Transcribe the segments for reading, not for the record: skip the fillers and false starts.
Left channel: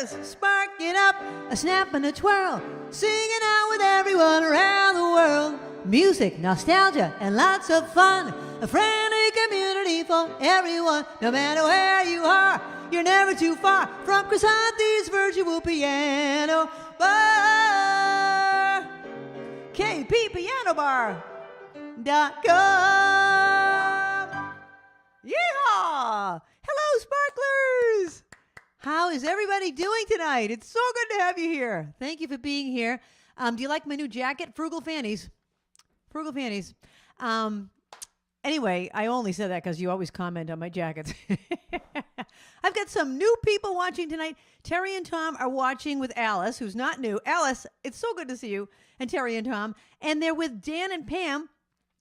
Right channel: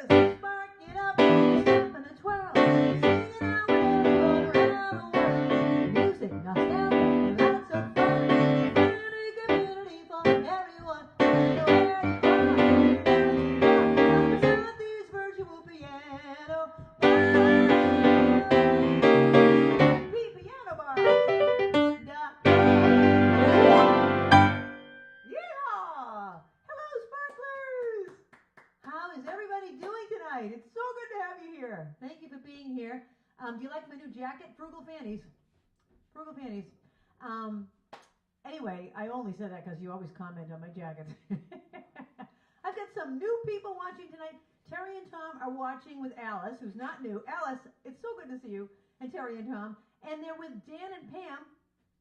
sparklers, sparking up, a snap and a twirl, singing out with everyone around the world. Music, nostalgia, and lots of fun. A friendly community for everyone. No matter where you are, you're never too far from Krisanti's virtual piano bar. KPPianobar.com. Yeehaw! Hello, sparklers! How is everybody doing tonight? It's so good to have you here. Thank you for being here. Do you like my new jacket? Frugal Fannies. Frugal Fannies. Anyway, I only said that because you always comment on my jackets. I've got some new people watching tonight. Terry and Tom are watching with Alice, who's not new. Alice, it's so good to see you, and Terry and Tom. And they're with Dan and Pam,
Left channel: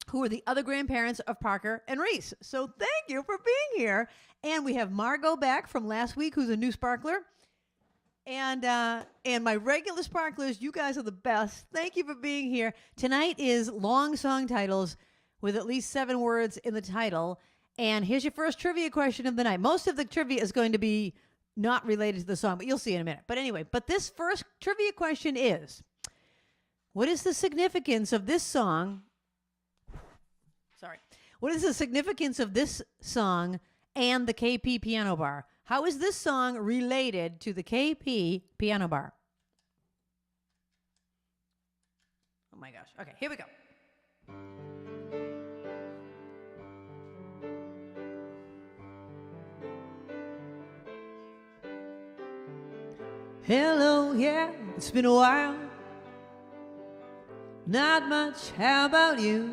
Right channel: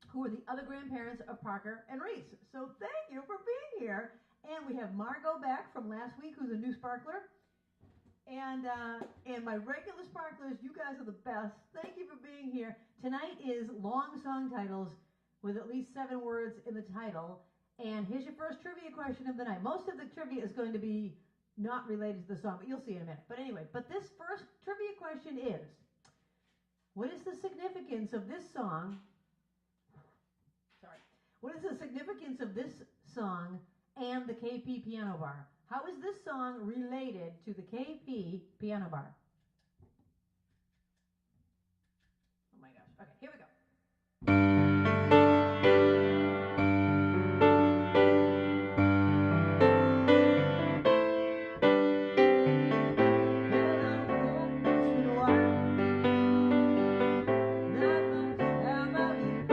who are the other grandparents of Parker and Reese. So thank you for being here. And we have Margot back from last week, who's a new sparkler. And my regular sparklers, you guys are the best. Thank you for being here. Tonight is long song titles with at least 7 words in the title. And here's your first trivia question of the night. Most of the trivia is going to be not related to the song, but you'll see in a minute. But anyway, this first trivia question is, what is the significance of this song? Sorry. What is the significance of this song and the KP Piano Bar? How is this song related to the KP Piano Bar? Oh my gosh. Okay, here we go. Hello, yeah, it's been a while. Not much, how about you?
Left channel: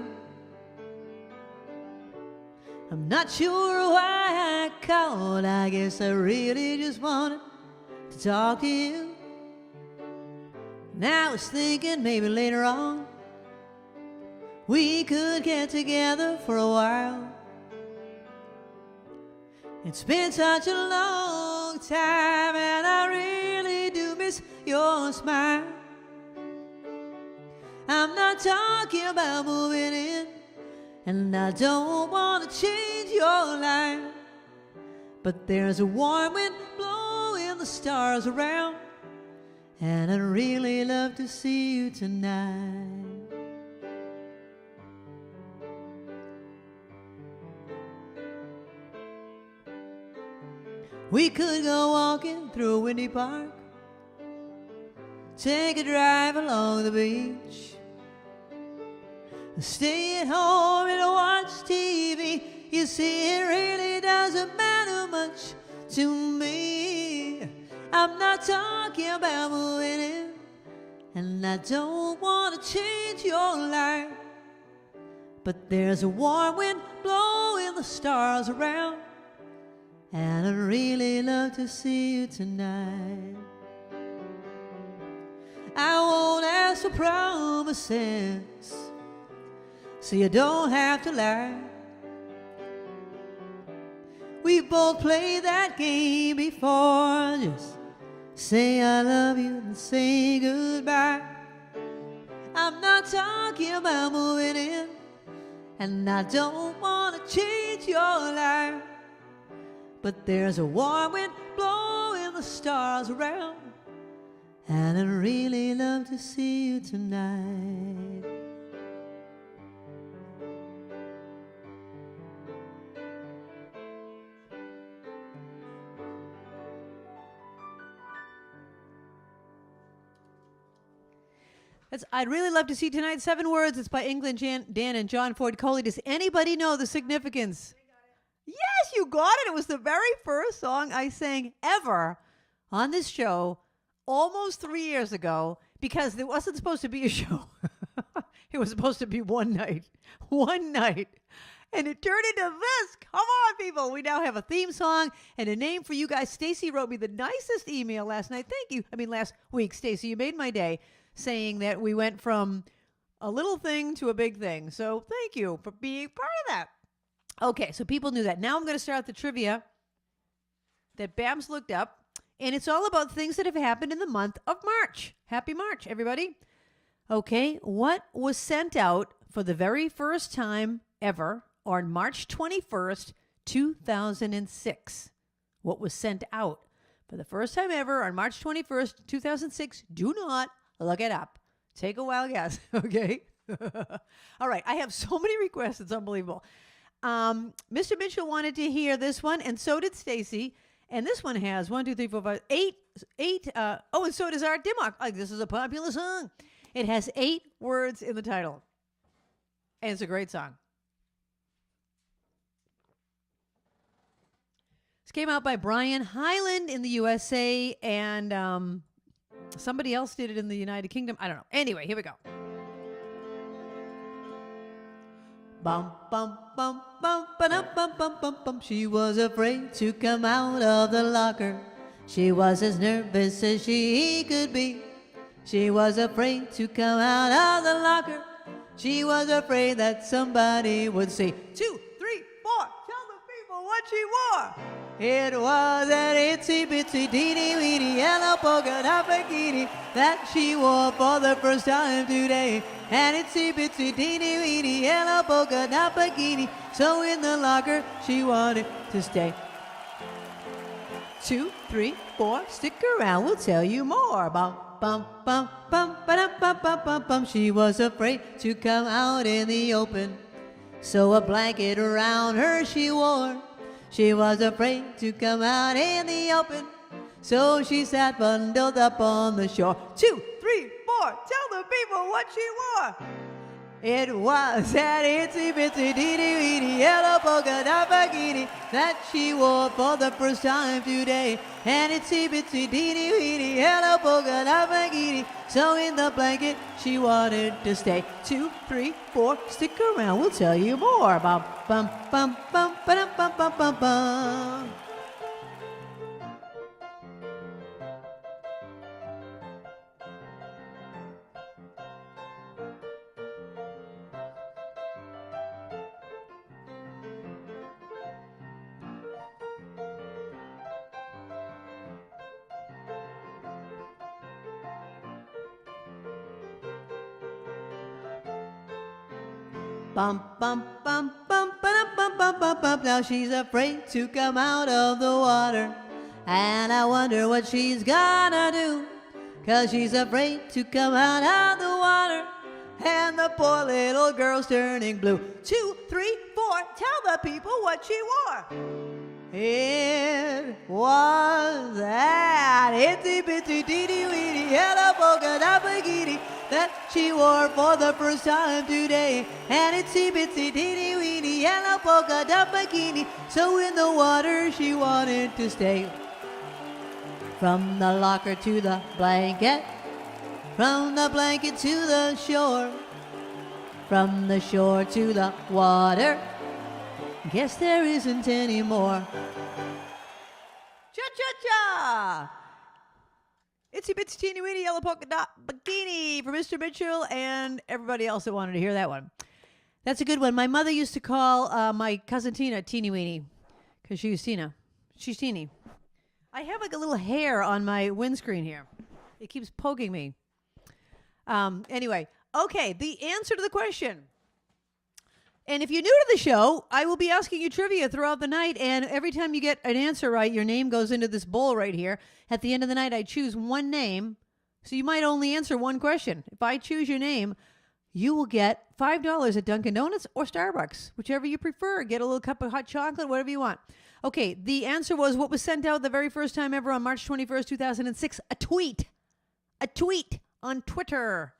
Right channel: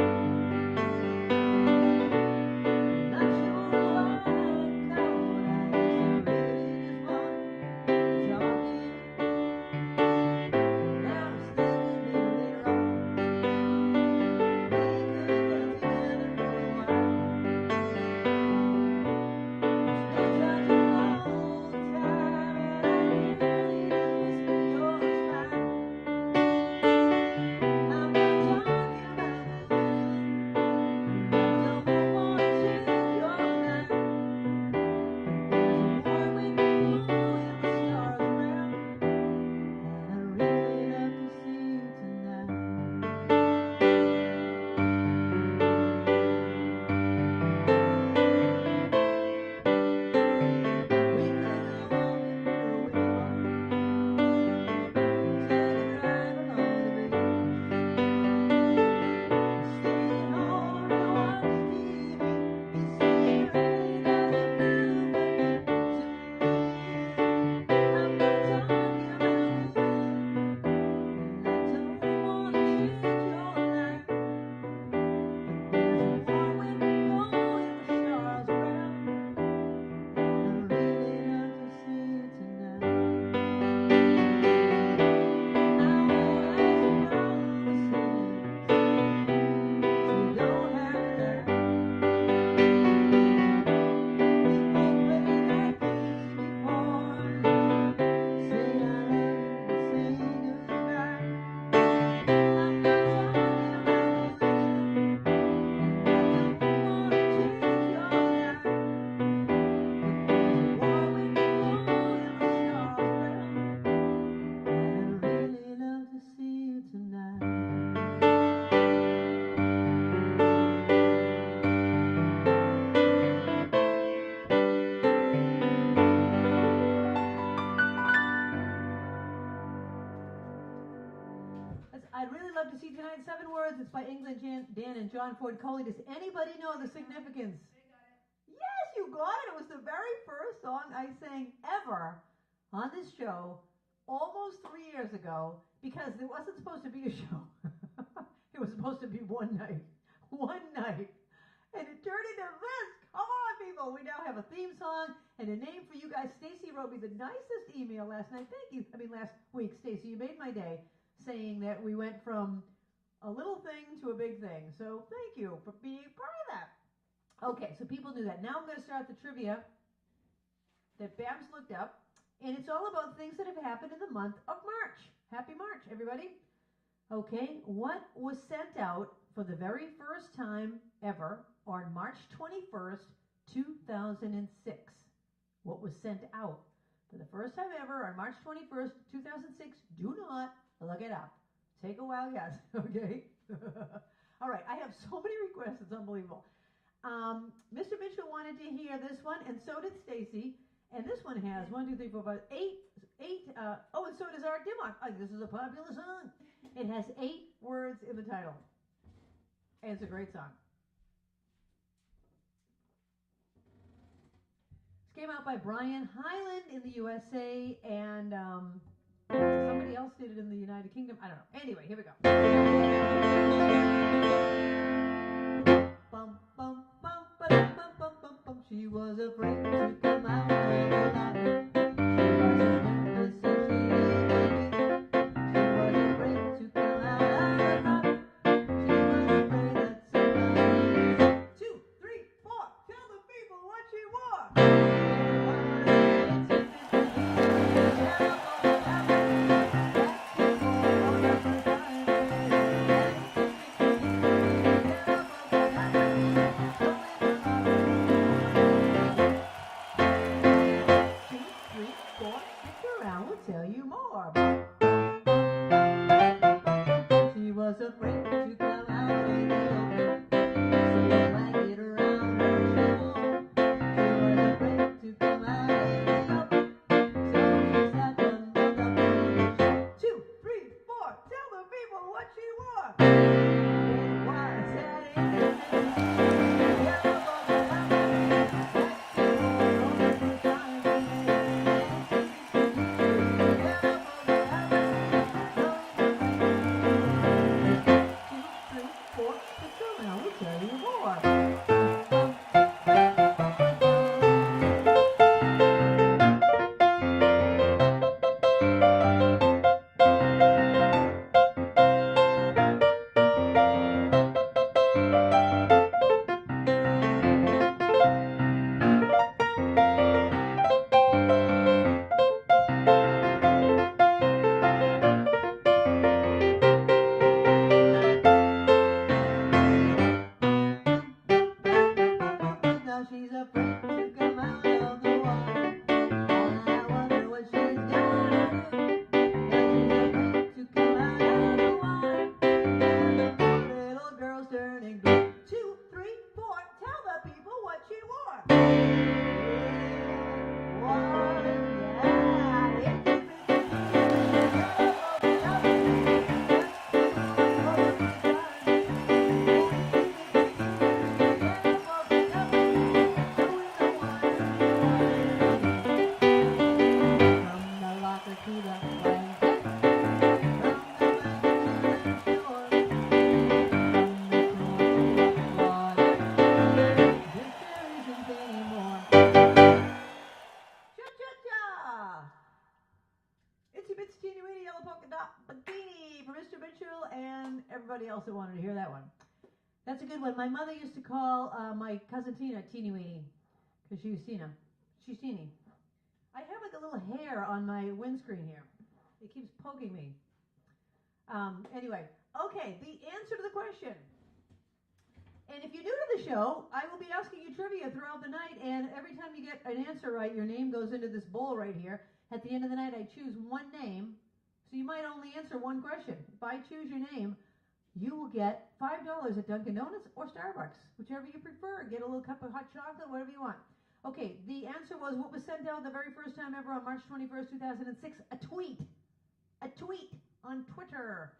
I'm not sure why I called. I guess I really just wanted to talk to you. And I was thinking maybe later on we could get together for a while. It's been such a long time and I really do miss your smile. I'm not talking about moving in, and I don't want to change your life, but there's a warm wind blowing the stars around, and I'd really love to see you tonight. We could go walking through a windy park, take a drive along the beach, stay at home and watch TV. You see, it really doesn't matter much to me. I'm not talking about moving in, and I don't want to change your life, but there's a warm wind blowing the stars around, and I'd really love to see you tonight. I won't ask for promises, so you don't have to lie. We both played that game before. Just say I love you and say goodbye. I'm not talking about moving in, and I don't want to change your life, but there's a warm wind blowing the stars around, and I'd really love to see you tonight. I'd really love to see tonight. 7 words. It's by England, Dan, and John Ford Coley. Does anybody know the significance? Yes, you got it. It was the very first song I sang ever on this show almost 3 years ago, because there wasn't supposed to be a show. It was supposed to be one night. One night. And it turned into this. Come on, people. We now have a theme song and a name for you guys. Stacy wrote me the nicest email last night. Thank you. Last week, Stacy, you made my day, saying that we went from a little thing to a big thing. So thank you for being part of that. Okay, so people knew that. Now I'm going to start the trivia that Babs looked up, and it's all about things that have happened in the month of March. Happy March, everybody. Okay, what was sent out for the very first time ever on March 21st, 2006? What was sent out for the first time ever on March 21st, 2006. Do not look it up. Take a wild guess, okay? All right, I have so many requests. It's unbelievable. Mr. Mitchell wanted to hear this one, and so did Stacy. And this one has 1, 2, 3, 4, 5, 8. And so does Art Dimmock. Like, this is a popular song. It has 8 words in the title. And it's a great song. This came out by Brian Hyland in the USA, and somebody else did it in the United Kingdom. I don't know. Anyway, here we go. Bum, bum, bum, ba-dum, bum, bum, bum, bum. She was afraid to come out of the locker. She was as nervous as she could be. She was afraid to come out of the locker. She was afraid that somebody would say, 2, 3, 4, tell the people what she wore. It was an itsy bitsy teeny weeny yellow polka dot bikini that she wore for the first time today. An itsy bitsy teeny weeny yellow polka dot bikini. So in the locker she wanted to stay. 2, 3, 4, stick around, we'll tell you more. Bum, bum, bum, bum, ba-dum, bum, bum, bum, bum. She was afraid to come out in the open, so a blanket around her she wore. She was afraid to come out in the open, so she sat bundled up on the shore. 2, 3, 4, tell the people what she wore. It was that itsy bitsy teeny weeny yellow polka dot bikini that she wore for the first time today. An itsy bitsy teeny weeny yellow polka dot bikini. So in the blanket she wanted to stay. 2, 3, 4, stick around, we'll tell you more. Bum, bum, bum, bum, ba-dum, bum, bum, bum, bum. Now she's afraid to come out of the water, and I wonder what she's gonna do, 'cause she's afraid to come out of the water, and the poor little girl's turning blue. 2, 3, 4, tell the people what she wore. It was that itsy bitsy teeny weeny yellow polka dot bikini that she wore for the first time today. And itsy bitsy teeny weeny yellow polka dot bikini. So in the water she wanted to stay. From the locker to the blanket, from the blanket to the shore, from the shore to the water. Guess there isn't any more. Cha-cha-cha! Itsy bitsy teeny weeny yellow polka dot bikini for Mr. Mitchell and everybody else that wanted to hear that one. That's a good one. My mother used to call my cousin Tina Teeny Weenie because she was Tina. She's teeny. I have like a little hair on my windscreen here. It keeps poking me. Anyway, okay, the answer to the question. And if you're new to the show, I will be asking you trivia throughout the night, and every time you get an answer right, your name goes into this bowl right here. At the end of the night, I choose one name, so you might only answer one question. If I choose your name, you will get $5 at Dunkin' Donuts or Starbucks, whichever you prefer. Get a little cup of hot chocolate, whatever you want. Okay, the answer was what was sent out the very first time ever on March 21st, 2006, a tweet. A tweet on Twitter.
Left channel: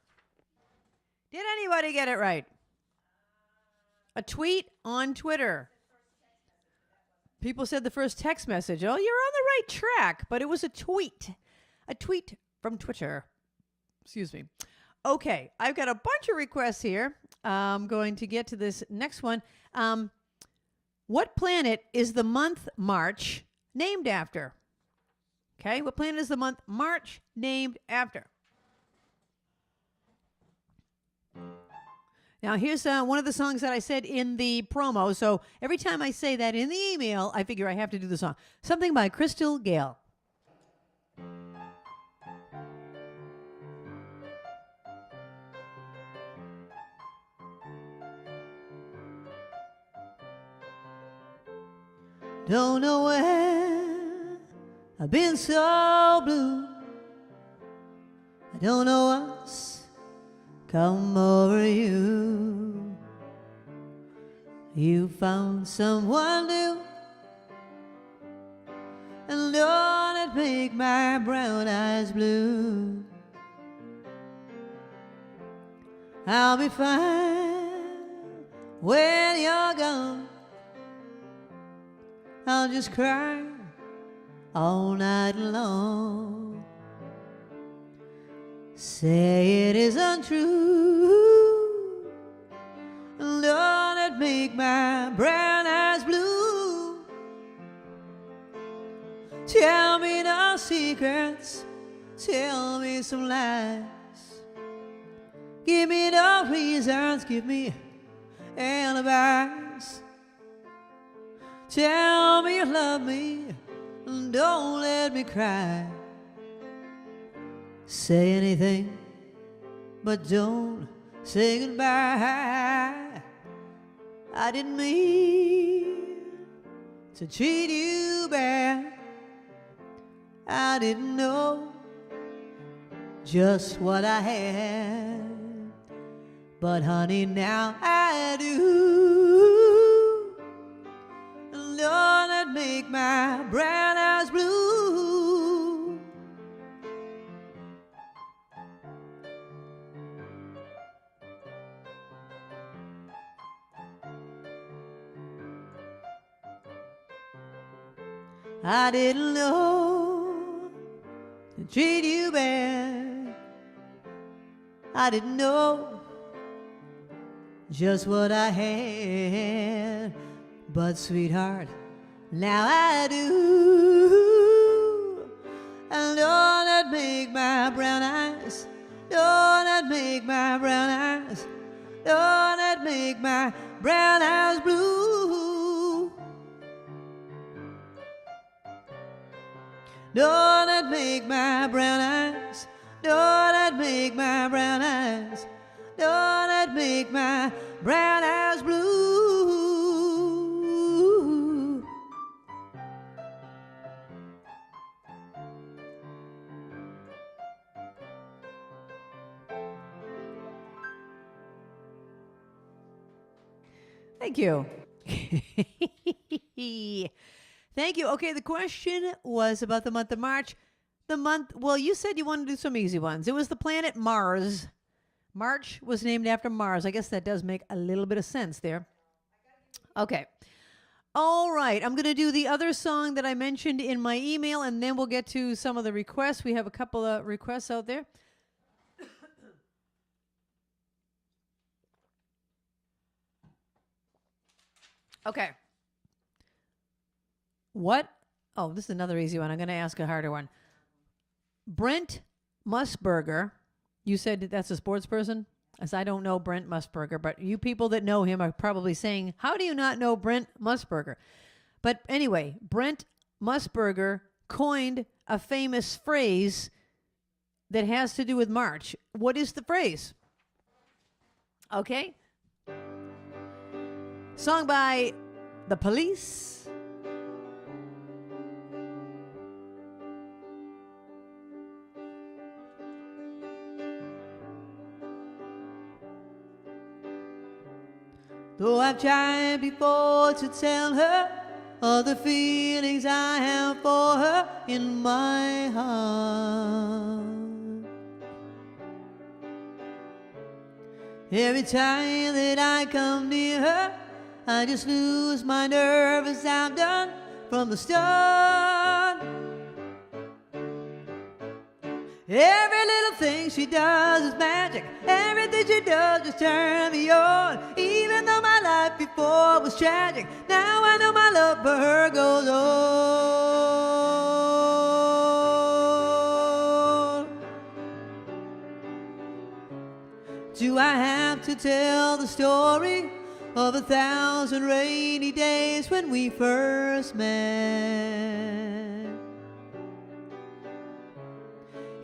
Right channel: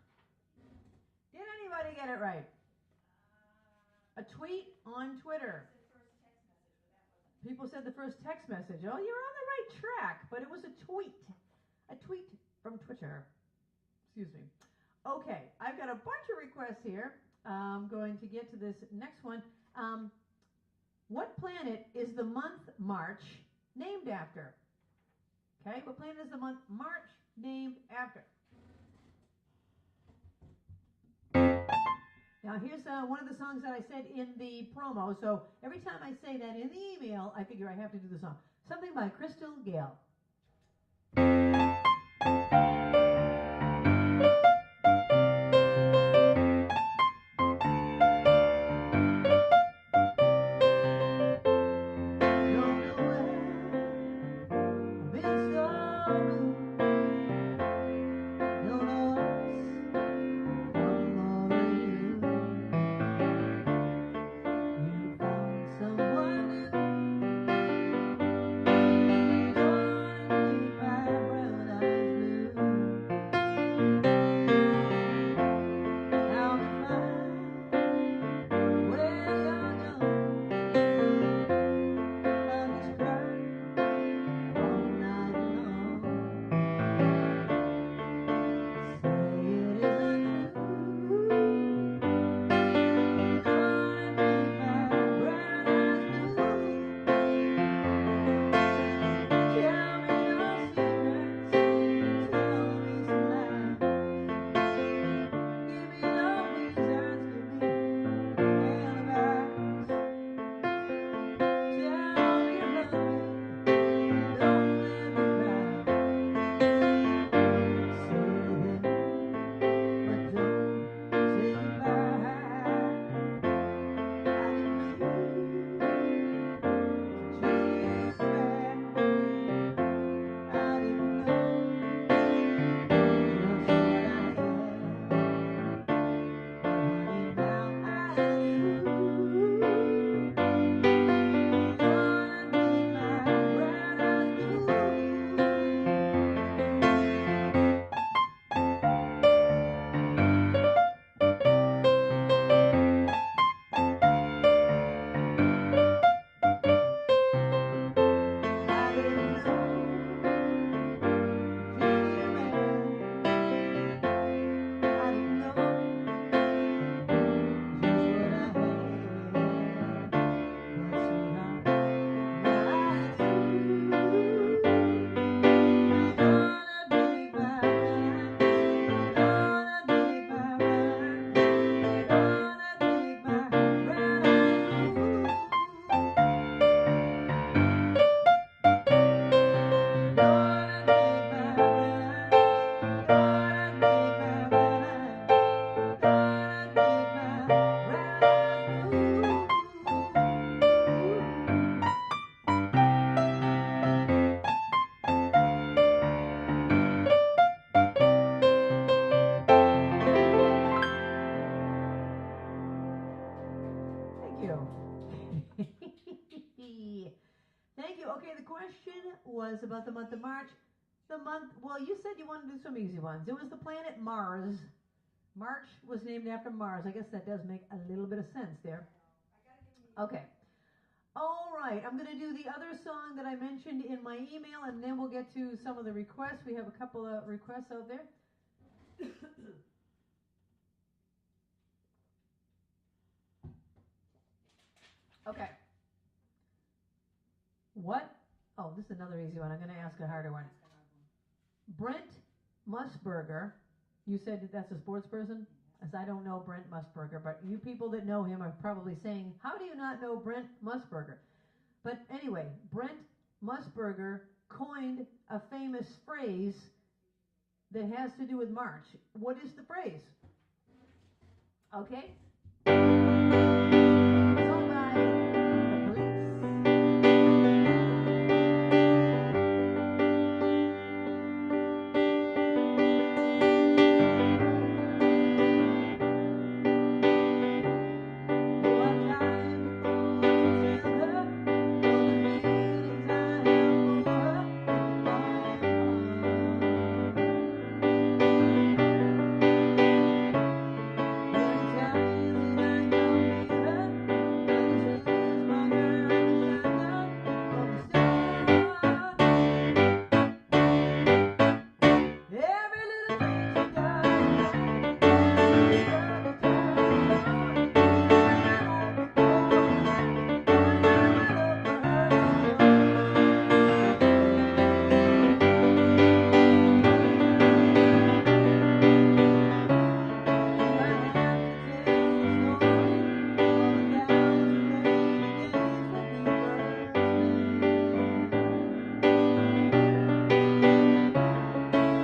Did anybody get it right? A tweet on Twitter. People said the first text message. Oh, you're on the right track, but it was a tweet. A tweet from Twitter. Excuse me. Okay, I've got a bunch of requests here. I'm going to get to this next one. What planet is the month March named after? Okay, what planet is the month March named after? Now, here's one of the songs that I said in the promo. So every time I say that in the email, I figure I have to do the song. Something by Crystal Gale. Don't know where I've been so blue. I don't know what's come over you. You found someone new, and don't it make my brown eyes blue? I'll be fine when you're gone. I'll just cry all night long. Say it isn't true. Don't it make my brown eyes blue? Tell me no secrets, tell me some lies. Give me no reasons, give me alibis. Tell me you love me, and don't let me cry. Say anything, but don't say goodbye. I didn't mean to treat you bad. I didn't know just what I had, but honey, now I do. Lord, that make my brown eyes blue. I didn't know to treat you bad. I didn't know just what I had, but sweetheart, now I do. And don't that make my brown eyes, don't that make my brown eyes, don't that make my brown eyes blue. Don't that make my brown eyes, don't that make my brown eyes, don't that make my brown eyes blue. Thank you. Thank you. Okay, the question was about the month of March. The month, well, you said you wanted to do some easy ones. It was the planet Mars. March was named after Mars. I guess that does make a little bit of sense there. Okay. All right. I'm going to do the other song that I mentioned in my email, and then we'll get to some of the requests. We have a couple of requests out there. Okay. What? Oh, this is another easy one. I'm going to ask a harder one. Brent Musburger. You said that that's a sports person? As I don't know Brent Musburger, but you people that know him are probably saying, how do you not know Brent Musburger? But anyway, Brent Musburger coined a famous phrase that has to do with March. What is the phrase? Okay. Song by The Police. Though I've tried before to tell her all the feelings I have for her in my heart. Every time that I come near her, I just lose my nerve as I've done from the start. Every little thing she does is magic. Everything she does just turn me on. Even though my life before was tragic, now I know my love for her goes on. Do I have to tell the story of 1,000 rainy days when we first met?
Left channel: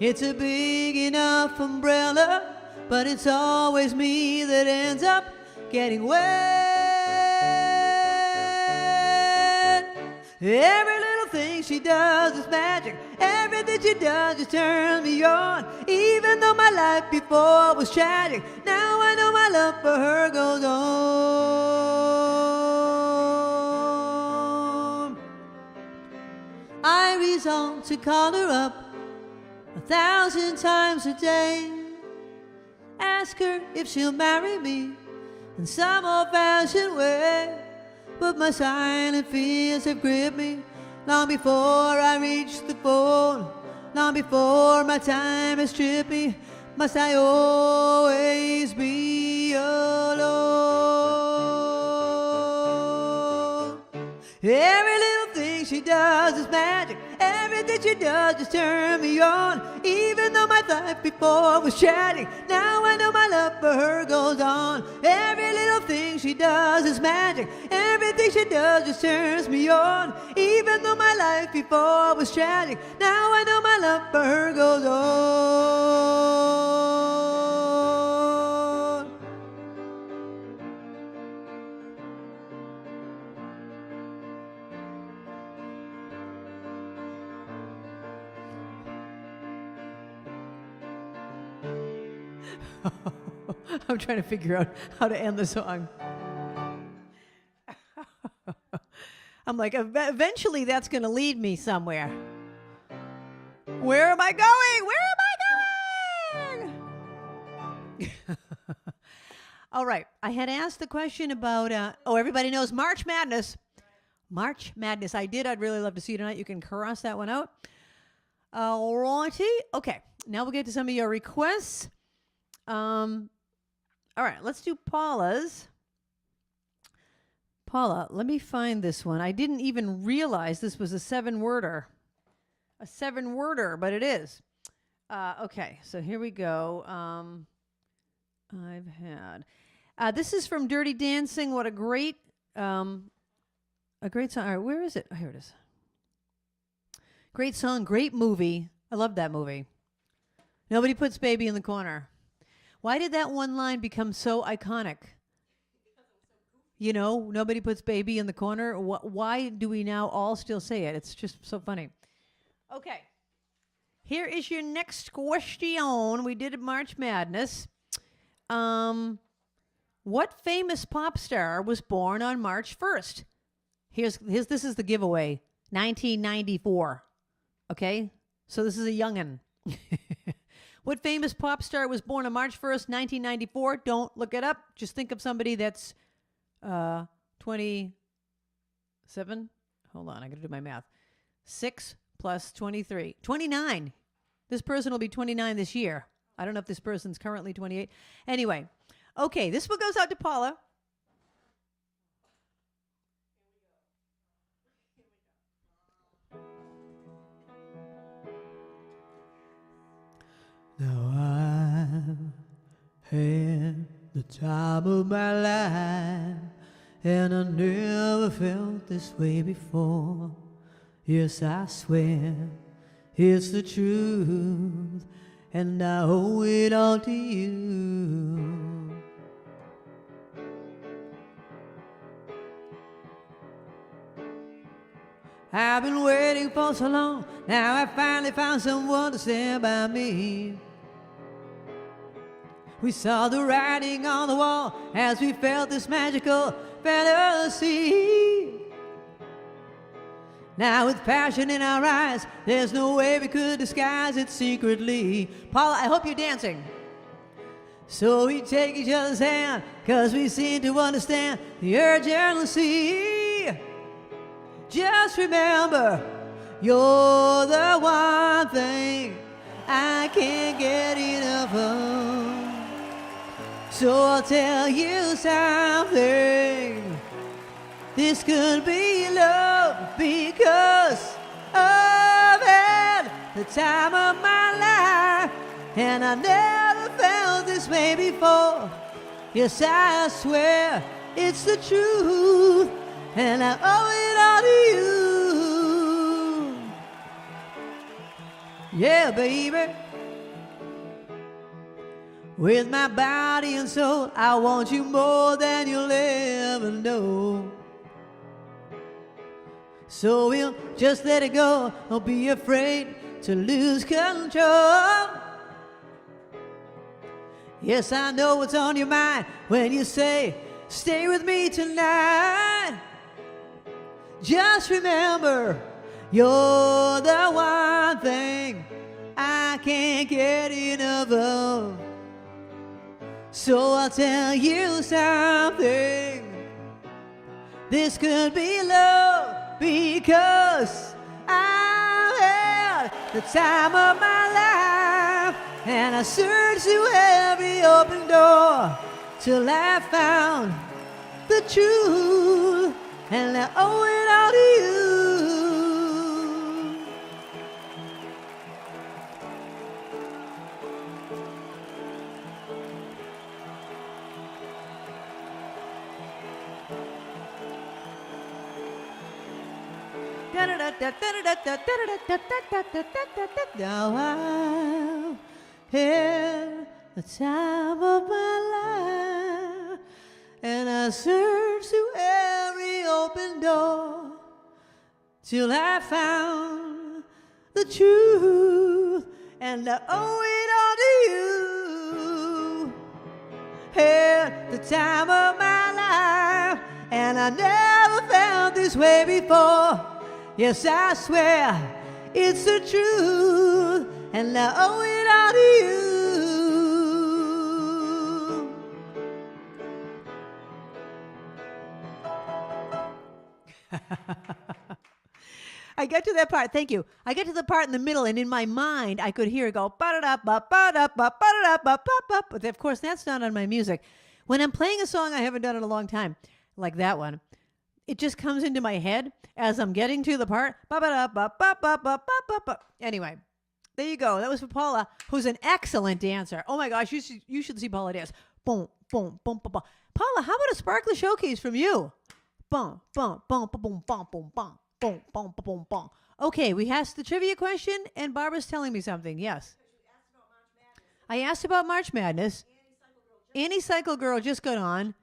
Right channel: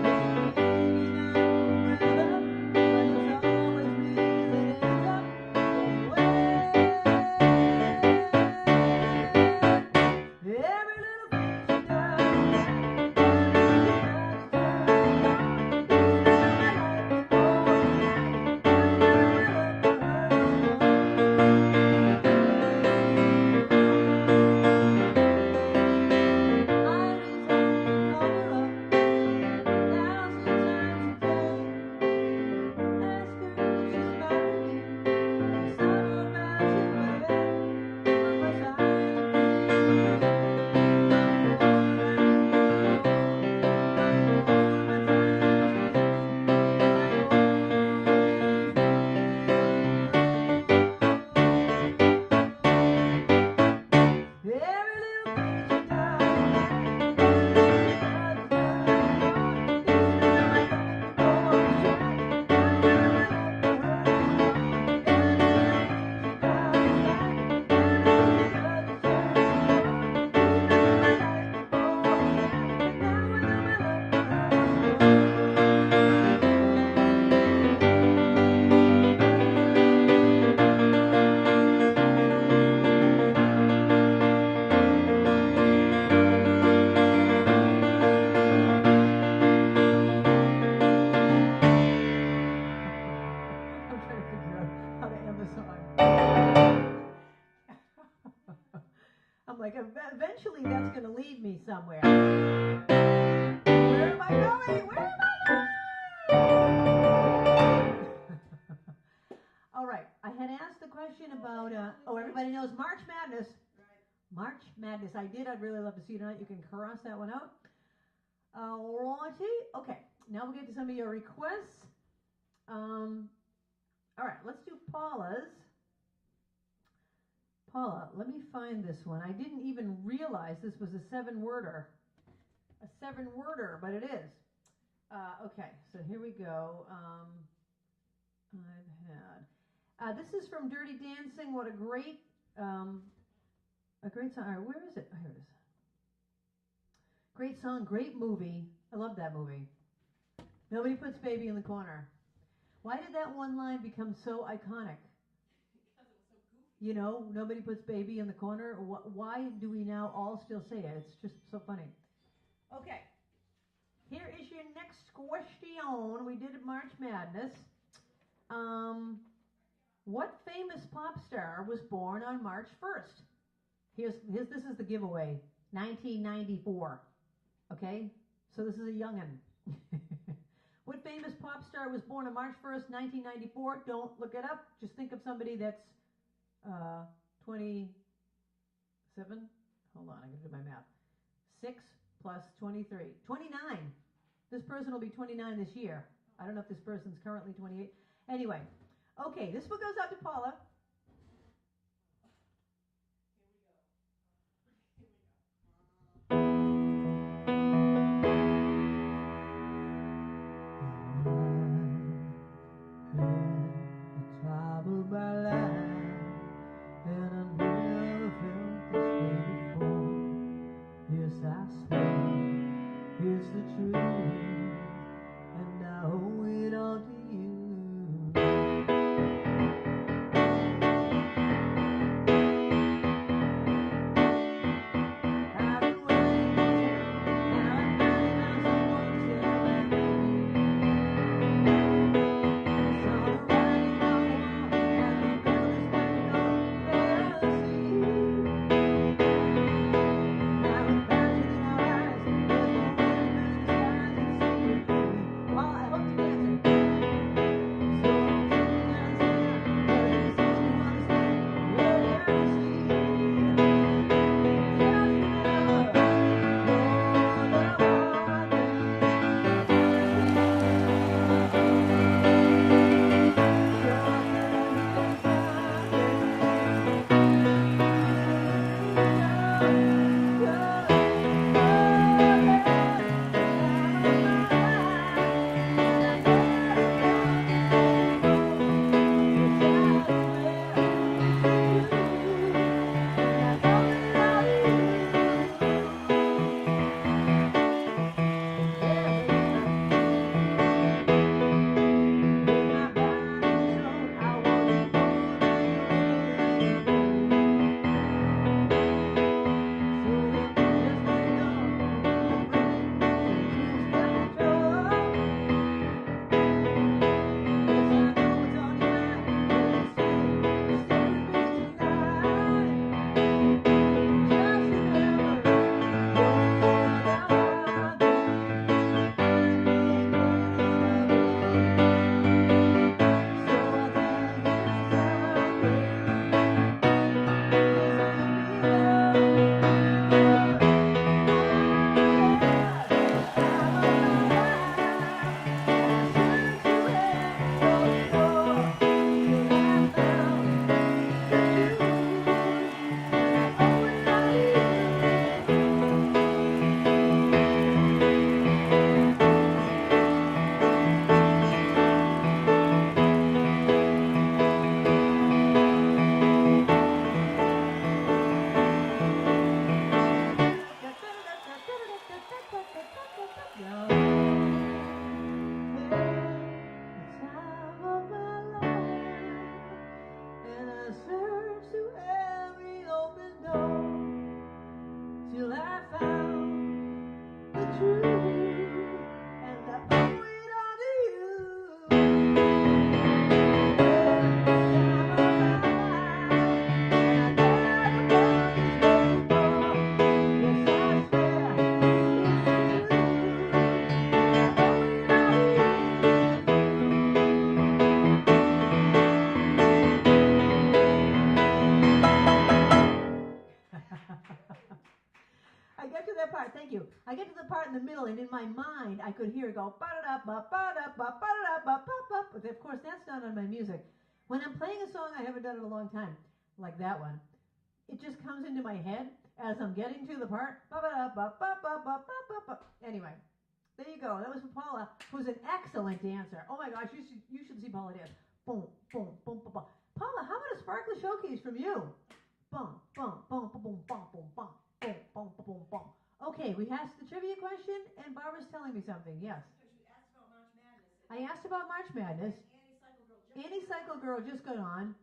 It's a big enough umbrella, but it's always me that ends up getting wet. Every little thing she does is magic. she does is turn me on. Even though my life before was tragic, now I know my love for her goes on. I resolve to call her up 1,000 times a day, ask her if she'll marry me in some old-fashioned way. But my silent fears have gripped me long before I reach the phone, long before my time has stripped me. Must I always be alone? Every little thing she does is magic. Everything she does is turn me on. Even though my life before was tragic, now I know my love for her goes on. Every little thing she does is magic. Everything she does just turns me on. Even though my life before was tragic, now I know my love for her goes on. I'm trying to figure out how to end the song. I'm like, eventually that's going to lead me somewhere. Where am I going? Where am I going? All right. I had asked the question about, everybody knows March Madness. March Madness. I'd really love to see you tonight. You can cross that one out. All righty. Okay. Now we'll get to some of your requests. All right. Let's do Paula's. Paula, let me find this one. I didn't even realize this was a 7-worder. A 7-worder, but it is. Okay, so here we go. I've had... this is from Dirty Dancing. What a great song. All right, where is it? Oh, here it is. Great song, great movie. I love that movie. Nobody puts baby in the corner. Why did that one line become so iconic? You know, nobody puts baby in the corner. Why do we now all still say it? It's just so funny. Okay. Here is your next question. We did March Madness. What famous pop star was born on March 1st? This is the giveaway. 1994. Okay? So this is a youngin'. What famous pop star was born on March 1st, 1994? Don't look it up. Just think of somebody that's 27. Hold on, I got to do my math. 6 plus 23. 29. This person will be 29 this year. I don't know if this person's currently 28. Anyway, okay, this one goes out to Paula. Had the time of my life, and I never felt this way before. Yes, I swear it's the truth, and I owe it all to you. I've been waiting for so long, now I finally found someone to stand by me. We saw the writing on the wall as we felt this magical fantasy. Now with passion in our eyes, there's no way we could disguise it secretly. Paula, I hope you're dancing. So we take each other's hand, 'cause we seem to understand your jealousy. Just remember, you're the one thing I can't get enough of. So I'll tell you something. This could be love, because I've had the time of my life, and I never felt this way before. Yes, I swear it's the truth, and I owe it all to you. Yeah, baby. With my body and soul, I want you more than you'll ever know. So we'll just let it go. Don't be afraid to lose Yes, I know what's on your mind when you say, stay with me tonight. Just remember, you're the one thing I can't get enough of. So I'll tell you something. This could be love because I've had the time of my life, and I searched through every open door till I found the truth, and I owe it all to you. Now I had the time of my life, and I searched through every open door till I found the truth, and I owe it all to you. Had the time of my life, and I never felt this way before. Yes, I swear it's the truth, and I owe it all to you. I get to that part, thank you. I get to the part in the middle, and in my mind, I could hear it go, ba-da-da-ba-ba-da-ba-ba-da-ba-ba-ba. But of course, that's not on my music. When I'm playing a song I haven't done in a long time, like that one, it just comes into my head as I'm getting to the part. Ba-ba-da-ba-ba-ba-ba-ba-ba. Anyway, there you go. That was for Paula, who's an excellent dancer. Oh my gosh, you should see Paula dance. Boom, boom, boom, boom, boom. Paula, how about a sparkler showcase from you? Boom, boom, boom, boom, boom, boom, boom, boom. Boom, boom, boom, boom, boom. Okay, we asked the trivia question, and Barbara's telling me something. Yes. I asked about March Madness. Annie Cycle Girl just got on.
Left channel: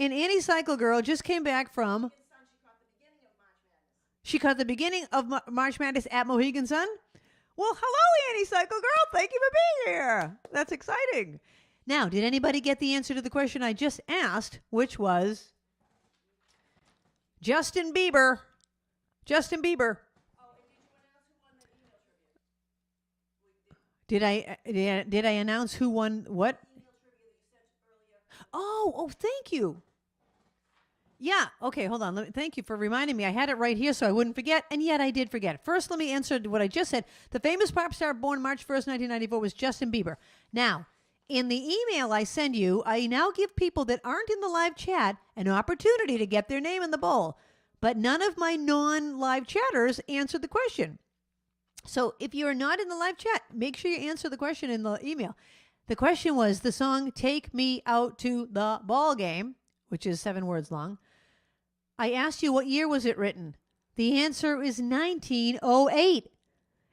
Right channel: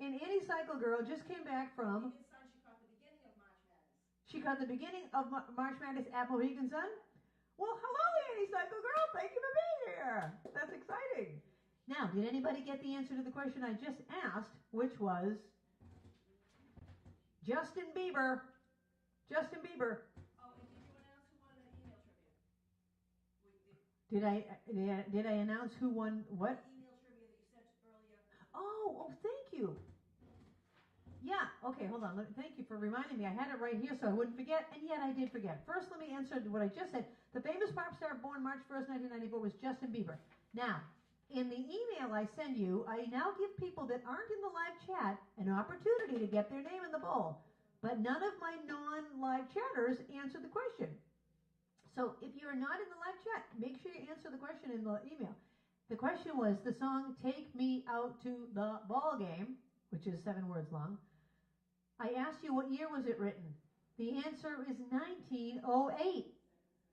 And Annie Cycle Girl just came back from... She caught the beginning of March Madness at Mohegan Sun? Well, hello, Annie Cycle Girl. Thank you for being here. That's exciting. Now, did anybody get the answer to the question I just asked, which was... Justin Bieber. Justin Bieber. Oh, and did you announce who won the email trivia? Did I announce who won what? Email trivia that you sent earlier. Oh, thank you. Yeah, okay, hold on. Thank you for reminding me. I had it right here so I wouldn't forget, and yet I did forget. First, let me answer what I just said. The famous pop star born March 1st, 1994 was Justin Bieber. Now, in the email I send you, I now give people that aren't in the live chat an opportunity to get their name in the bowl. But none of my non-live chatters answered the question. So if you're not in the live chat, make sure you answer the question in the email. The question was the song Take Me Out to the Ball Game, which is 7 words long. I asked you what year was it written. The answer is 1908.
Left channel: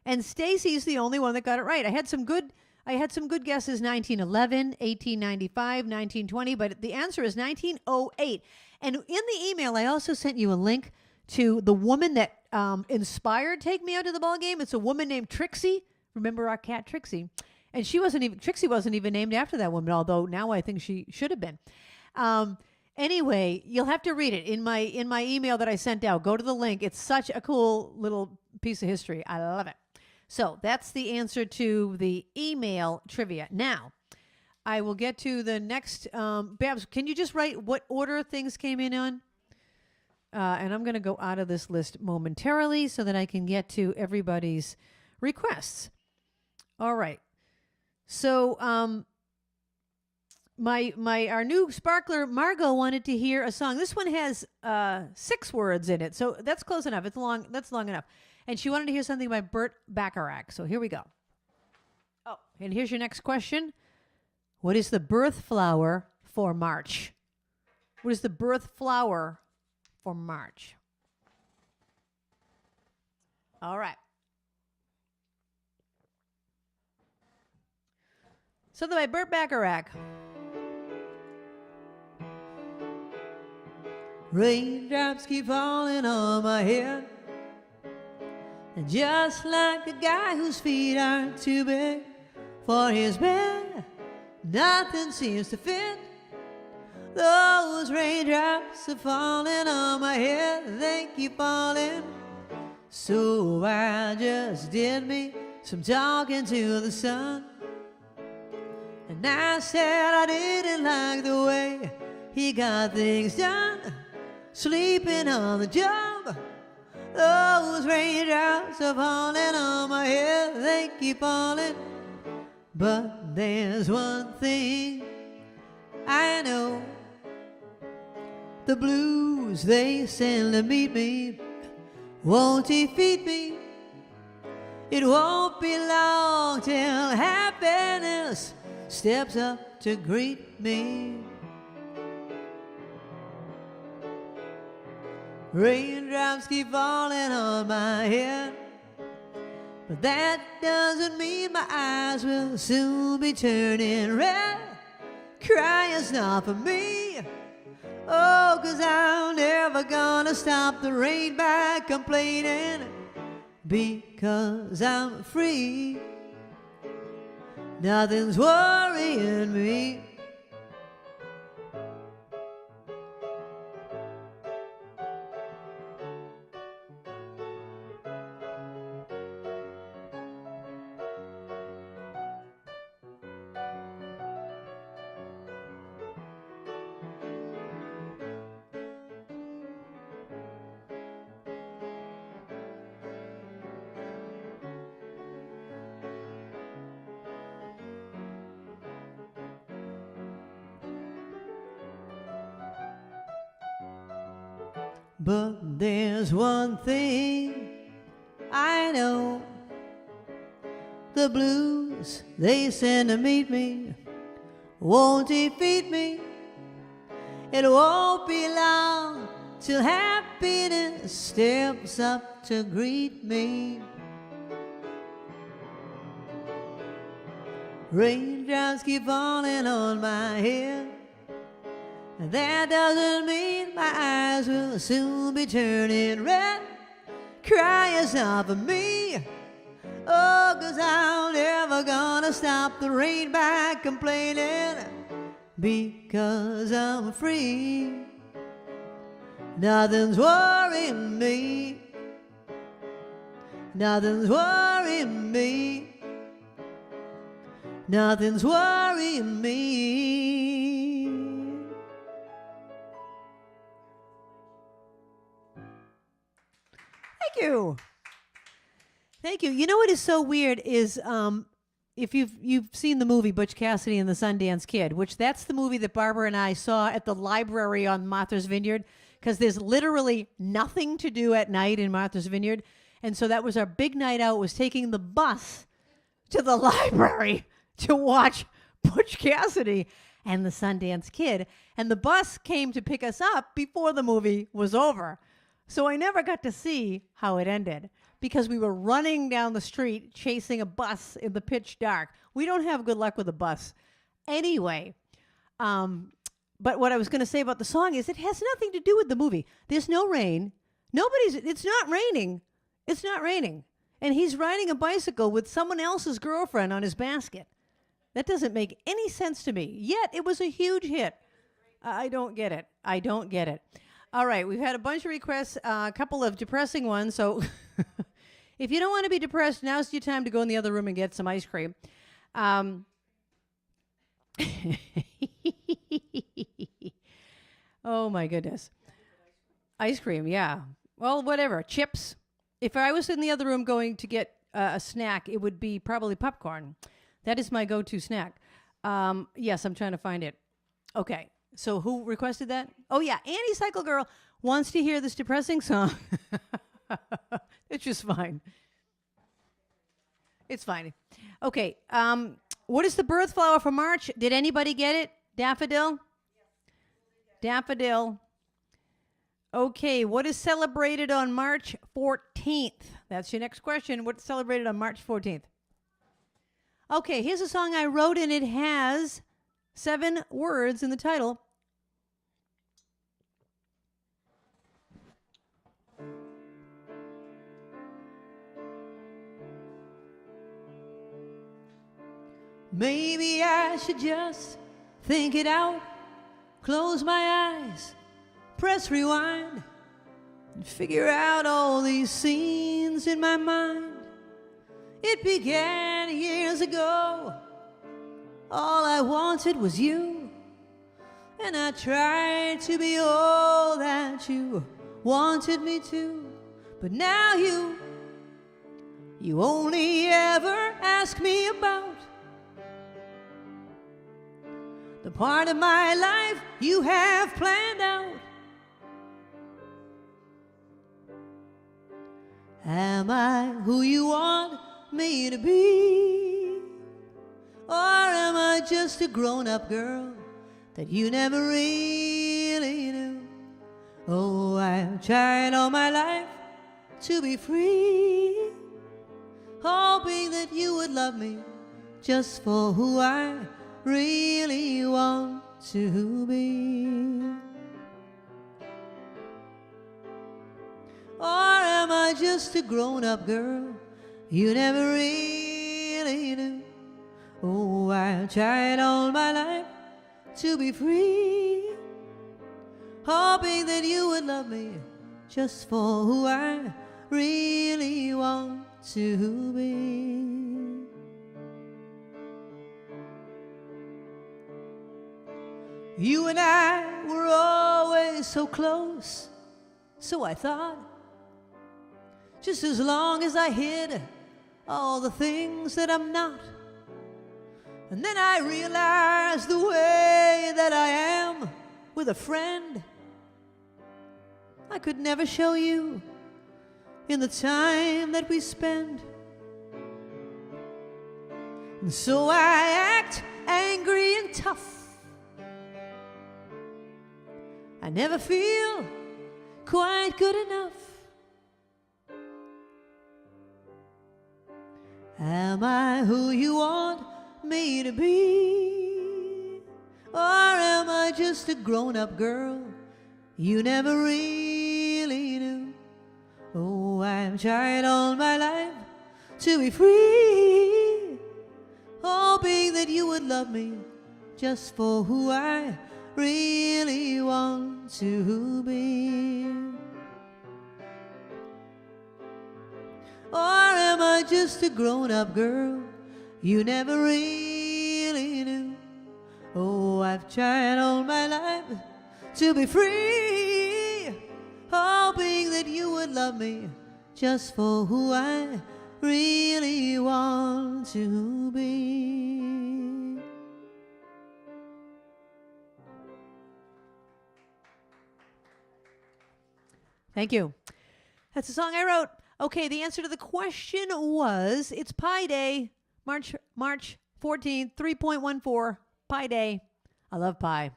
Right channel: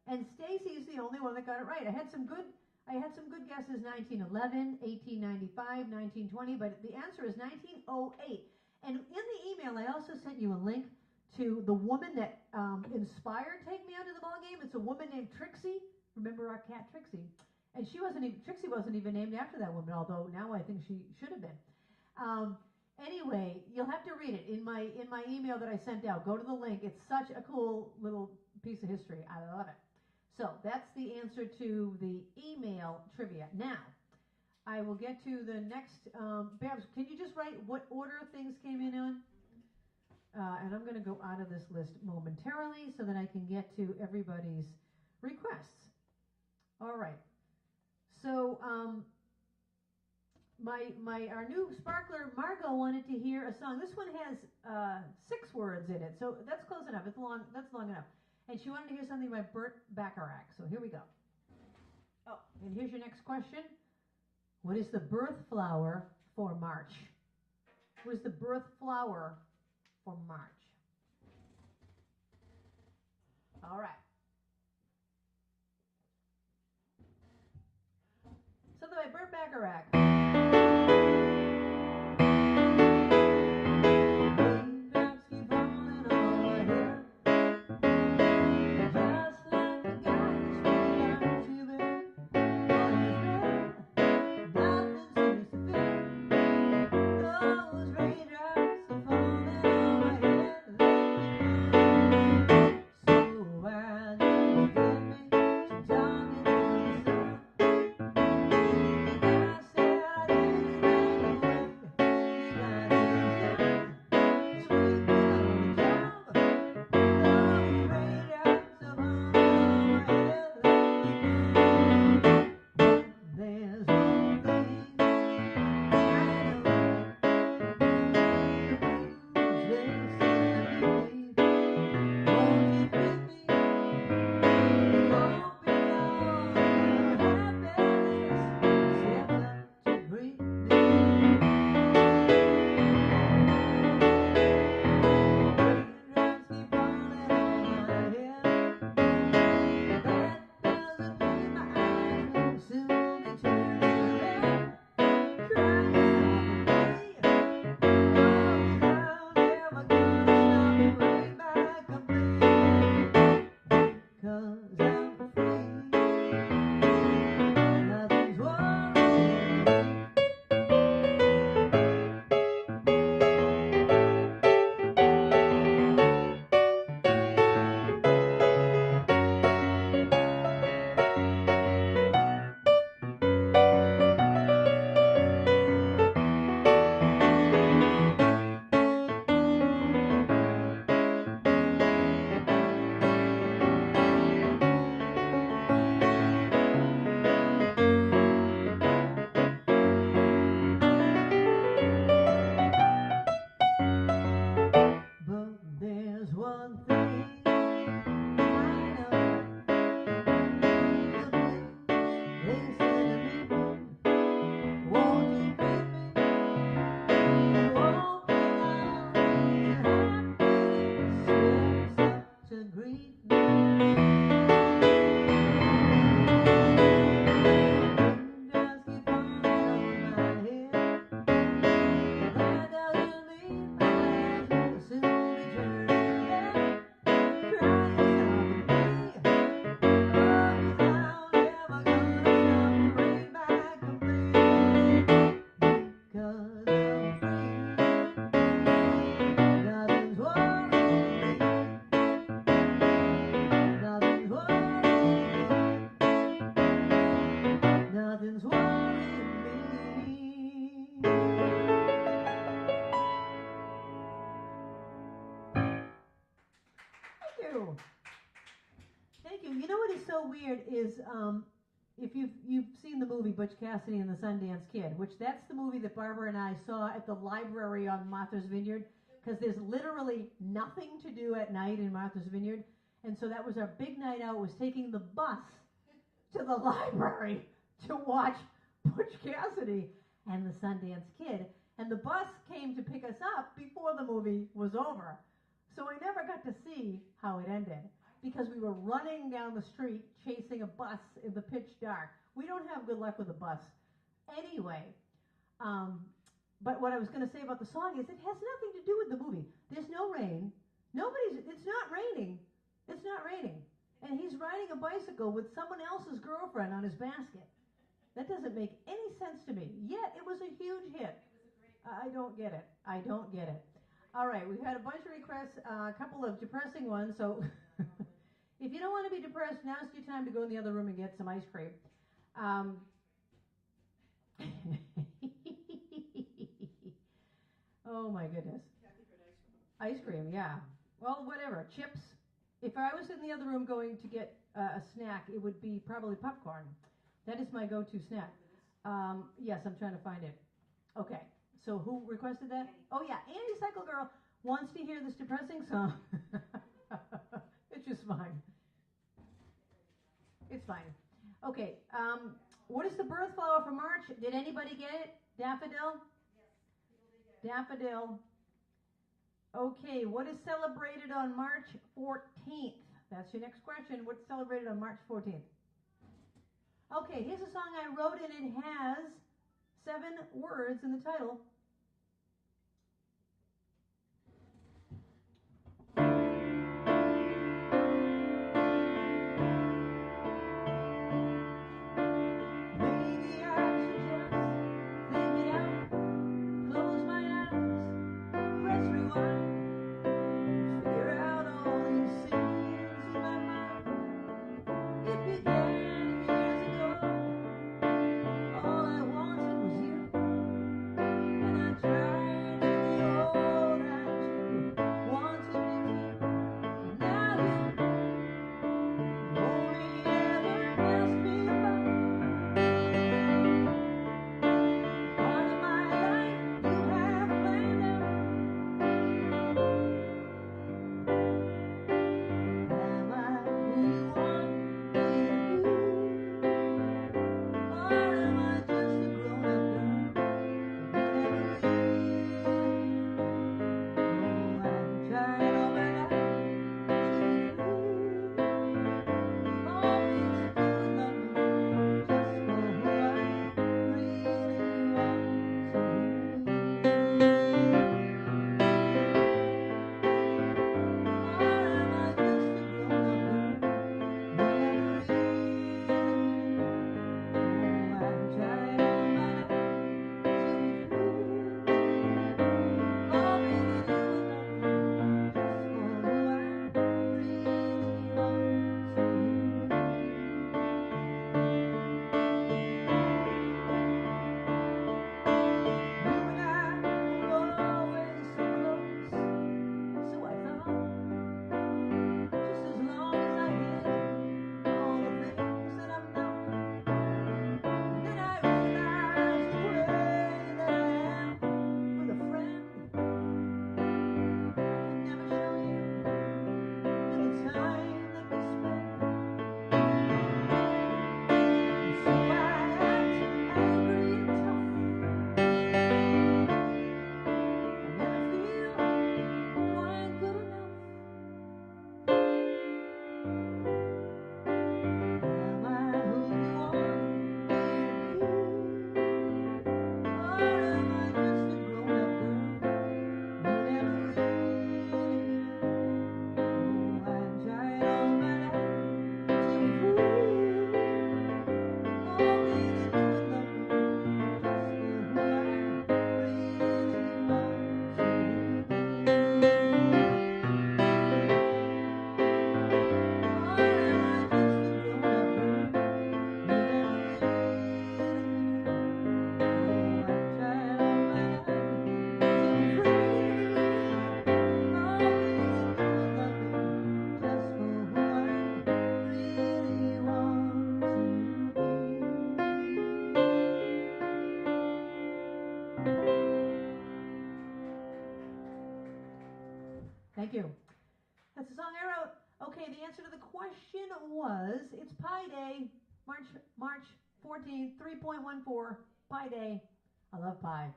And Stacy's the only one that got it right. I had some good guesses, 1911, 1895, 1920, but the answer is 1908. And in the email, I also sent you a link to the woman that inspired Take Me Out to the Ball Game. It's a woman named Trixie. Remember our cat Trixie? And Trixie wasn't even named after that woman, although now I think she should have been. Anyway, you'll have to read it in my email that I sent out. Go to the link. It's such a cool little piece of history. I love it. So that's the answer to the email trivia. Now, I will get to the next. Babs, can you just write what order things came in on? And I'm going to go out of this list momentarily so that I can get to everybody's requests. All right. So our new sparkler Margot wanted to hear a song. This one has 6 words in it, so that's close enough. It's long. That's long enough. And she wanted to hear something by Burt Bacharach. So here we go. Oh, and here's your next question. What is the birth flower for March? What is the birth flower for March? All right. Something by Burt Bacharach. Raindrops keep falling on my head, just like a guy whose feet aren't too big for his bed. Nothing seems to fit. Those raindrops are falling on my head. They keep falling. So I just did me some talking to the sun. And I said I didn't like the way he got things done. Sleeping on the job. Those raindrops are falling on my head. They keep falling. But there's one thing I know. The blues they send to meet me won't defeat me. It won't be long till happiness steps up to greet me. Raindrops keep falling on my head. That doesn't mean my eyes will soon be turning red. Crying stop for me. Oh, 'cause I'm never gonna stop the rain by complaining. Because I'm free. Nothing's worrying me. But there's one thing I know. The blues they send to meet me won't defeat me. It won't be long till happiness steps up to greet me. Raindrops keep falling on my head. That doesn't mean my eyes will soon be turning red. Crying stop for me. Oh, 'cause I'm never gonna stop the rain by complaining. Because I'm free. Nothing's worrying me. Nothing's worrying me. Nothing's worrying me. Thank you. Thank you. You know what is so weird is if you've seen the movie Butch Cassidy and the Sundance Kid, which that's the movie that Barbara and I saw at the library on Martha's Vineyard, because there's literally nothing to do at night in Martha's Vineyard. And so that was our big night out, was taking the bus to the library to watch Butch Cassidy and the Sundance Kid. And the bus came to pick us up before the movie was over. So I never got to see how it ended because we were running down the street chasing a bus in the pitch dark. We don't have good luck with a bus. Anyway, but what I was going to say about the song is it has nothing to do with the movie. There's no rain. It's not raining. It's not raining. And he's riding a bicycle with someone else's girlfriend on his basket. That doesn't make any sense to me. Yet it was a huge hit. I don't get it. I don't get it. All right, we've had a bunch of requests, a couple of depressing ones. So if you don't want to be depressed, now's your time to go in the other room and get some ice cream. Oh, my goodness. Ice cream, yeah. Well, whatever. Chips. If I was in the other room going to get a snack, it would be probably popcorn. That is my go-to snack. Yes, I'm trying to find it. Okay. So who requested that? Oh, yeah. Annie Cycle Girl wants to hear this depressing song. It's just fine. It's fine. Okay. What is the birth flower for March? Did anybody get it? Daffodil? Daffodil. Okay. What is celebrated on March 14th? That's your next question. What's celebrated on March 14th? Okay. Here's a song I wrote, and it has 7 words in the title. maybe I should just think it out. Close my eyes, press rewind, and figure out all these scenes in my mind. It began years ago. All I wanted was you, and I tried to be all that you wanted me to. But now you only ever ask me about the part of my life you have planned out. Am I who you want me to be? Or am I just a grown-up girl that you never really knew? Oh, I've tried all my life to be free, hoping that you would love me just for who I really want to be. Or am I just a grown-up girl you never really knew? Oh, I've tried all my life to be free, hoping that you would love me just for who I really want to be. You and I were always so close, so I thought, just as long as I hid all the things that I'm not. And then I realized the way that I am with a friend, I could never show you in the time that we spend. And so I act angry and tough. I never feel quite good enough. Am I who you want me to be? Or am I just a grown-up girl you never really knew? Oh, I've tried all my life to be free, hoping that you would love me just for who I really want to be. Or am I just a grown-up girl you never really knew? Oh, I've tried all my life to be free, hoping that you would love me just for who I really want to be. Thank you. That's the song I wrote. Okay, the answer to the question was, it's Pi Day, March 14th, 3.14, Pi Day. I love pie.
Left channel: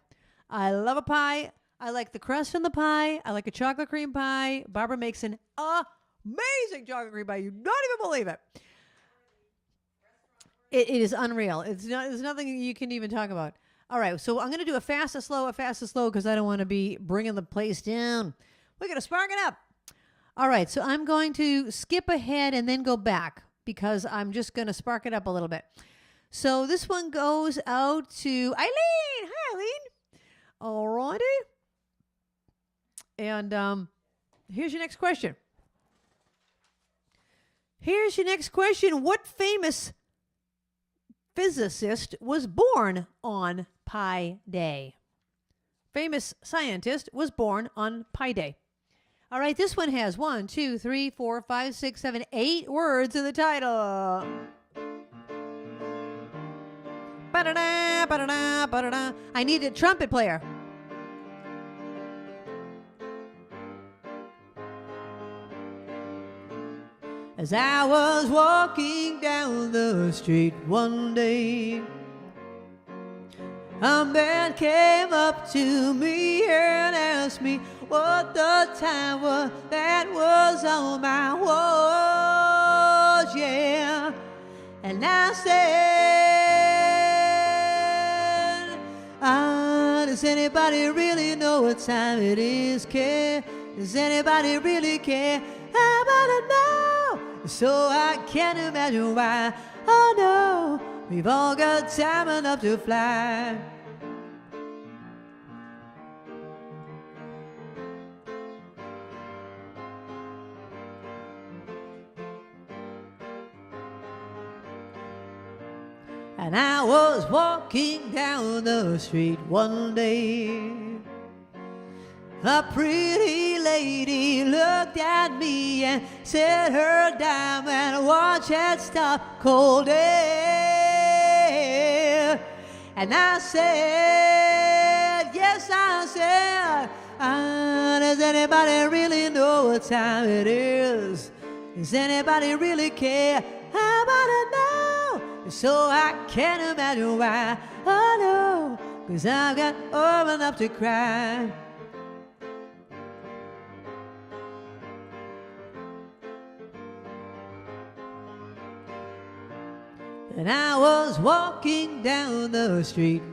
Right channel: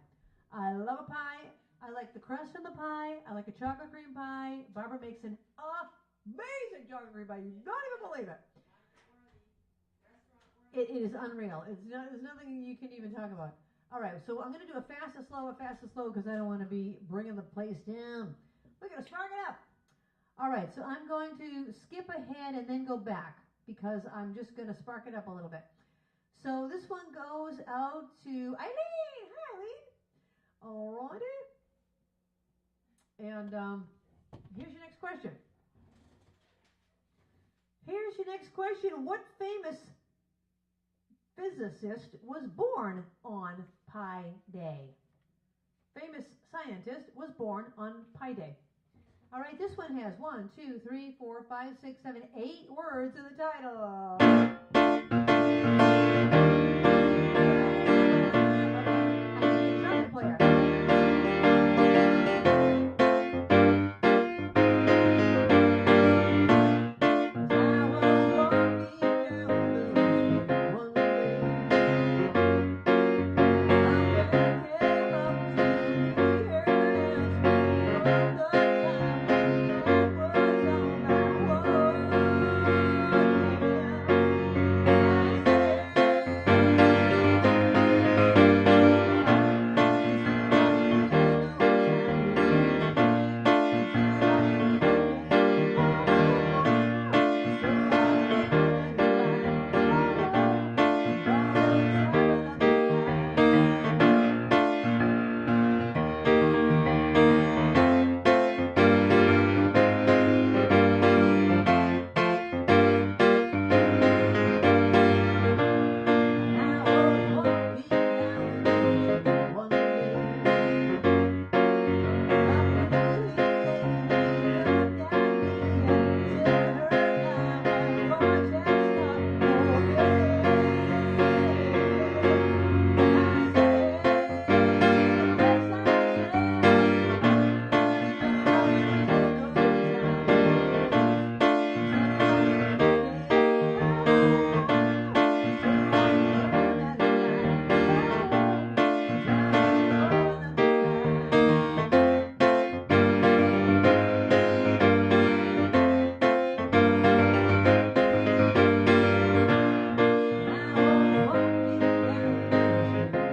I love a pie. I like the crust on the pie. I like a chocolate cream pie. Barbara makes an amazing chocolate cream pie. You don't even believe it. It is unreal. There's nothing you can even talk about. All right, so I'm going to do a fast, a slow, because I don't want to be bringing the place down. We're going to spark it up. All right, so I'm going to skip ahead and then go back because I'm just going to spark it up a little bit. So this one goes out to Eileen. Hi, Eileen. All righty. And here's your next question. What famous physicist was born on Pi Day? Famous scientist was born on Pi Day. All right, this one has 1, 2, 3, 4, 5, 6, 7, 8 words in the title. Ba-da-da, ba-da-da, ba-da-da. I need a trumpet player. As I was walking down the street one day, a man came up to me and asked me what the time was that was on my watch, yeah. And I said, does anybody really know what time it is, care? Does anybody really care? I wanna know, so I can't imagine why. Oh no, we've all got time enough to fly. And I was walking down the street one day. A pretty lady looked at me and said her diamond watch had stopped cold air. And I said, yes, I said, does anybody really know what time it is? Does anybody really care? I wanna know, so I can't imagine why. Oh no, 'cause I've got old enough to cry.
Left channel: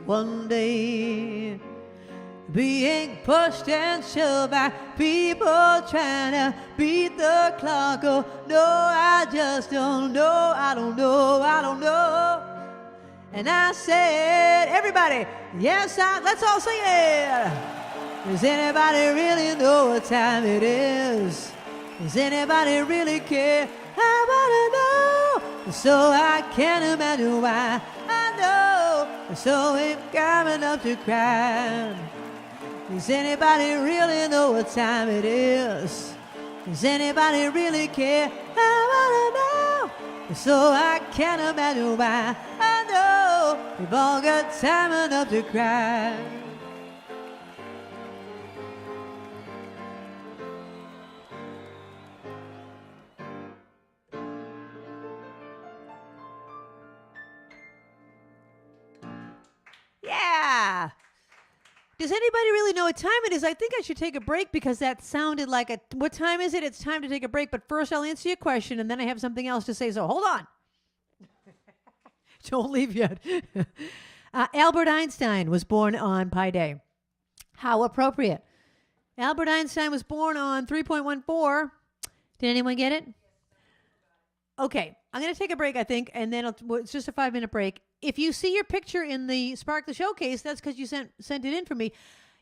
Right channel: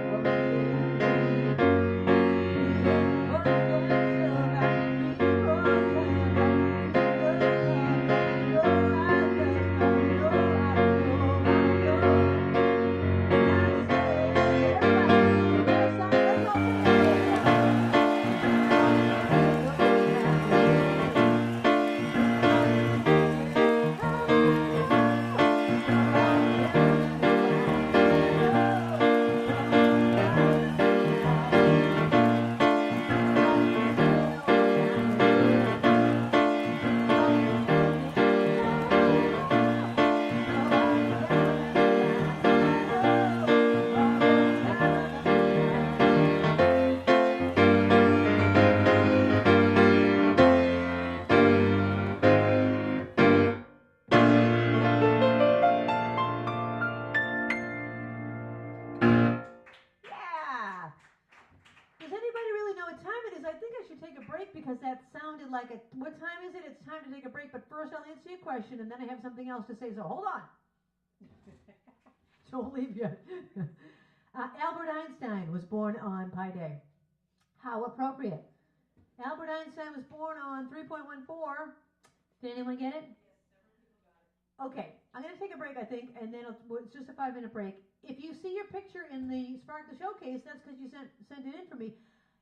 One day, being pushed and shoved by people trying to beat the clock. Oh no, I just don't know, I don't know, I don't know. And I said, everybody, yes, let's all sing it. Does anybody really know what time it is? Does anybody really care? I wanna know, so I can't imagine why. I know. So it got enough to cry. Does anybody really know what time it is? Does anybody really care? I wanna know, so I can't imagine why. I know we've all got time enough to cry. Does anybody really know what time it is? I think I should take a break because that sounded like a... What time is it? It's time to take a break. But first, I'll answer your question, and then I have something else to say. So hold on. Don't leave yet. Albert Einstein was born on Pi Day. How appropriate. Albert Einstein was born on 3.14. Did anyone get it? Okay. I'm going to take a break, I think, and then it's just a 5-minute break. If you see your picture in the Sparkler Showcase, that's because you sent it in for me.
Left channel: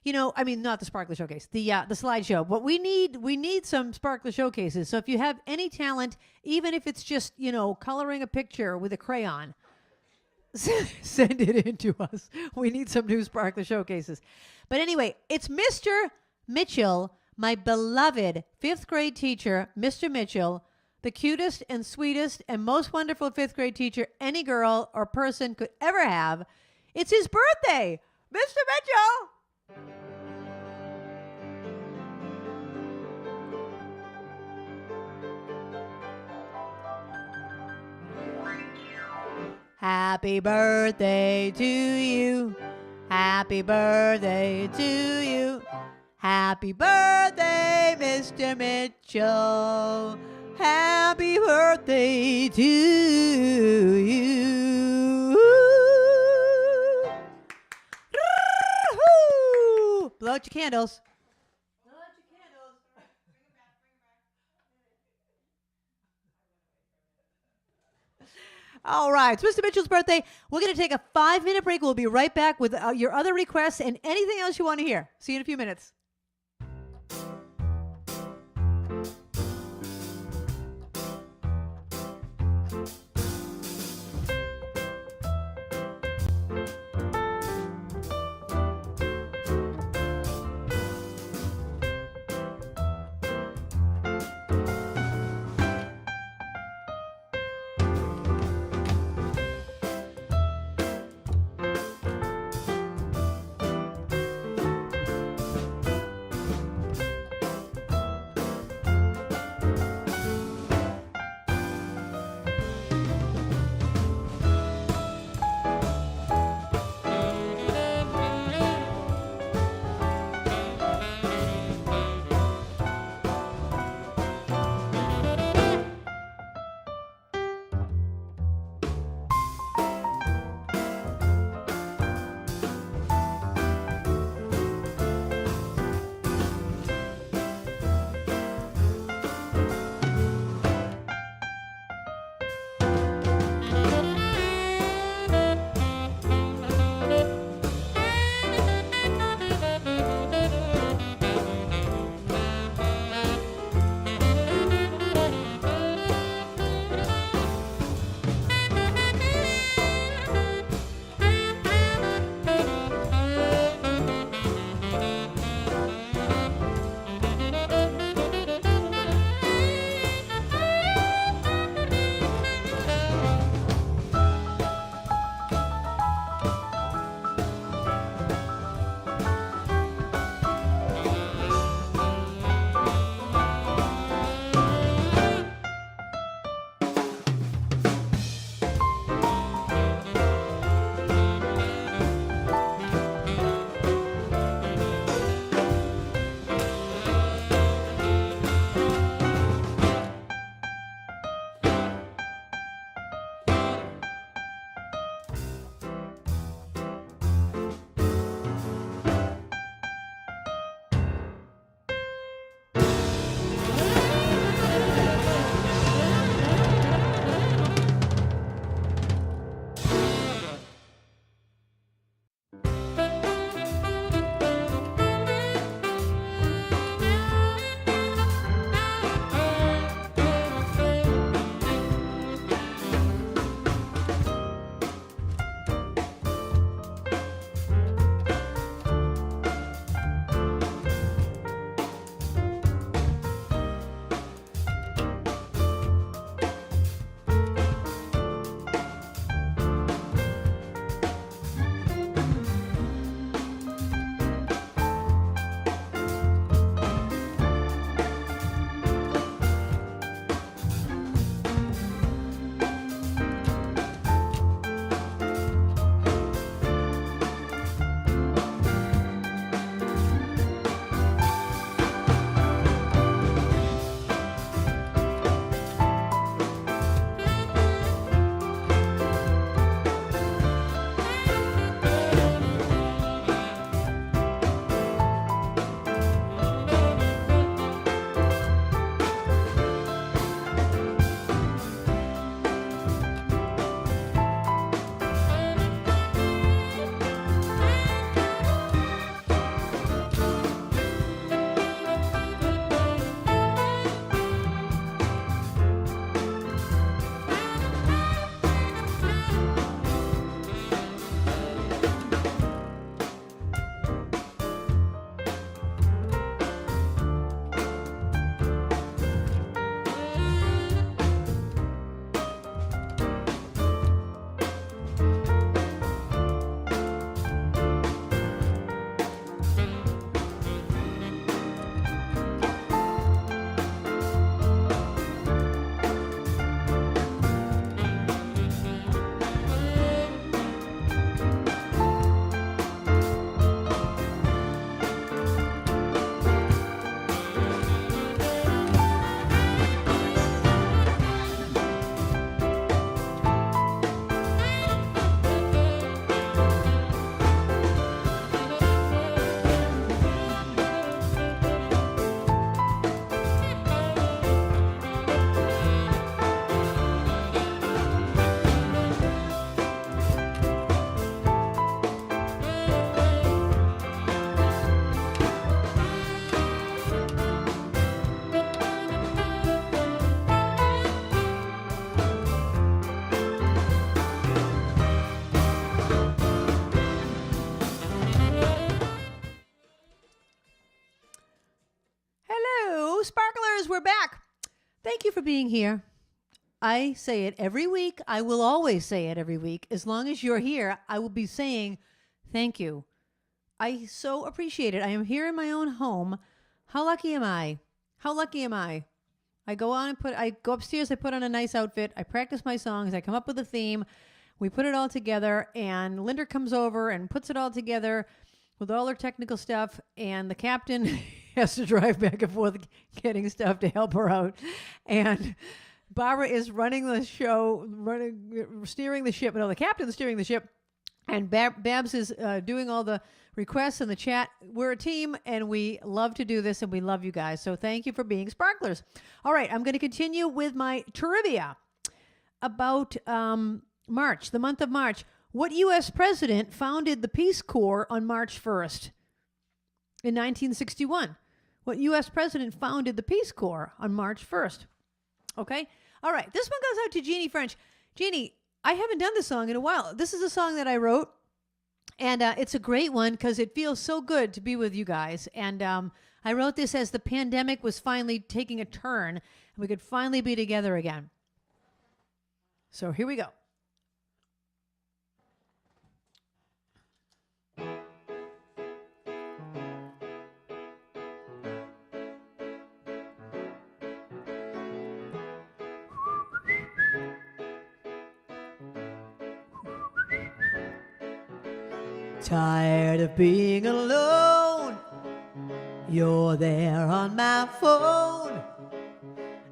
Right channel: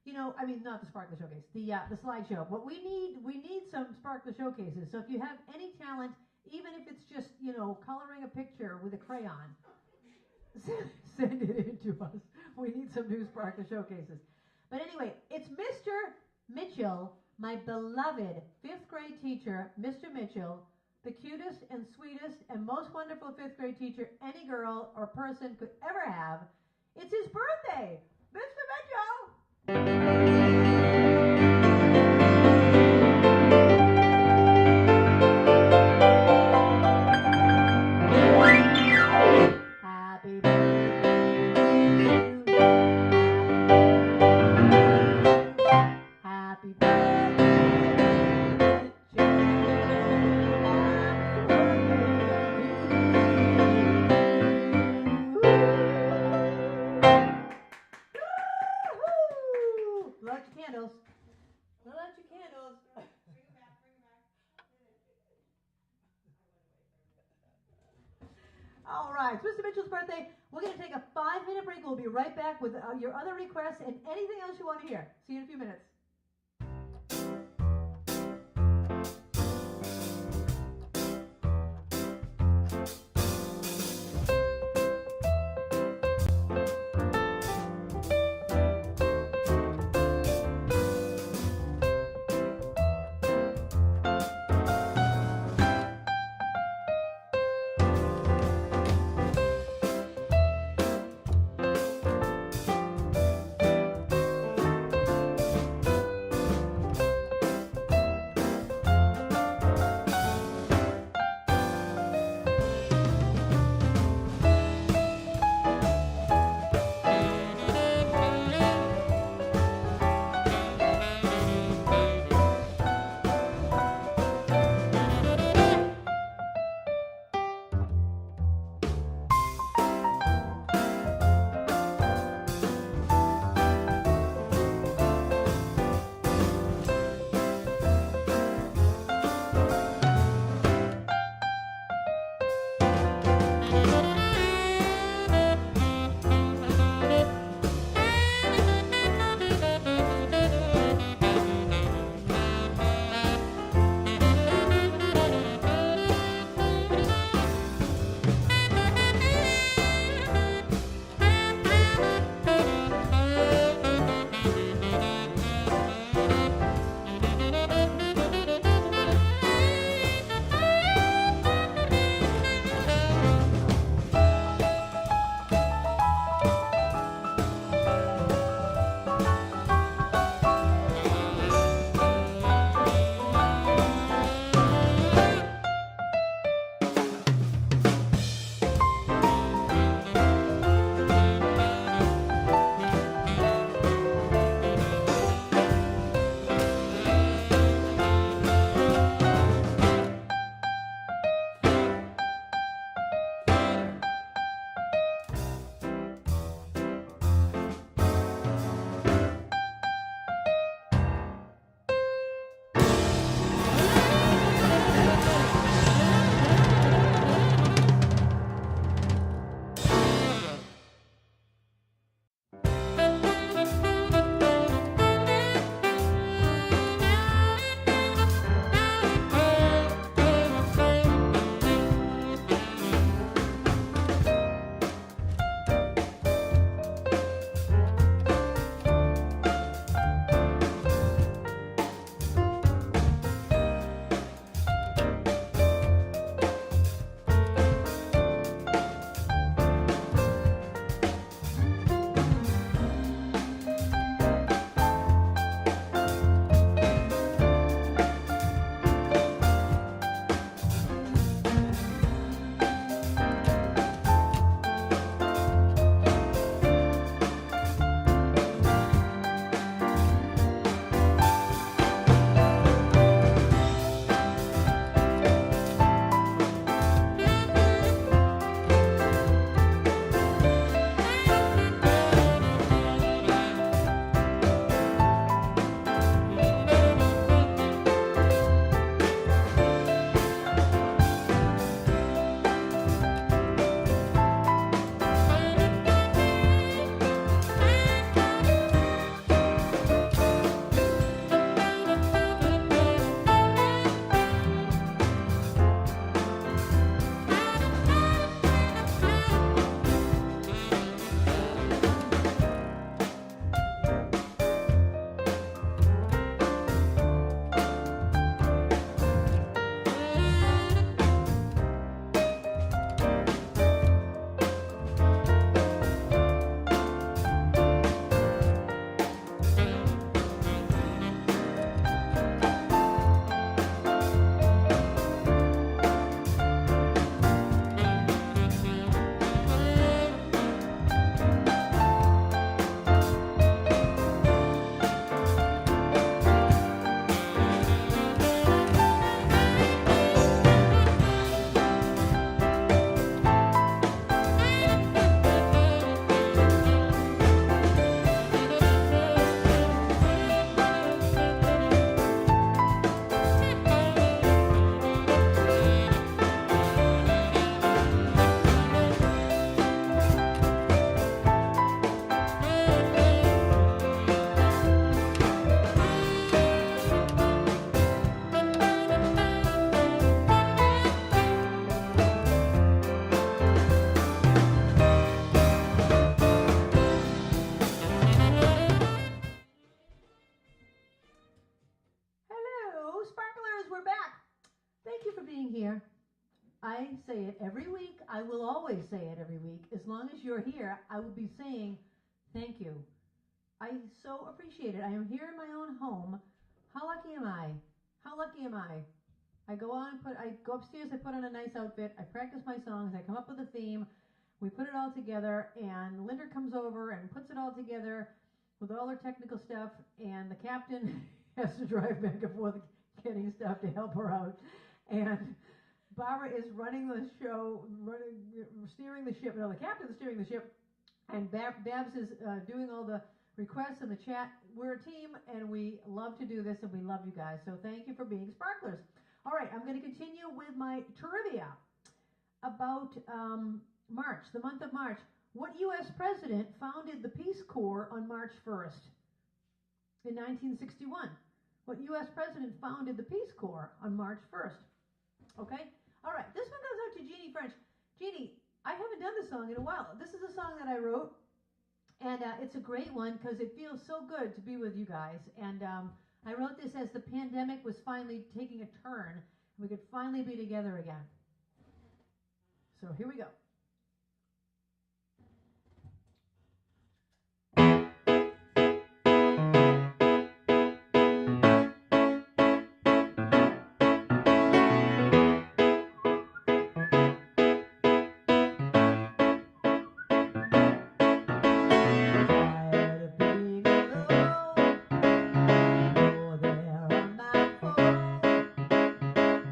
You know, I mean, not the Sparkler Showcase, the slideshow. But we need some Sparkler Showcases. So if you have any talent, even if it's just, you know, coloring a picture with a crayon, send it in to us. We need some new Sparkler Showcases. But anyway, it's Mr. Mitchell, my beloved 5th grade teacher, Mr. Mitchell, the cutest and sweetest and most wonderful 5th grade teacher any girl or person could ever have. It's his birthday. Mr. Mitchell! Happy birthday to you. Happy birthday to you. Happy birthday, Mr. Mitchell. Happy birthday to you. Blow out your candles. Blow out your candles. Bring it back, All right, it's Mr. Mitchell's birthday. We're going to take a 5-minute break. We'll be right back with your other requests and anything else you want to hear. See you in a few minutes. we're back. Thank you for being here. I say it every week. I will always say it every week. As long as you're here, I will be saying thank you. I so appreciate it. I am here in my own home. How lucky am I? How lucky am I? I go upstairs, I put on a nice outfit, I practice my songs, I come up with a theme, we put it all together, and Linda comes over and puts it all together with all her technical stuff, and the captain has to drive back and forth getting stuff to help her out. And Barbara is running the show, steering the ship. No, the captain's steering the ship, and Babs is doing all the requests in the chat. We're a team, and we love to do this, and we love you guys. So thank you for being sparklers. All right, I'm going to continue with my trivia about March, the month of March. What U.S. president founded the Peace Corps on March 1st in 1961? What U.S. president founded the Peace Corps on March 1st? Okay? All right, this one goes out to Jeannie French. Jeannie, I haven't done this song in a while. This is a song that I wrote, and it's a great one because it feels so good to be with you guys. And I wrote this as the pandemic was finally taking a turn, and we could finally be together again. So here we go. Tired of being alone, you're there on my phone.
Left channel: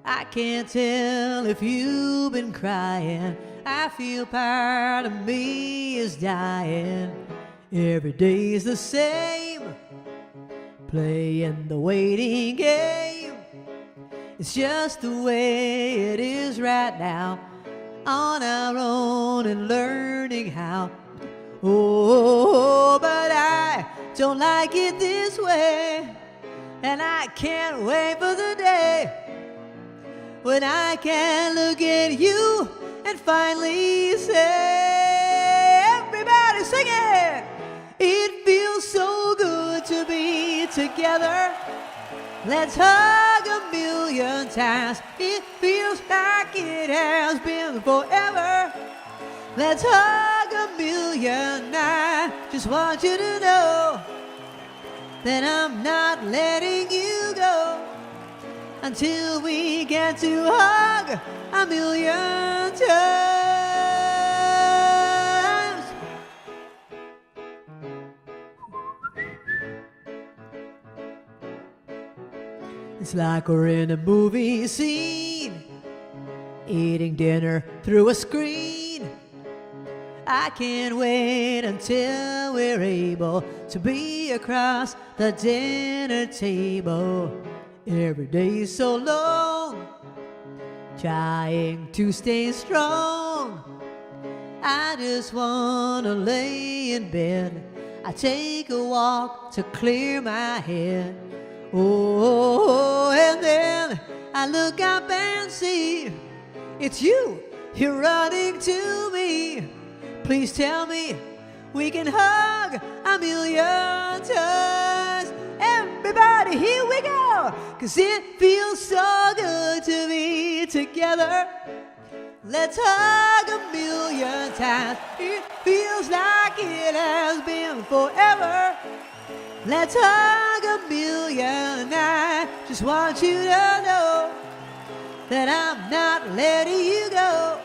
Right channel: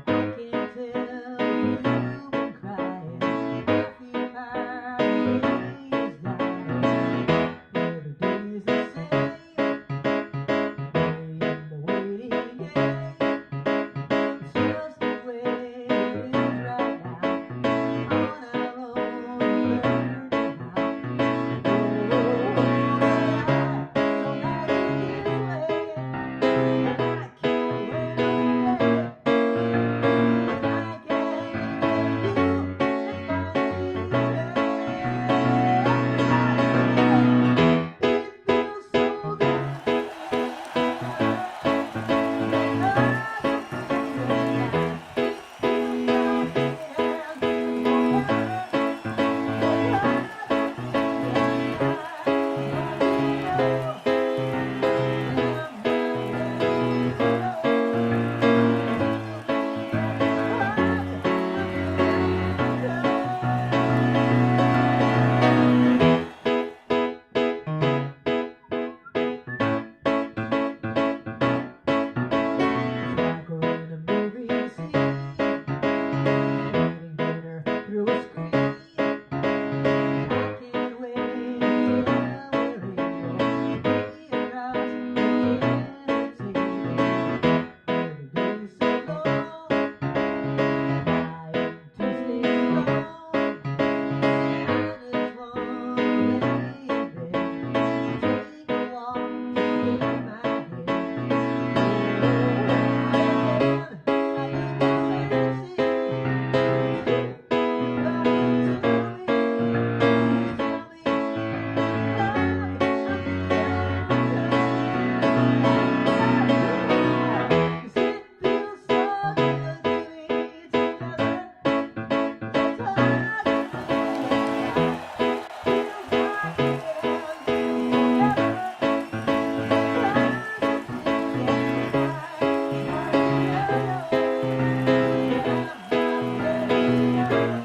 I can't tell if you've been crying. I feel part of me is dying. Every day's the same, playing the waiting game. It's just the way it is right now, on our own and learning how. Oh, but I don't like it this way, and I can't wait for the day when I can look at you and finally say, everybody sing it! It feels so good to be together. Let's hug a million times. It feels like it has been forever. Let's hug a million. I just want you to know that I'm not letting you go until we get to hug a million times. It's like we're in a movie scene, eating dinner through a screen. I can't wait until we're able to be across the dinner table. Every day's so long, trying to stay strong. I just wanna lay in bed. I take a walk to clear my head. Oh, and then I look up and see it's you. You're running to me. Please tell me we can hug a million times. Everybody, here we go. 'Cause it feels so good to be together. Let's hug a million times. It feels like it has been forever. Let's hug a million. I just want you to know that I'm not letting you go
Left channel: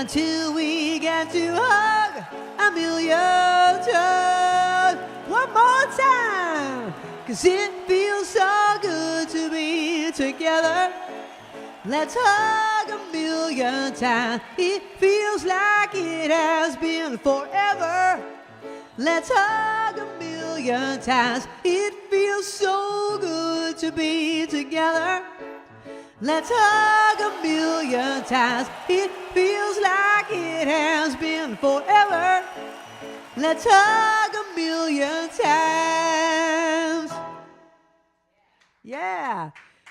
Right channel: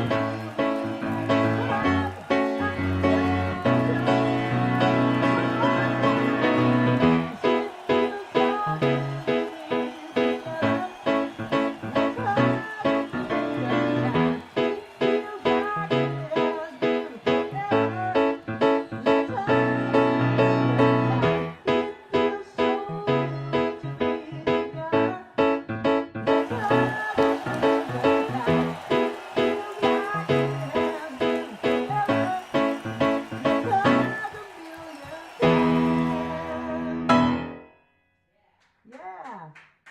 until we get to hug a million times. One more time. 'Cause it feels so good to be together. Let's hug a million times. It feels like it has been forever. Let's hug a million times. It feels so good to be together. Let's hug a million times. It feels like it has been forever. Let's hug a million times. Yeah.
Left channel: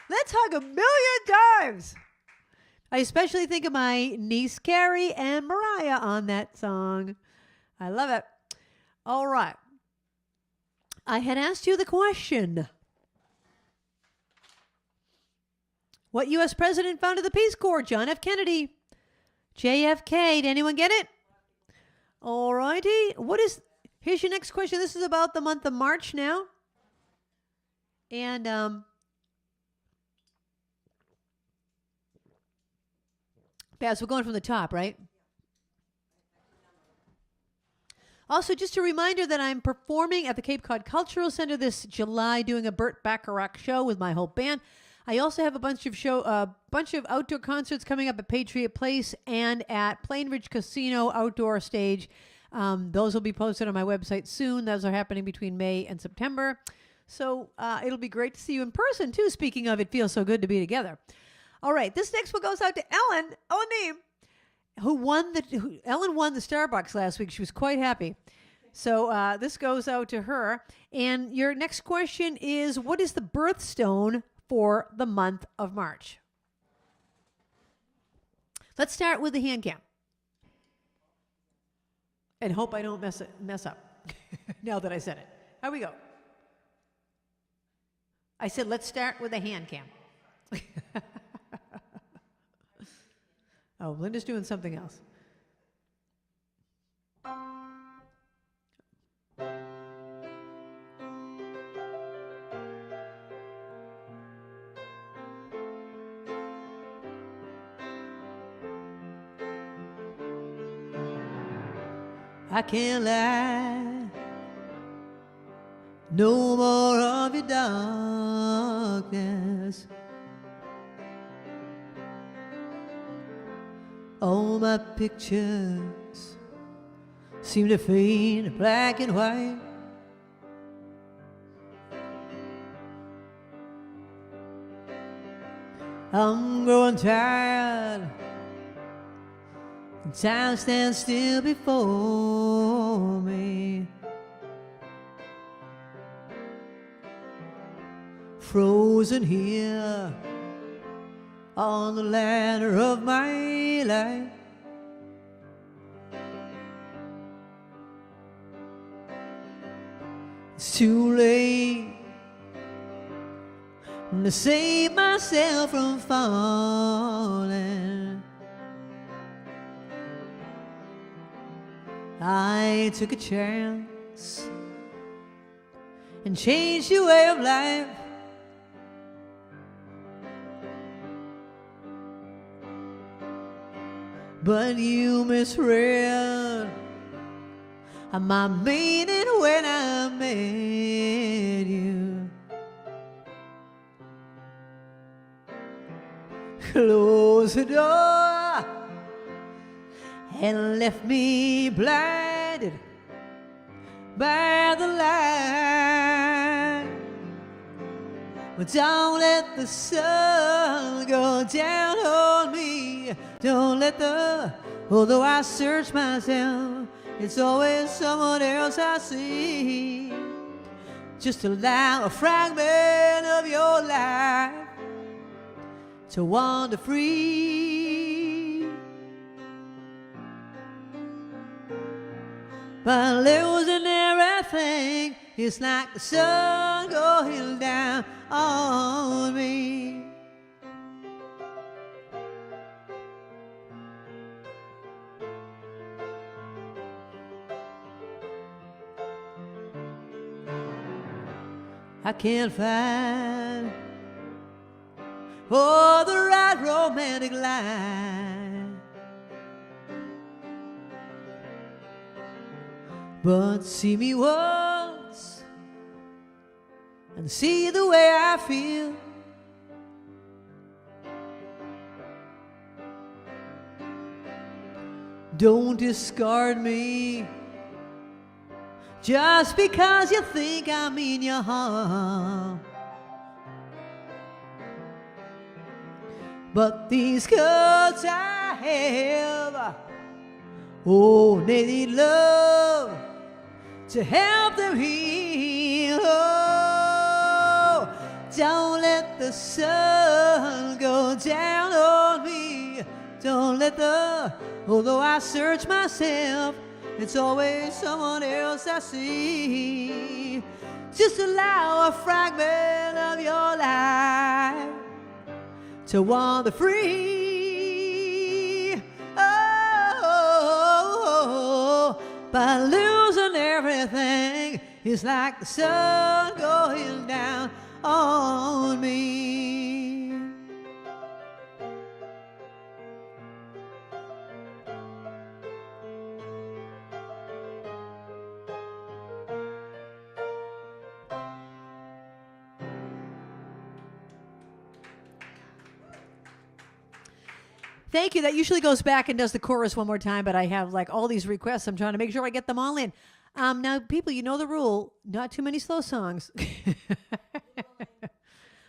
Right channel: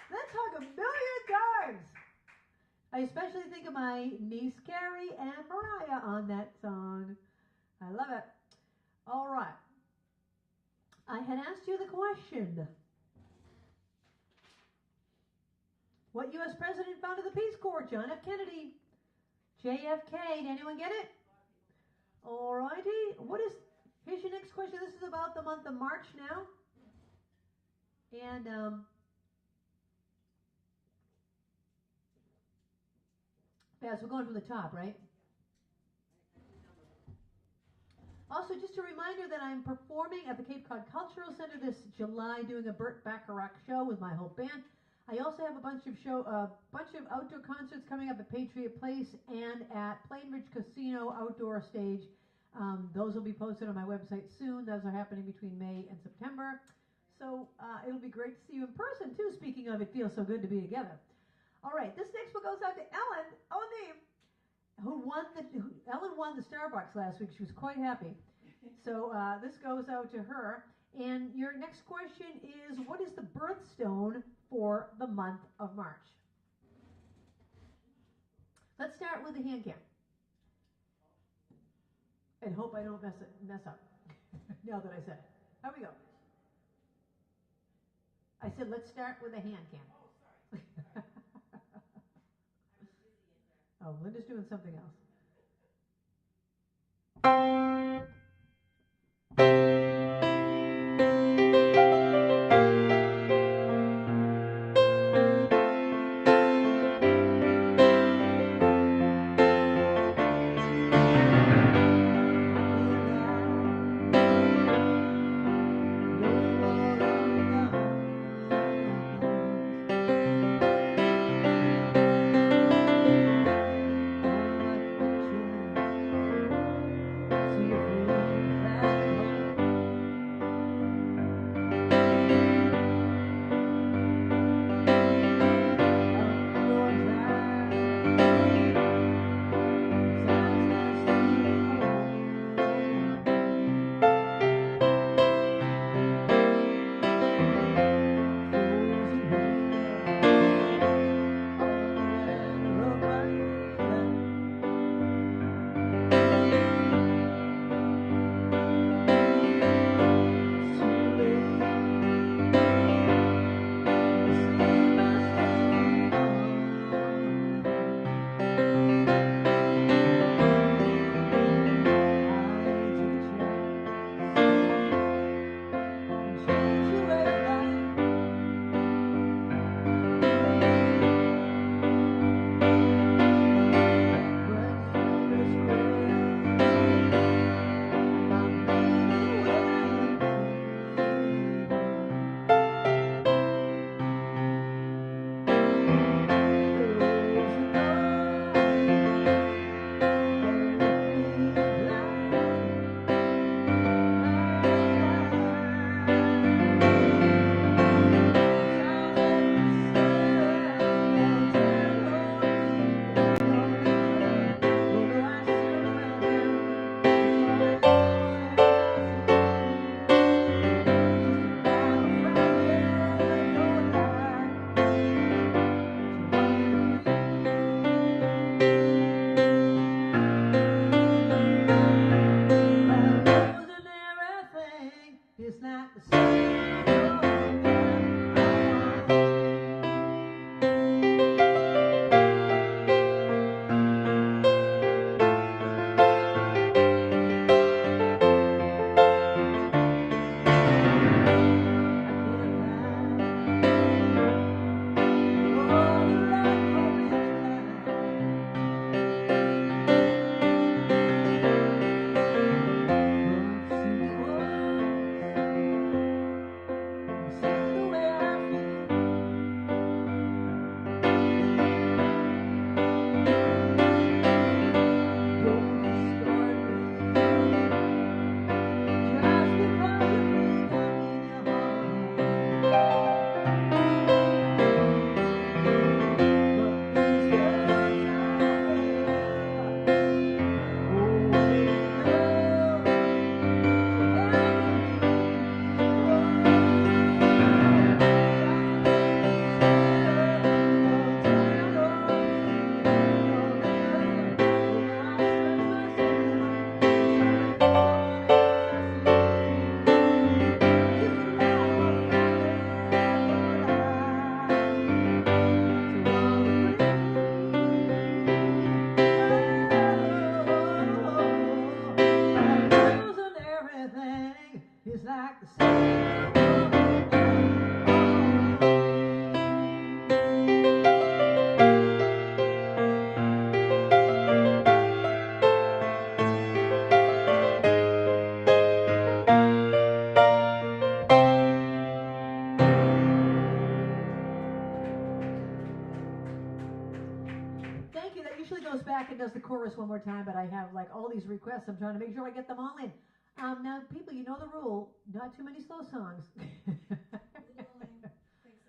Let's hug a million times. I especially think of my niece Carrie and Mariah on that song. I love it. All right. I had asked you the question. What U.S. president founded the Peace Corps? John F. Kennedy. JFK. Did anyone get it? All righty. Here's your next question. This is about the month of March now. And Baz, we're going from the top, right? Also, just a reminder that I'm performing at the Cape Cod Cultural Center this July, doing a Burt Bacharach show with my whole band. I also have a bunch of outdoor concerts coming up at Patriot Place and at Plain Ridge Casino outdoor stage. Those will be posted on my website soon. Those are happening between May and September. So it'll be great to see you in person, too. Speaking of, it feels so good to be together. All right, this next one goes out to Ellen O'Neill, Ellen won the Starbucks last week. She was quite happy. So this goes out to her. And your next question is, what is the birthstone for the month of March? Let's start with the hand cam. And hope I don't mess up now that I said it. Here we go. I said, let's start with the hand cam. Oh, Linda's doing something else. I can't lie, no more of your darkness. All my pictures seem to fade to black and white. I'm growing tired, time stands still before me, frozen here on the ladder of my life. It's too late to save myself from falling. I took a chance and changed your way of life. But you misread my meaning when I met you. Close the door and left me blinded by the light. Don't let the sun go down on me. Don't let although I search myself, it's always someone else I see. Just allow a fragment of your life to wander free. By losing everything, it's like the sun going down on me. Can't find the right romantic line, but see me once and see the way I feel. Don't discard me just because you think I mean your harm. But these cuts I have, oh, they need love to help them heal. Oh, don't let the sun go down on me. Don't let although I search myself, it's always someone else I see. Just allow a fragment It's like the sun going down on me. Thank you. That usually goes back and does the chorus one more time, but I have like all these requests. I'm trying to make sure I get them all in. Now, people, you know the rule. Not too many slow songs.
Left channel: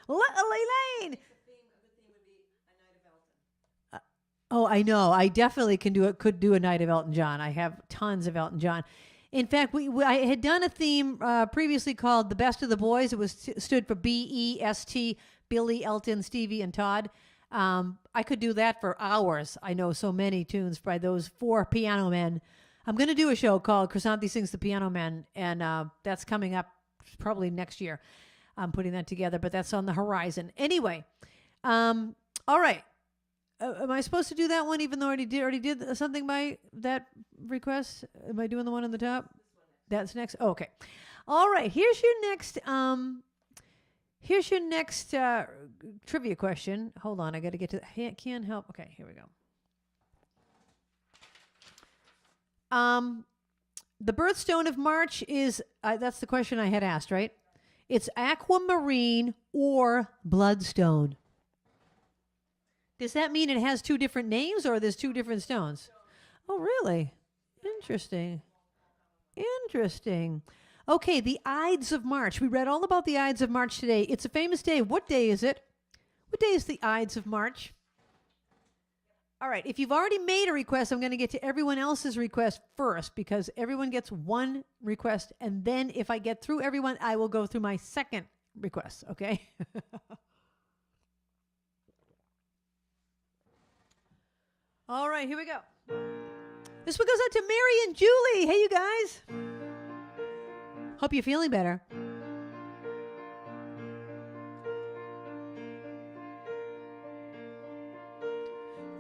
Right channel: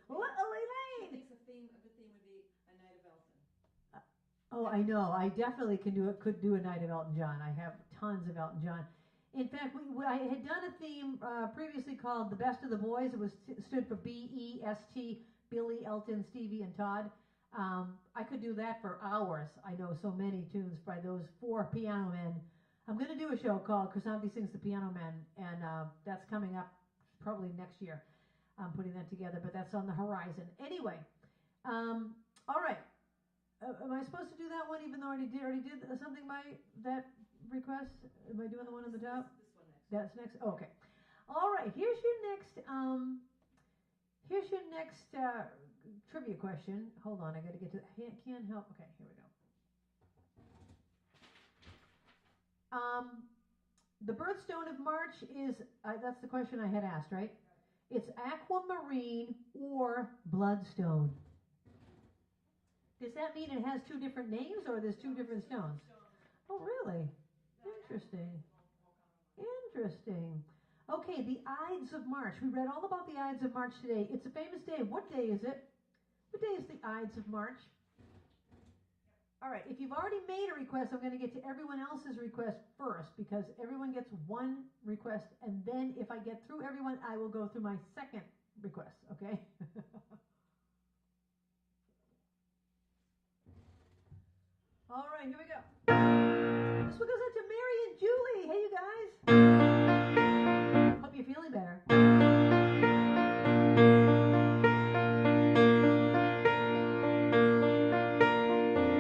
Elaine! Oh, I know. I definitely can do it. Could do a night of Elton John. I have tons of Elton John. In fact, I had done a theme previously called "The Best of the Boys." It was stood for BEST: Billy, Elton, Stevie, and Todd. I could do that for hours. I know so many tunes by those 4 piano men. I'm going to do a show called Krisanthi Sings the Piano Men, and that's coming up probably next year. I'm putting that together, but that's on the horizon. Anyway, all right. Am I supposed to do that one even though I already did something by that request? Am I doing the one on the top? That's next. Oh, okay. All right. Here's your next trivia question. Hold on. I got to get to can't help. Okay, here we go. The birthstone of March is, that's the question I had asked, right? It's aquamarine or bloodstone. Does that mean it has 2 different names or there's 2 different stones? Oh, really? Interesting. Interesting. Okay, the Ides of March. We read all about the Ides of March today. It's a famous day. What day is it? What day is the Ides of March? All right, if you've already made a request, I'm going to get to everyone else's request first because everyone gets 1 request. And then if I get through everyone, I will go through my second request, okay? All right, here we go. This one goes out to Mary and Julie. Hey, you guys. Hope you're feeling better.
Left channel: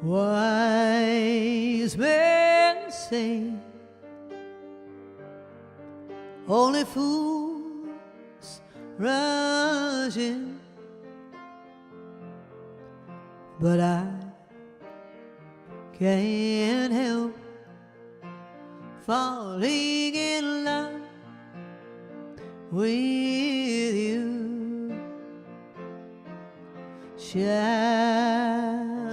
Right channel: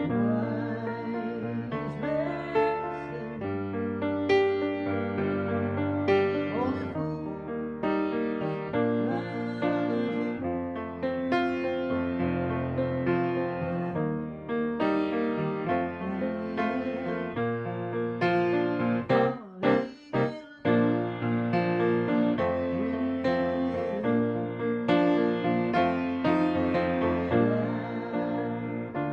Wise men say only fools rush in, but I can't help falling in love with you. Shall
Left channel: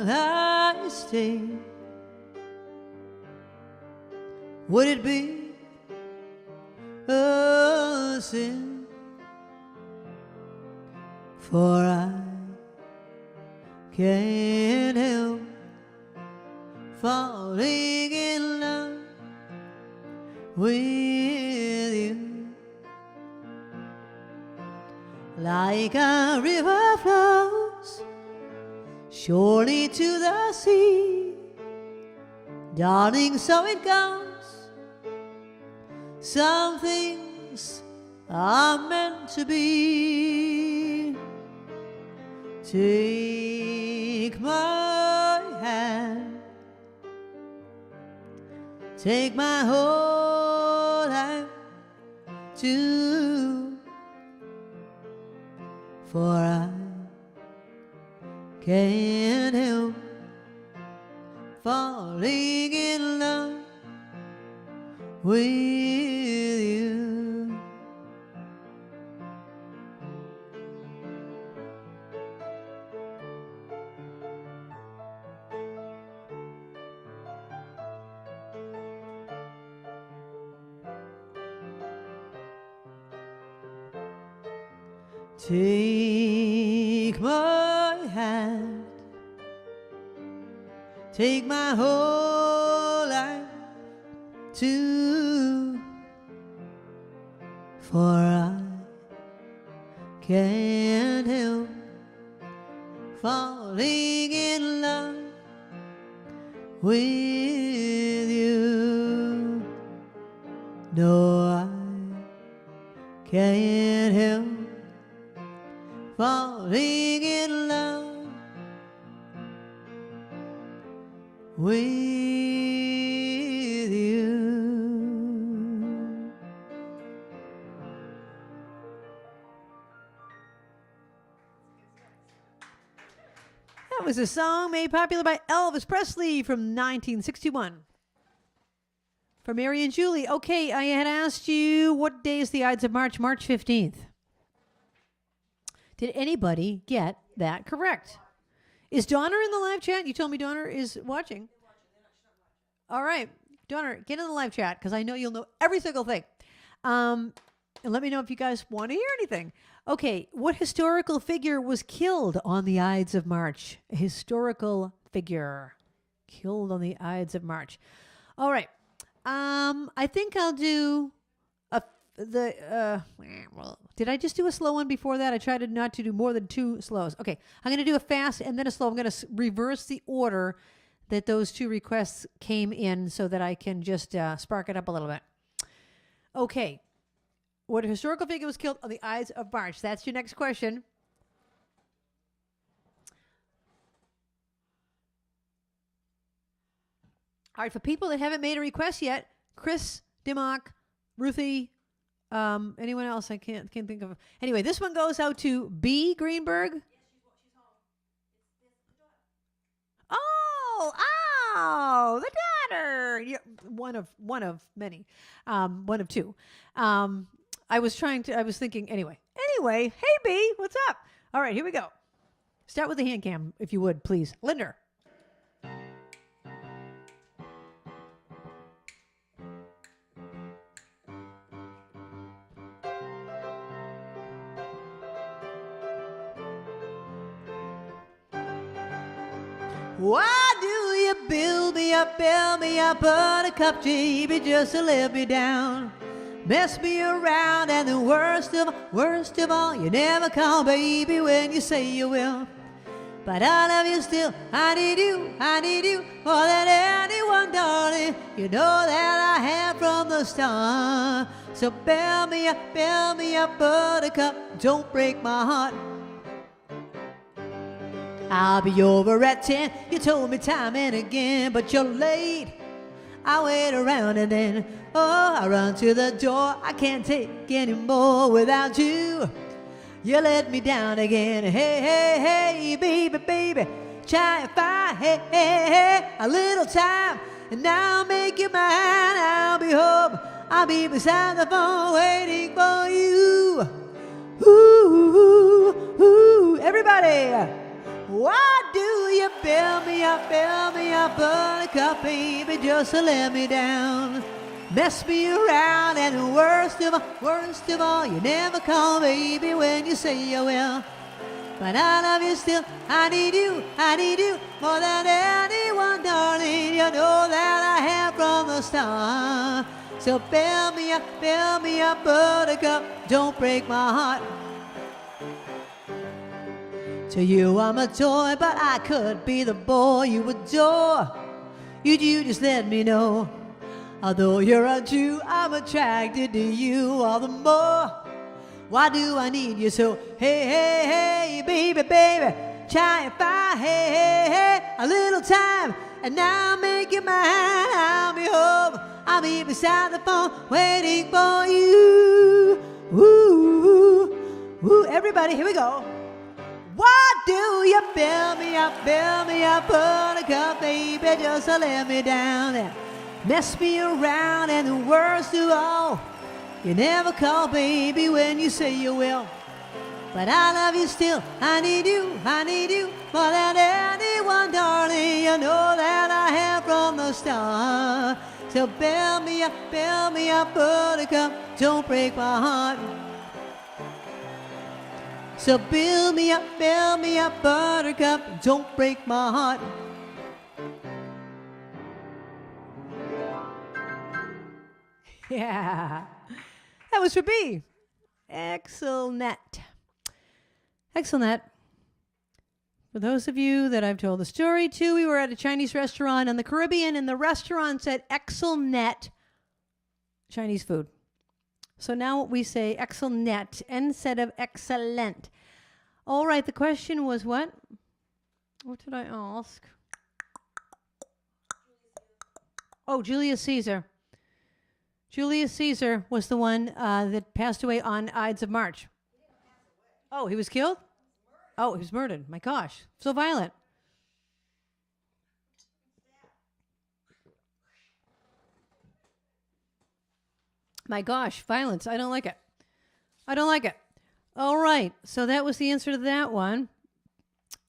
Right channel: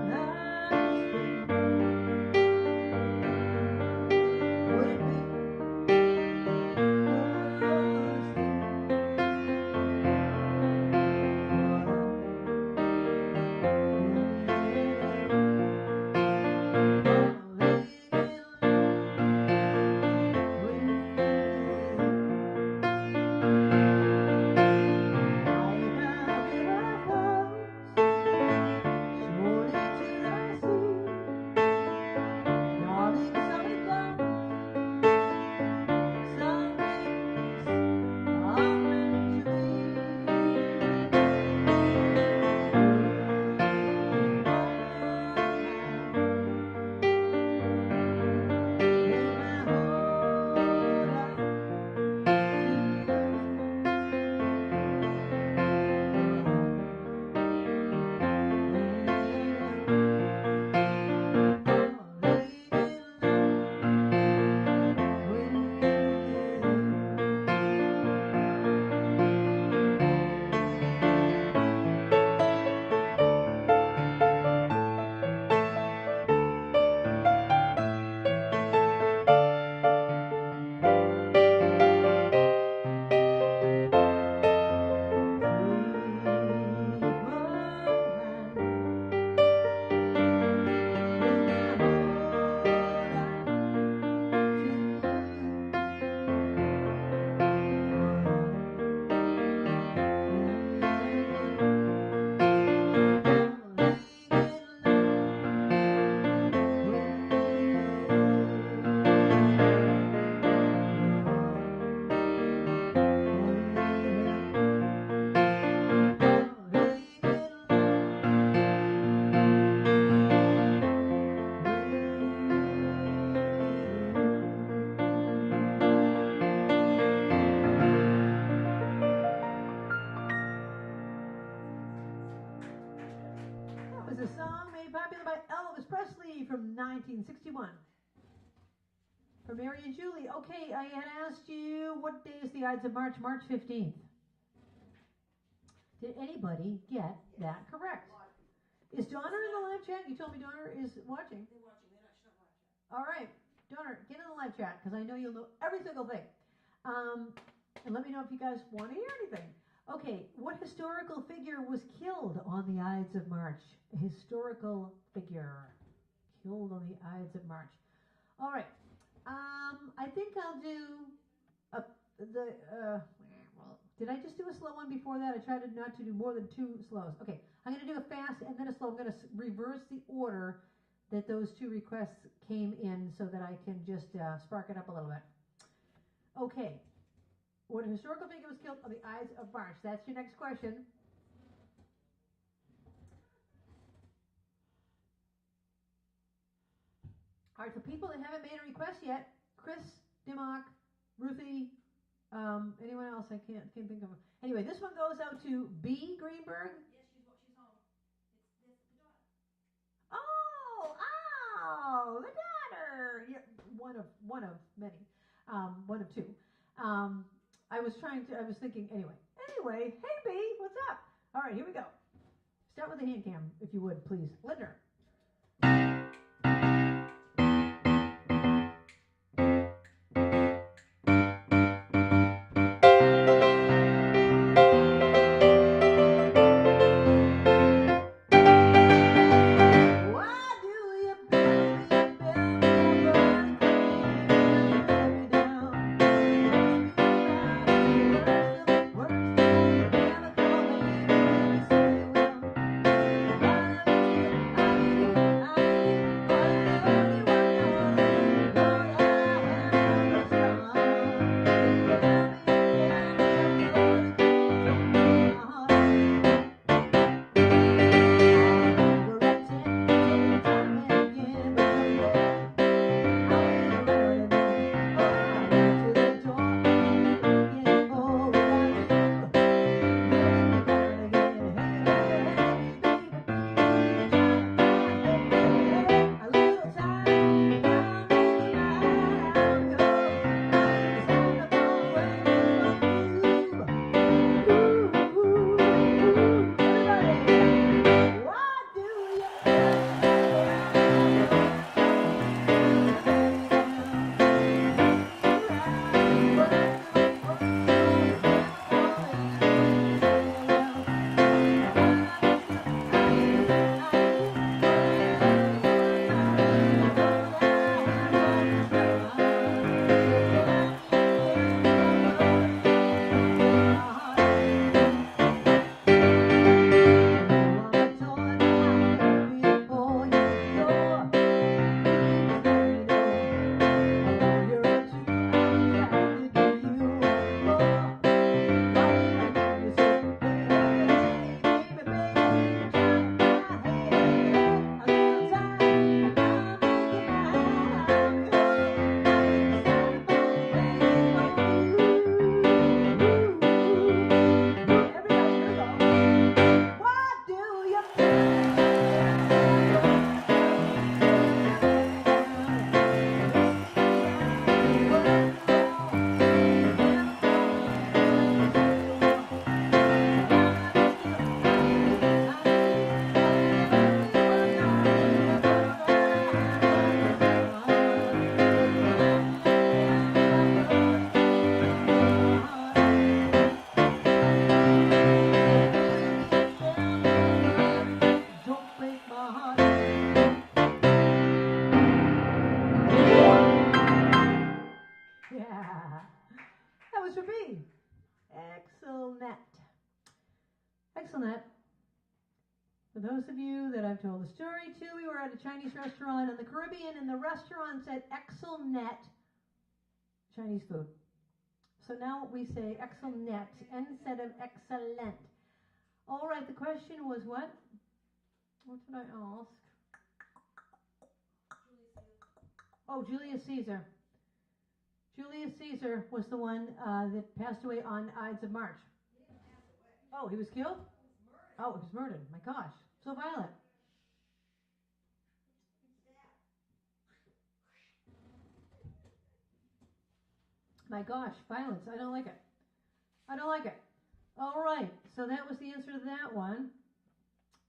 I stay? Would it be a sin? For I can't help falling in love with you. Like a river flows surely to the sea, darling, so it goes. Some things are meant to be. Take my hand, take my whole life too, for I can't help falling in love with you. Take my hand, take my whole life too, for I can't help falling in love with you. No, I can't help falling in love with you. was a song made popular by Elvis Presley from 1961. For Mary and Julie, okay, I had asked you what day is the Ides of March? March 15th. Did anybody get that correct? Is Donner in the live chat? You told me Donner is watching. All right. Donner, get in the live chat because I know you'll know every single thing. And let me know if you guys want to hear anything. Okay, what historical figure was killed on the Ides of March? A historical figure killed on the Ides of March. All right. I think I'll do did I just do a slow one before that? I tried not to do more than 2 slows. Okay, I'm going to do a fast and then a slow. I'm going to reverse the order that those 2 requests came in so that I can just spark it up a little bit. Okay, what historical figure was killed on the Ides of March? That's your next question. All right, for people that haven't made a request yet, Chris, Dimmock, Ruthie, anyone else I can't think of. Anyway, this one goes out to B. Greenberg. Yes, she's home. Oh, the daughter. Yeah, one of many. One of 2. I was thinking, anyway, hey B, what's up? All right, here we go. Start with the hand cam, if you would, please. Linder. Say you will, but I love you still. I need you more than anyone, darling. You know that I have from the start. So build me up, buttercup. Don't break my heart. I'll be over at 10. You told me time and again, but you're late. I wait around and then, I run to the door. I can't take any more without you. You let me down again. Hey, baby, try and find, hey, a little time, and I'll make you mine. I'll be home, I'll be beside the phone waiting for you. Ooh, everybody. Why do you fill me up, buttercup, baby, just to let me down? Mess me around, and the worst of all, you never call, baby, when you say you will. But I love you still. I need you more than anyone, darling. You know that I have from the start. So fill me up, buttercup. Don't break my heart. To you I'm a toy, but I couldn't be the boy you adore. If you just let me know. Although you're a Jew, I'm attracted to you all the more. Why do I need you so? Hey, baby, try and find, hey, a little time, and I'll make you mine. I'll be home, I'll be beside the phone, waiting for you. Ooh, everybody, here we go. Why do you fill me up, buttercup, baby, just to let me down and mess me around, and the worst of all, you never call, baby, when you say you will. But I love you still. I need you more than anyone, darling. You know that I have from the start. So fill me up, buttercup. Don't break my heart. So fill me up, buttercup. Don't break my heart. Yeah, that was for B. Excellent. For those of you that I've told the story to, we were at a Chinese restaurant in the Caribbean, and the restaurant said excellent Chinese food. So now we say excellent instead of excellent. All right, the question was what? What did I ask? Oh, Julius Caesar. Julius Caesar was the one that passed away on Ides of March. Oh, he was killed? Oh, he was murdered. My gosh, so violent. My gosh, violence. I don't like it. I don't like it. All right. So that was the answer to that one.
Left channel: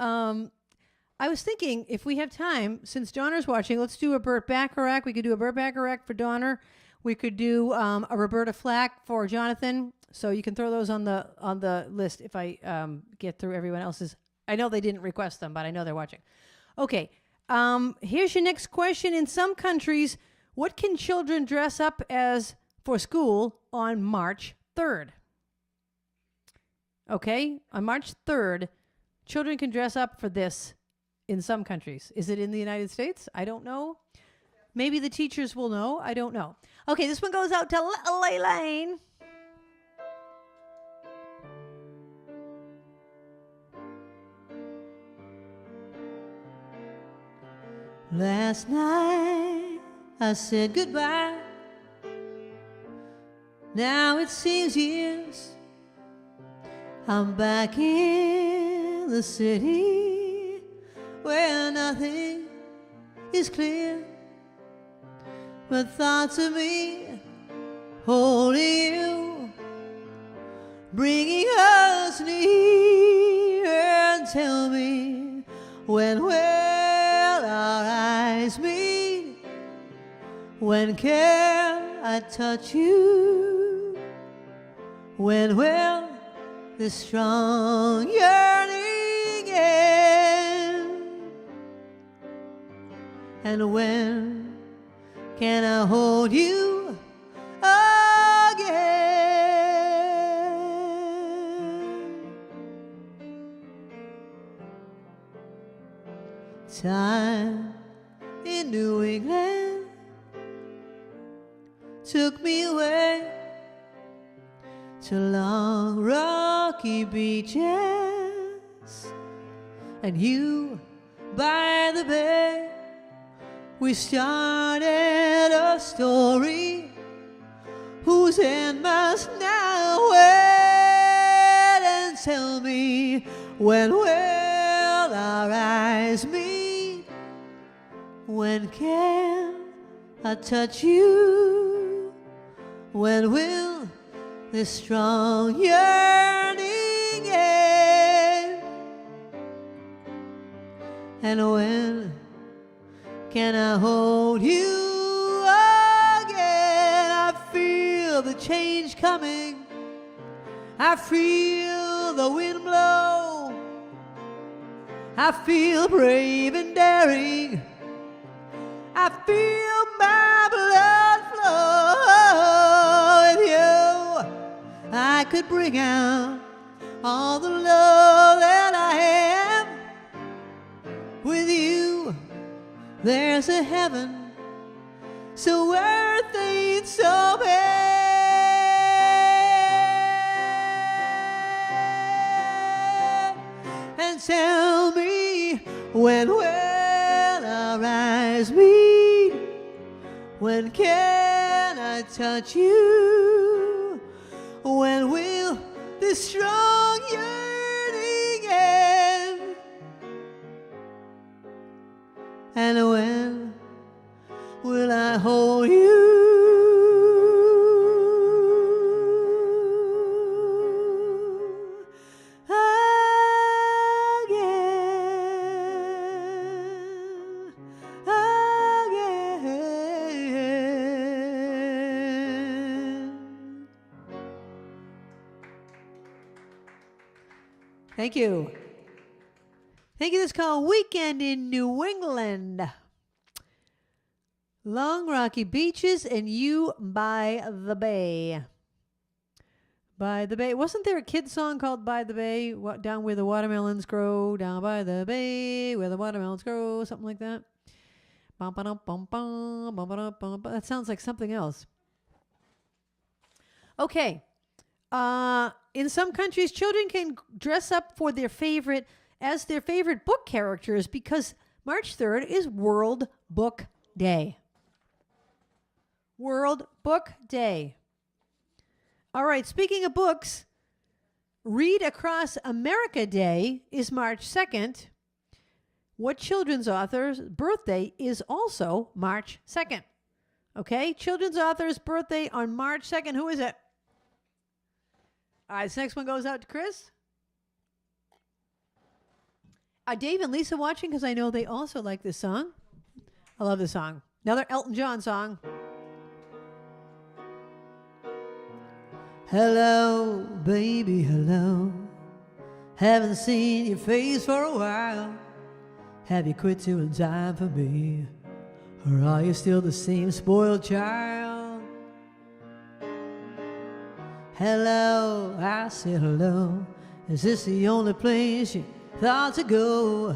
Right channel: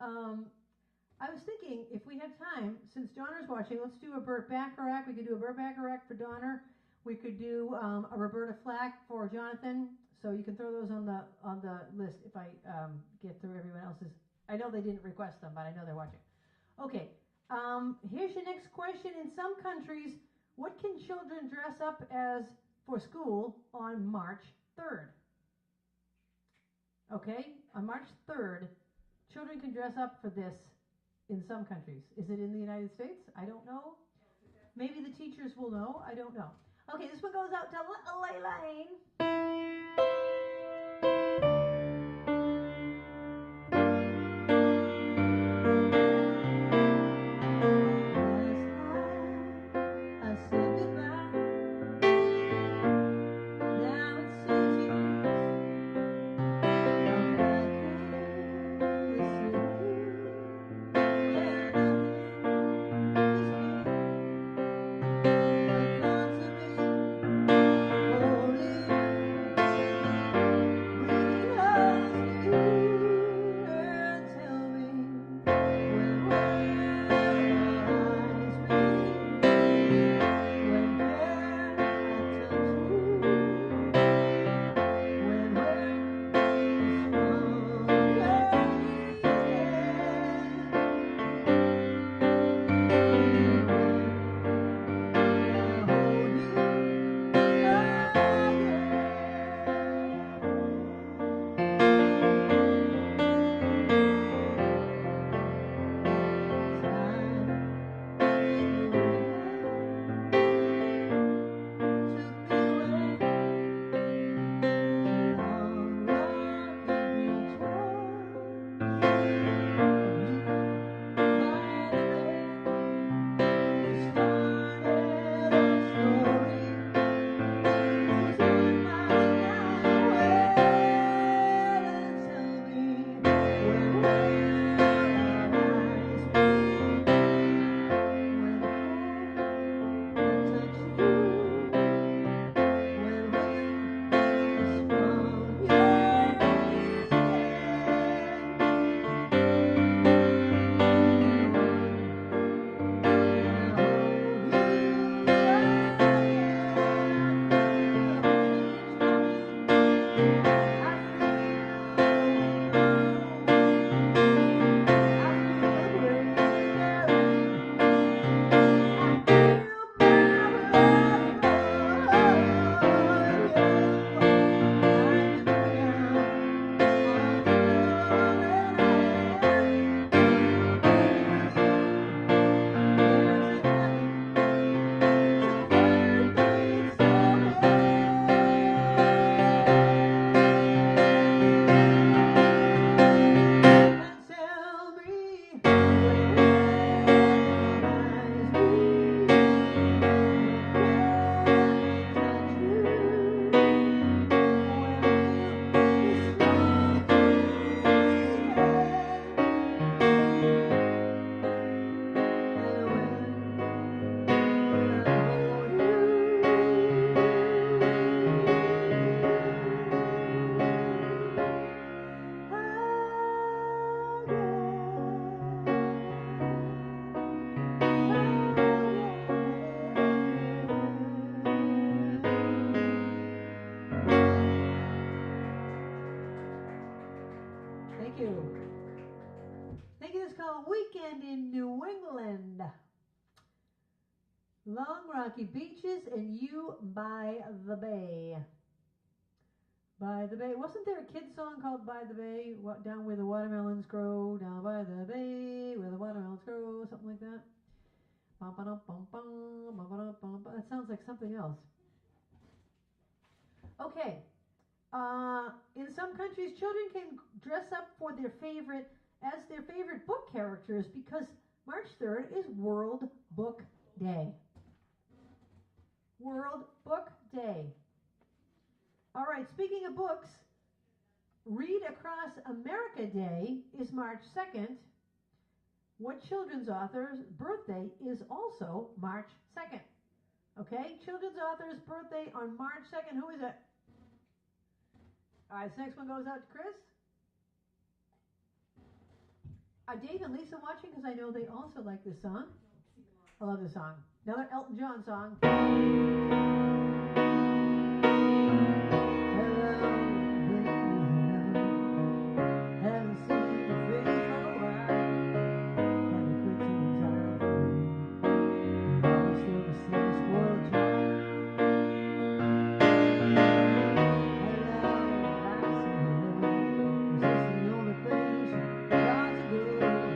I was thinking if we have time, since Donner's watching, let's do a Burt Bacharach. We could do a Burt Bacharach for Donner. We could do a Roberta Flack for Jonathan. So you can throw those on the list if I get through everyone else's. I know they didn't request them, but I know they're watching. Okay. Here's your next question. In some countries, what can children dress up as for school on March 3rd? Okay, on March 3rd, children can dress up for this in some countries. Is it in the United States? I don't know. Maybe the teachers will know. I don't know. Okay, this one goes out to Elaine. Last night I said goodbye. Now it seems years. I'm back in the city where nothing is clear, but thoughts of me holding you, bringing us near. And tell me, when will our eyes meet? When can I touch you? When will the strong yearning end? And when can I hold you again? Time in New England took me away to long rocky beaches, and you by the bay. We started a story whose end must now wait. And tell me, when will our eyes meet? When can I touch you? When will this strong yearning end? And when can I hold you again? I feel the change coming. I feel the wind blow. I feel brave and daring. I feel my blood flow. With you, I could bring out all the love that I am. With you, there's a heaven so worth it, so bad. And tell me, when will our eyes meet? When can I touch you? When will this strong yearning end? And when will I hold you Thank you. Thank you. This is called Weekend in New England. Long rocky beaches and you by the bay. By the bay. Wasn't there a kid song called By the Bay? Down where the watermelons grow. Down by the bay where the watermelons grow. Something like that. That sounds like something else. Okay. In some countries, children can dress up for their favorite book characters because March 3rd is World Book Day. World Book Day. All right, speaking of books, Read Across America Day is March 2nd. What children's author's birthday is also March 2nd? Okay, children's author's birthday on March 2nd. Who is it? All right, this next one goes out to Chris. Are Dave and Lisa watching? Because I know they also like this song. I love this song. Another Elton John song. Hello, baby, hello. Haven't seen your face for a while. Have you quit doing time for me? Or are you still the same spoiled child? Hello, I said hello. Is this the only place you thought to go?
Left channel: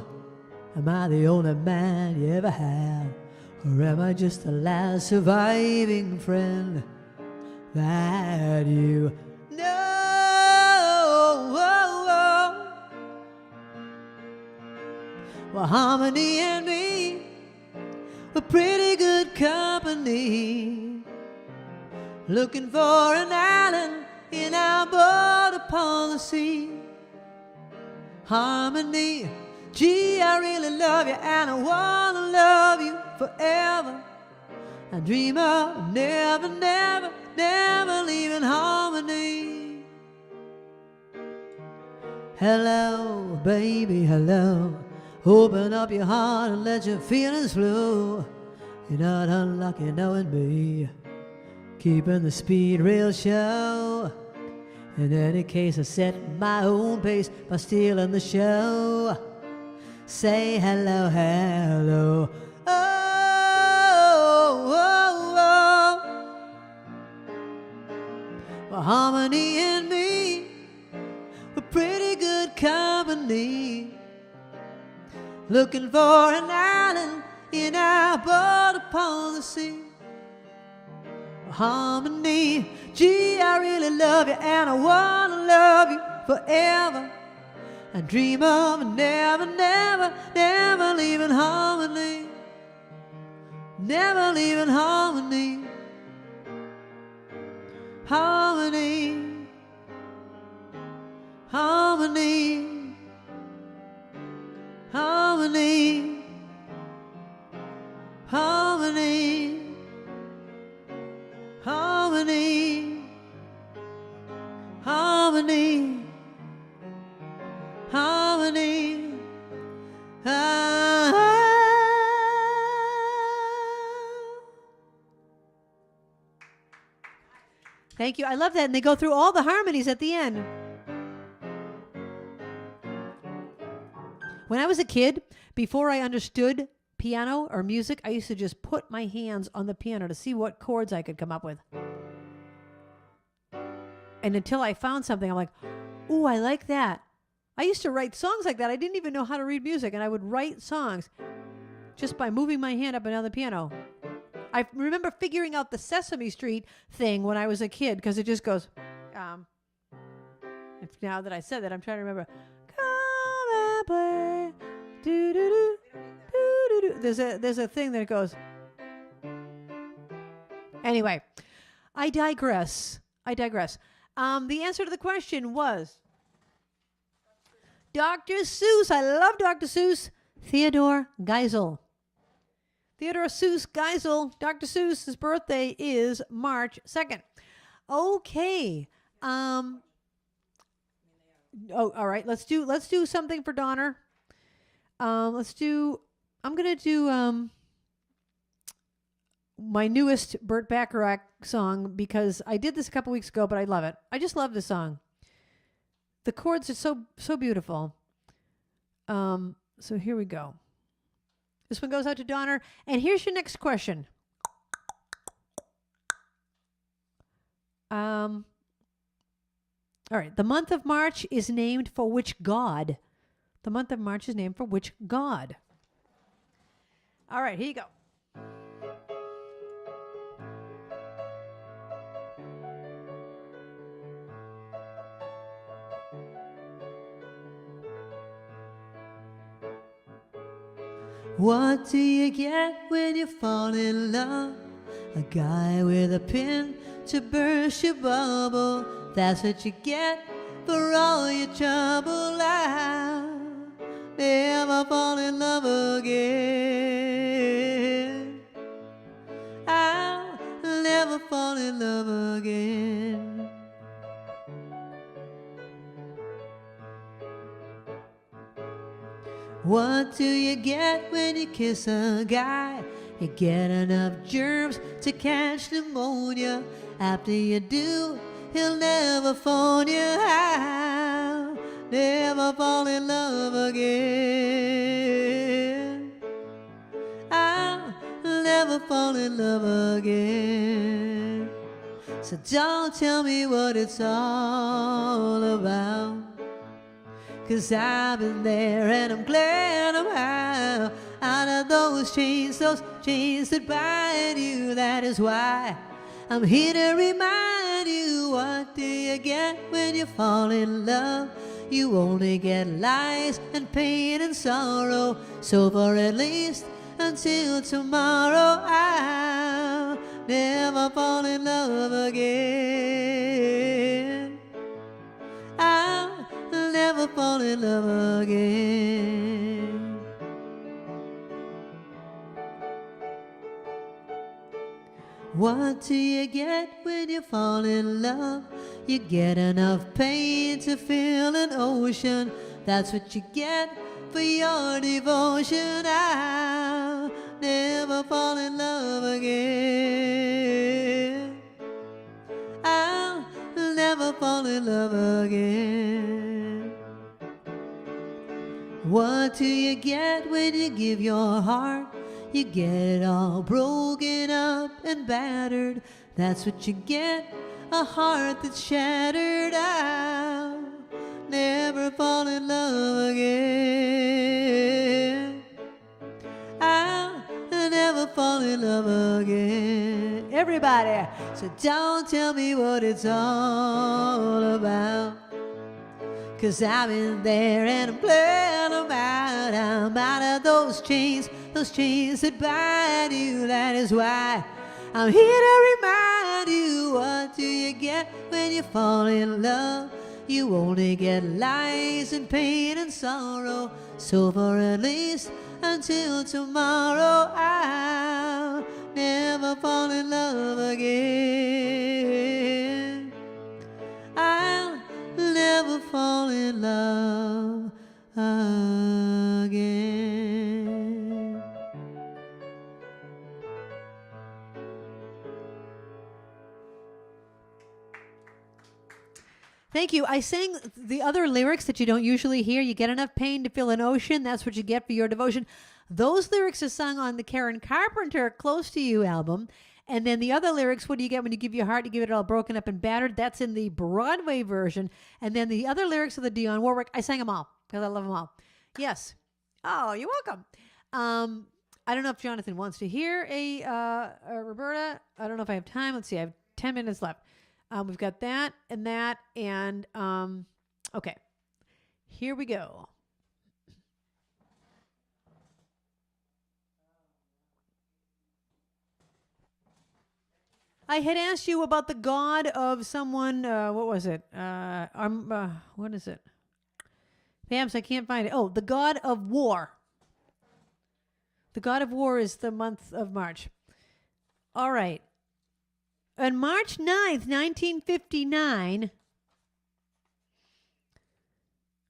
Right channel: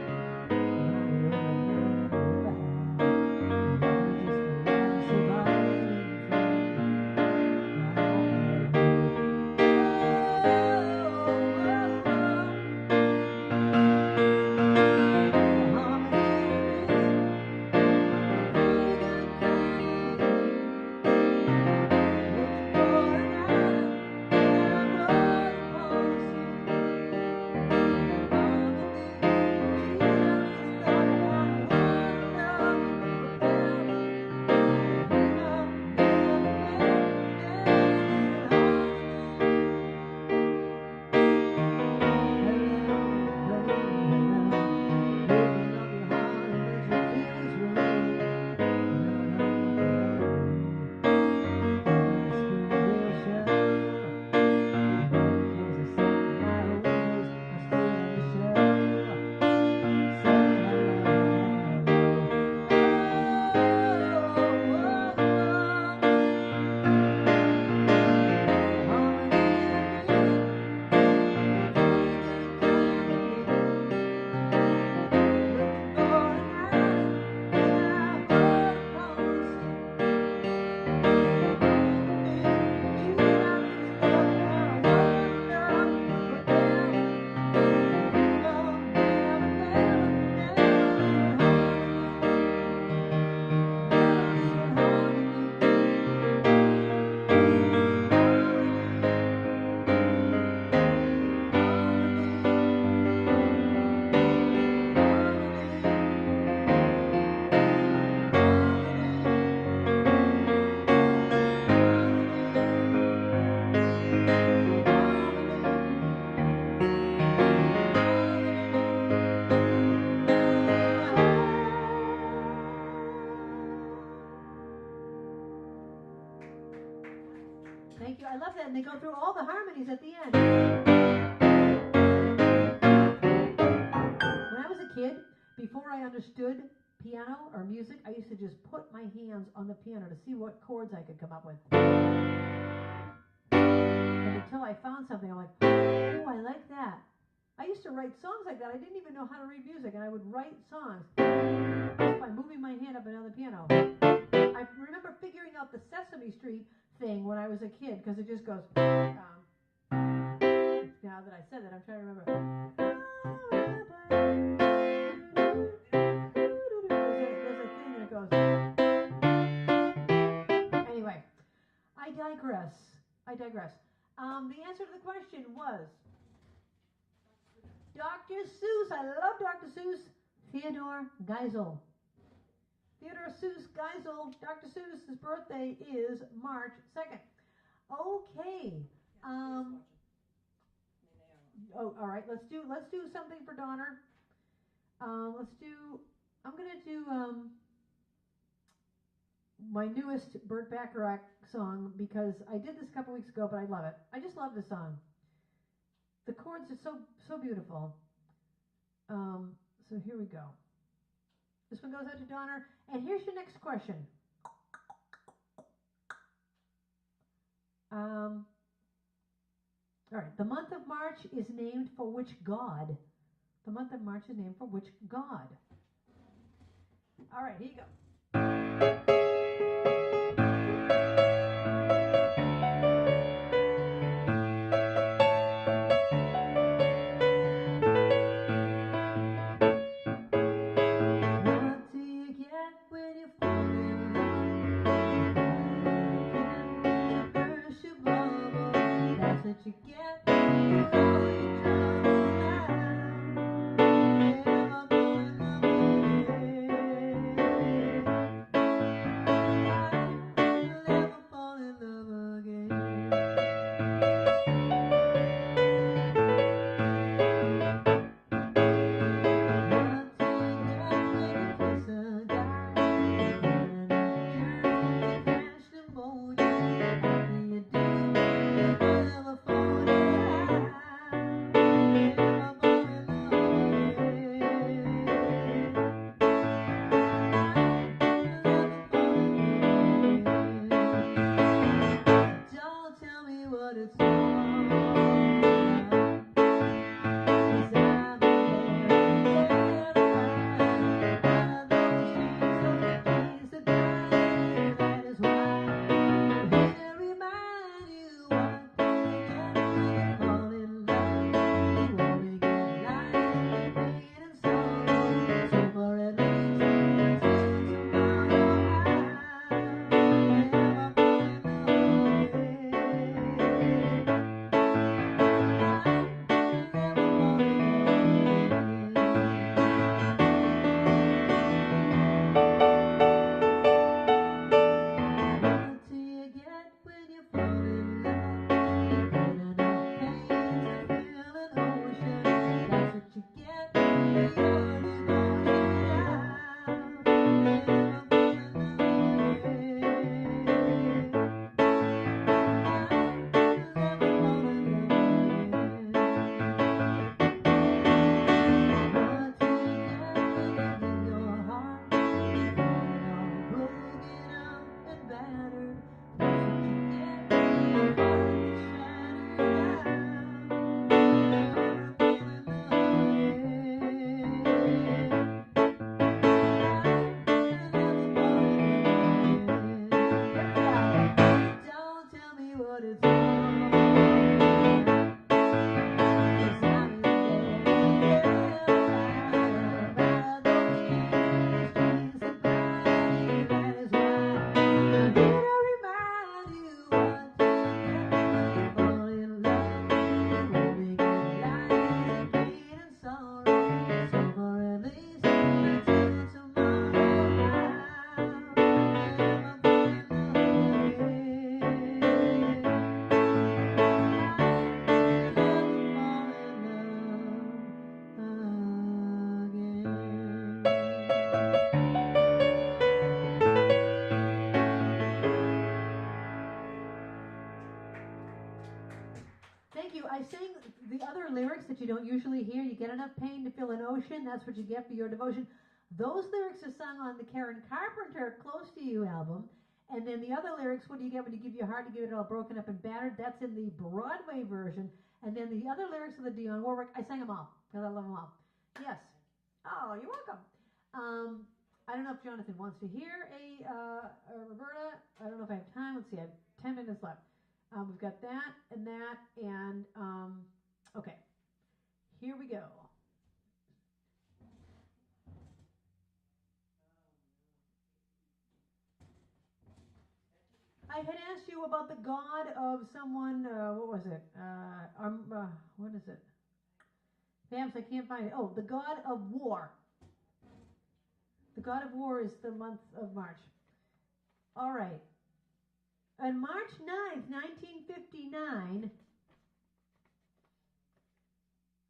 Am I the only man you ever had? Or am I just the last surviving friend that you know? Well, Harmony and me, a pretty good company, looking for an island in our border policy. Harmony, gee, I really love you, and I wanna love you forever. I dream of never, never, never leaving Harmony. Hello, baby, hello. Open up your heart and let your feelings flow. You're not unlucky knowing me, keeping the speed real show. In any case, I set my own pace by stealing the show. Say hello, hello. Oh, oh, oh. Well, Harmony and me, a pretty good company, looking for an island in our border policy. Harmony, gee, I really love you, and I wanna love you forever. I dream of never, never, never leaving Harmony. Never leaving Harmony. Harmony. Harmony. Harmony. Harmony. Harmony. Harmony. Harmony. Thank you. I love that. And they go through all the harmonies at the end. When I was a kid, before I understood piano or music, I used to just put my hands on the piano to see what chords I could come up with. And until I found something, I'm like, ooh, I like that. I used to write songs like that. I didn't even know how to read music, and I would write songs just by moving my hand up and down the piano. I remember figuring out the Sesame Street thing when I was a kid, because it just goes, now that I said that, I'm trying to remember. Come and play. Do-do-do, do-do-do. There's a thing that goes. Anyway, I digress. The answer to the question was Dr. Seuss. I love Dr. Seuss. Theodore Geisel. Theodore Seuss Geisel. Dr. Seuss's birthday is March 2nd. Okay. Oh, all right. Let's do something for Donner. I'm gonna do my newest Burt Bacharach song, because I did this a couple weeks ago, but I love it. I just love this song. The chords are so beautiful. So here we go. This one goes out to Donner. And here's your next question. All right. The month of March is named for which god? The month of March is named for which god? All right. Here you go. What do you get when you fall in love? A guy with a pin to burst your bubble. That's what you get for all your trouble. I'll never fall in love again. I'll kiss a guy, you get enough germs to catch pneumonia. After you do, he'll never phone you out, never fall in love again. I'll never fall in love again. So don't tell me what it's all about, 'cause I've been there and I'm glad I'm out of those chains that bind you. That is why I'm here to remind you, what do you get when you fall in love? You only get lies and pain and sorrow. So for at least until tomorrow, I'll never fall in love again. I'll never fall in love again. What do you get when you fall in love? You get enough pain to fill an ocean. That's what you get for your devotion. I'll never fall in love again. I'll never fall in love again. What do you get when you give your heart? You get all broken up and battered. That's what you get, a heart that's shattered. I'll never fall in love again. I'll never fall in love again. Everybody, so don't tell me what it's all about, 'cause I've been there and I'm glad I'm out of those chains that bind you. That is why I'm here to remind you, what do you get when you fall in love? You only get lies and pain and sorrow. So for at least until tomorrow, I'll never fall in love again. I'll never fall in love again. Thank you. I sang the other lyrics that you don't usually hear. You get enough pain to fill an ocean. That's what you get for your devotion. Those lyrics are sung on the Karen Carpenter Close to You album. And then the other lyrics, what do you get when you give your heart? You give it all broken up and battered. That's in the Broadway version. And then the other lyrics of the Dionne Warwick, I sang them all because I love them all. Yes. Oh, you're welcome. I don't know if Jonathan wants to hear a Roberta. I don't know if I have time. Let's see. I have 10 minutes left. We've got that, and okay. Here we go. I had asked you about the god of someone, what was it? What is it? Bams, I can't find it. Oh, the god of war. The god of war is the month of March. All right. On March 9th, 1959,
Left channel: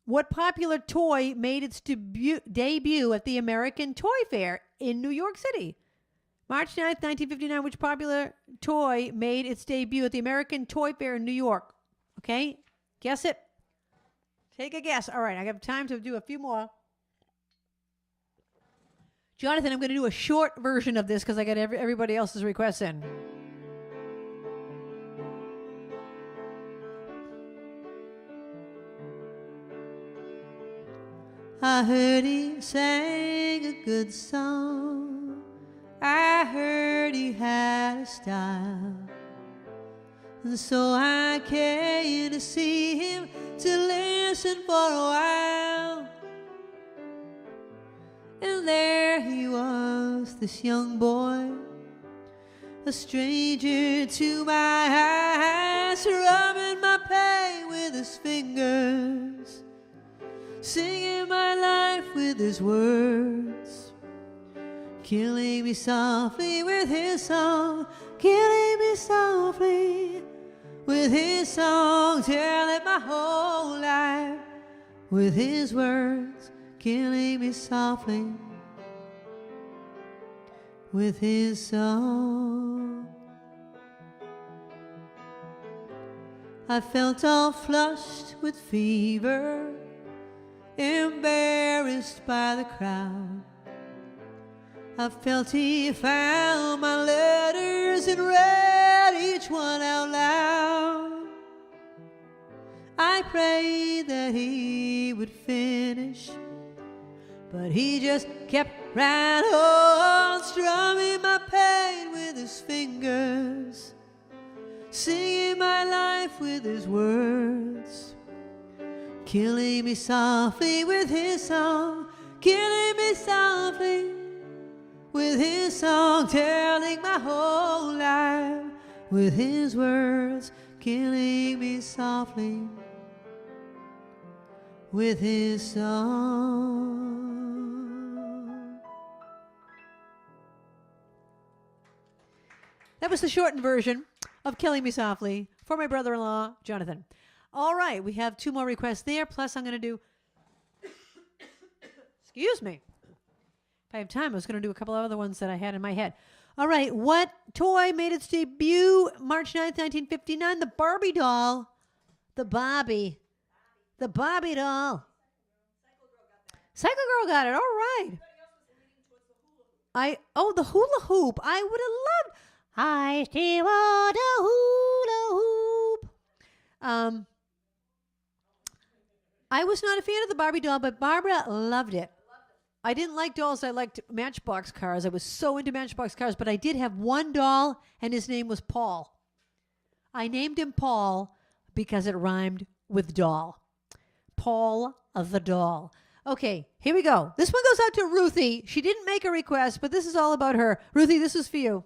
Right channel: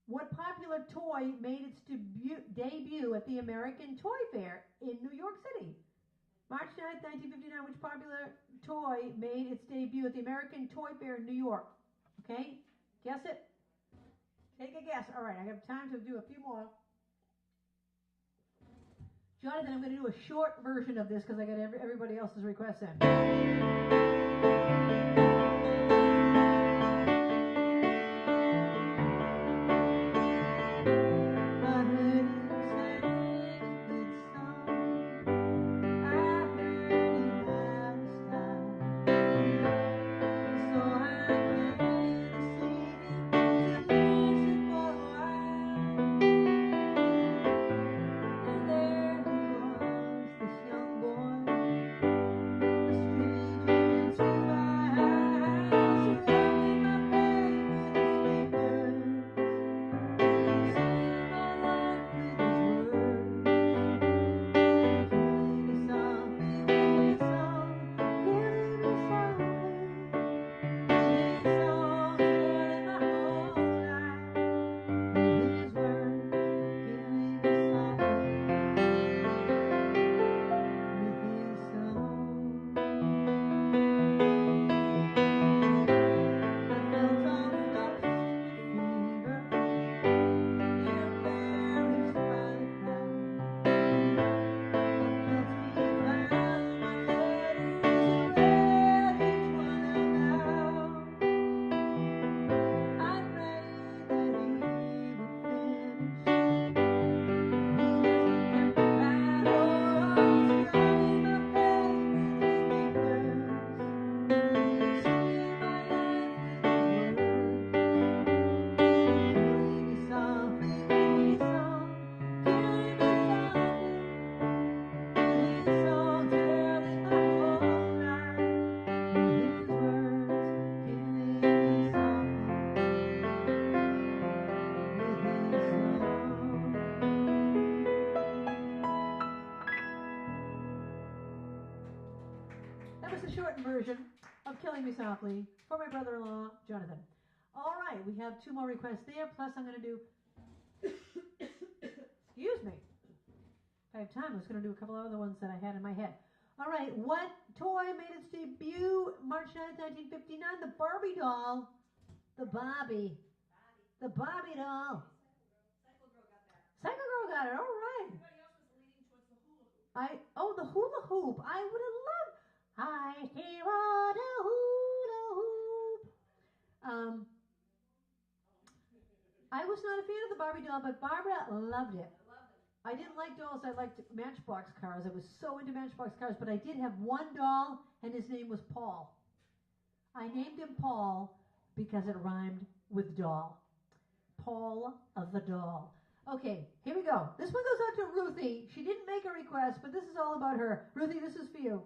what popular toy made its debut at the American Toy Fair in New York City? March 9th, 1959, which popular toy made its debut at the American Toy Fair in New York? Okay, guess it. Take a guess. All right, I have time to do a few more. Jonathan, I'm going to do a short version of this because I got everybody else's requests in. I heard he sang a good song. I heard he had a style. And so I came to see him, to listen for a while. And there he was, this young boy, a stranger to my eyes, rubbing my pain with his fingers, singing my life with his words, killing me softly with his song, killing me softly with his song, telling my whole life with his words, killing me softly. with his song. I felt all flushed with fever, embarrassed by the crowd. I felt he found my letters and read each one out loud. I prayed that he would finish, but he just kept right on, strumming my pain with his fingers, singing my life with his words, killing me softly with his song, killing me softly with his song, telling my whole life with his words, killing me softly with his song. That was the shortened version of Killing Me Softly for my brother-in-law, Jonathan. All right, we have 2 more requests there, plus I'm going to do, excuse me. If I have time, I was going to do a couple of other ones that I had in my head. All right, what toy made its debut March 9th, 1959? The Barbie doll. The Barbie doll. Cycle Girl got it. All right. The hula hoop. I would have loved. I still want a hula hoop. I was not a fan of the Barbie doll, but Barbara loved it. I didn't like dolls. I liked Matchbox cars. I was so into Matchbox cars, but I did have one doll, and his name was Paul. I named him Paul because it rhymed with doll. Paul the doll. Okay, here we go. This one goes out to Ruthie. She didn't make a request, but this is all about her. Ruthie, this is for you.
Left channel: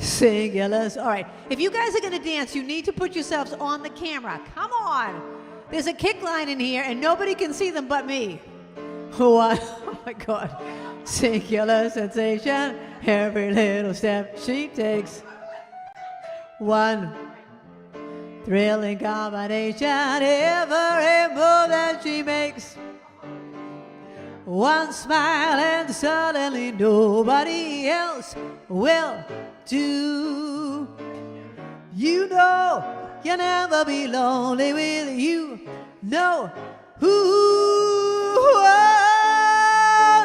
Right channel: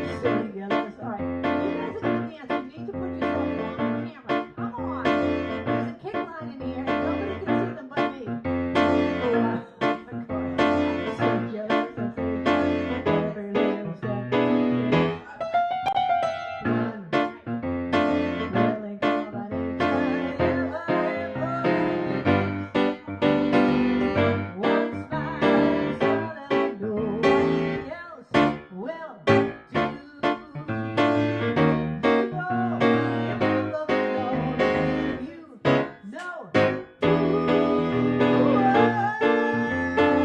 Singulars. All right. If you guys are going to dance, you need to put yourselves on the camera. Come on. There's a kick line in here, and nobody can see them but me. What? Oh, my God. Singular sensation. Every little step she takes. One thrilling combination. Every move that she makes. One smile, and suddenly nobody else will do. You know you'll never be lonely with you. No.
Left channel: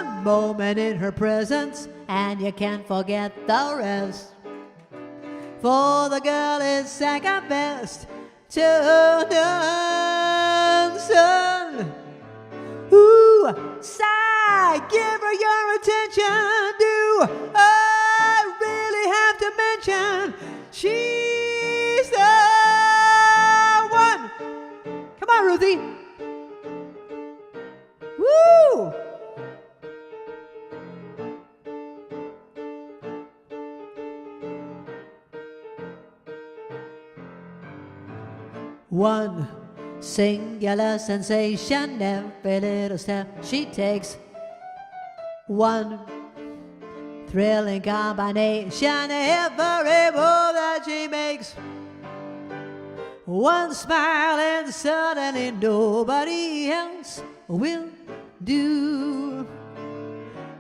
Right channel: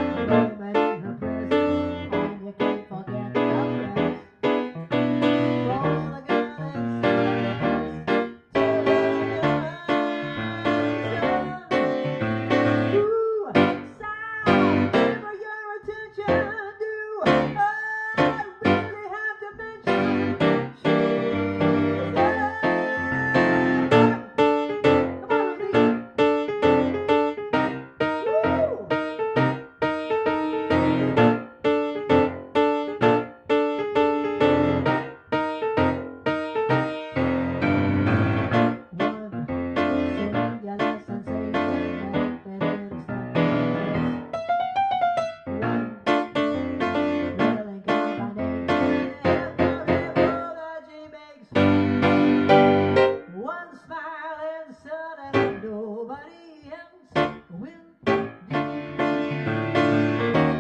One moment in her presence, and you can't forget the rest. For the girl is second best to none. Son. Ooh, sigh, give her your attention. She's the one. Come on, Ruthie. Woo! One singular sensation, every little step she takes. One thrilling combination, one smile, and suddenly nobody else will do.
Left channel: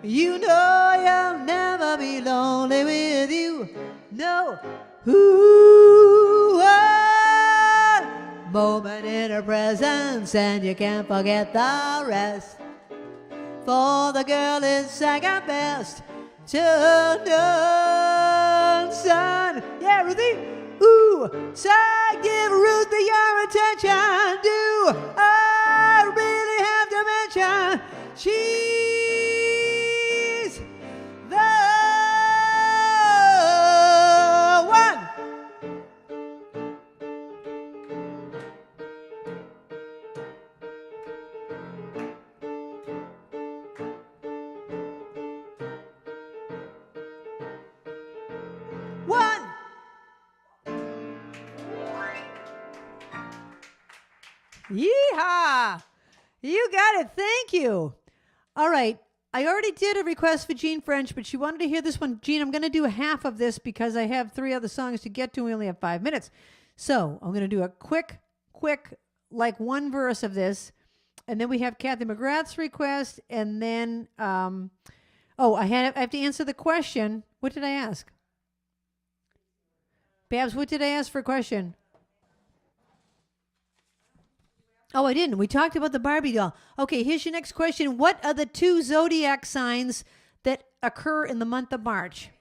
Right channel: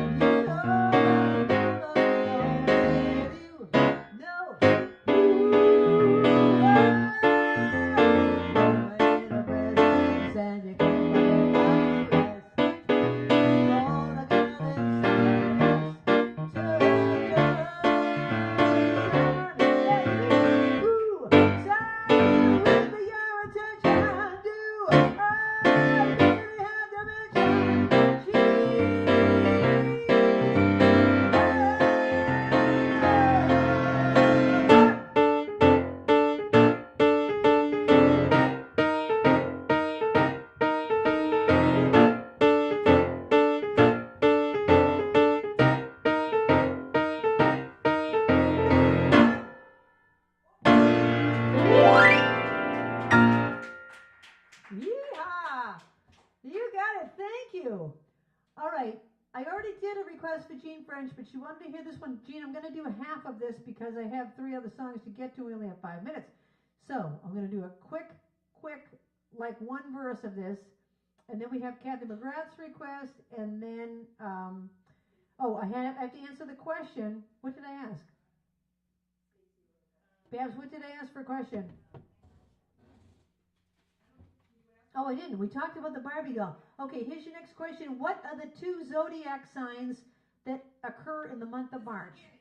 You know you'll never be lonely with you. No. Ooh, one moment in her presence, and you can't forget the rest. For the girl is second best to none. Son, yeah, Ruthie. Ooh, son, give Ruthie your attention. Do I really have to mention she's the one? Yeehaw! You got it. Thank you. All right. I already did a request for Jean French, but she wanted to hear this one. Jean, I'm going to do half of this because I have 3 other songs to get to. We only have 5 minutes. So I'm going to do a quick, like one verse of this. And then we have Kathy McGrath's request. And then, I have to answer the question. What did I ask? Babs, what did I ask for a question? Oh, I didn't. We talked about the Barbie doll. Okay, here's your next question. What are the 2 zodiac signs that occur in the month of March?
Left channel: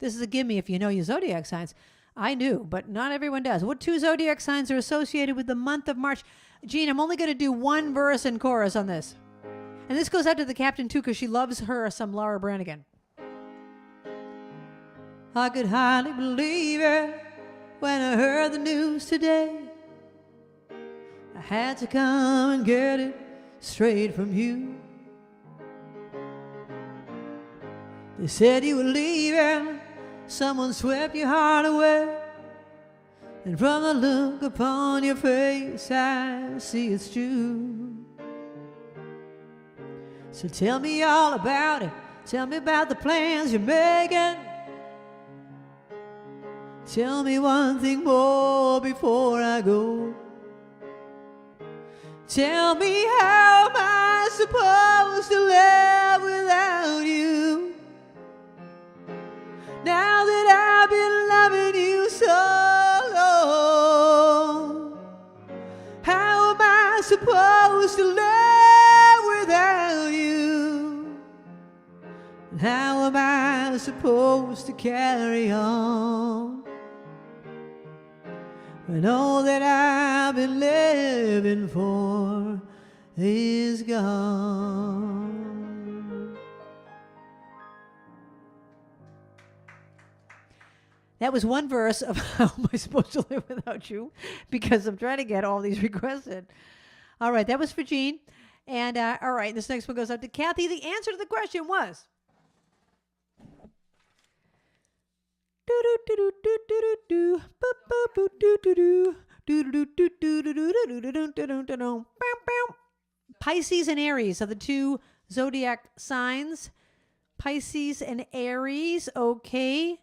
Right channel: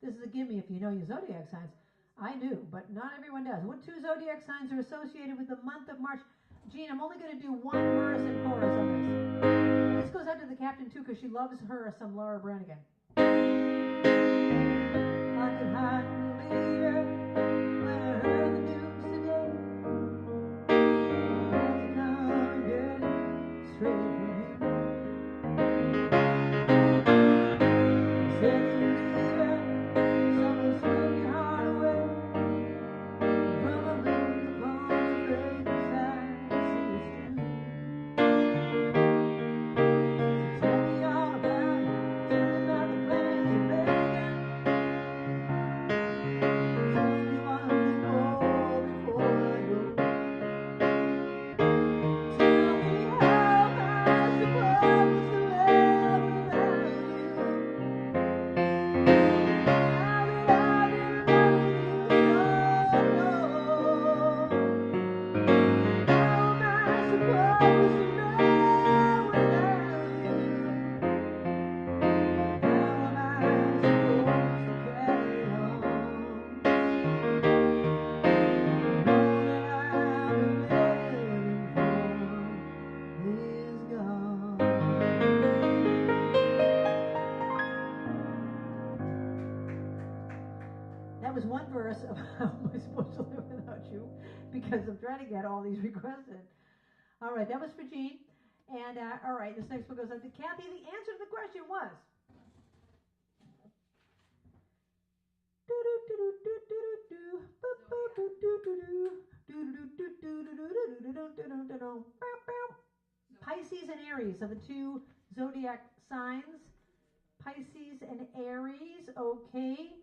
This is a gimme if you know your zodiac signs. I knew, but not everyone does. What 2 zodiac signs are associated with the month of March? Jean, I'm only going to do one verse and chorus on this. And this goes out to the captain, too, because she loves her some Laura Branigan. I could hardly believe it when I heard the news today. Had to come and get it straight from you. You said you were leaving, someone swept your heart away, and from the look upon your face I see it's true. So tell me all about it, tell me about the plans you're making. Tell me one thing more before I go. Tell me, how am I supposed to live without you? Now that I've been loving you so long, how am I supposed to live without you? How am I supposed to carry on? And all that I've been living for is gone. That was one verse of how am I supposed to live without you, because I'm trying to get all these requested. All right, that was for Jean. And all right, this next one goes out to Kathy. The answer to the question was Pisces and Aries are the 2 zodiac signs. Pisces and Aries, okay.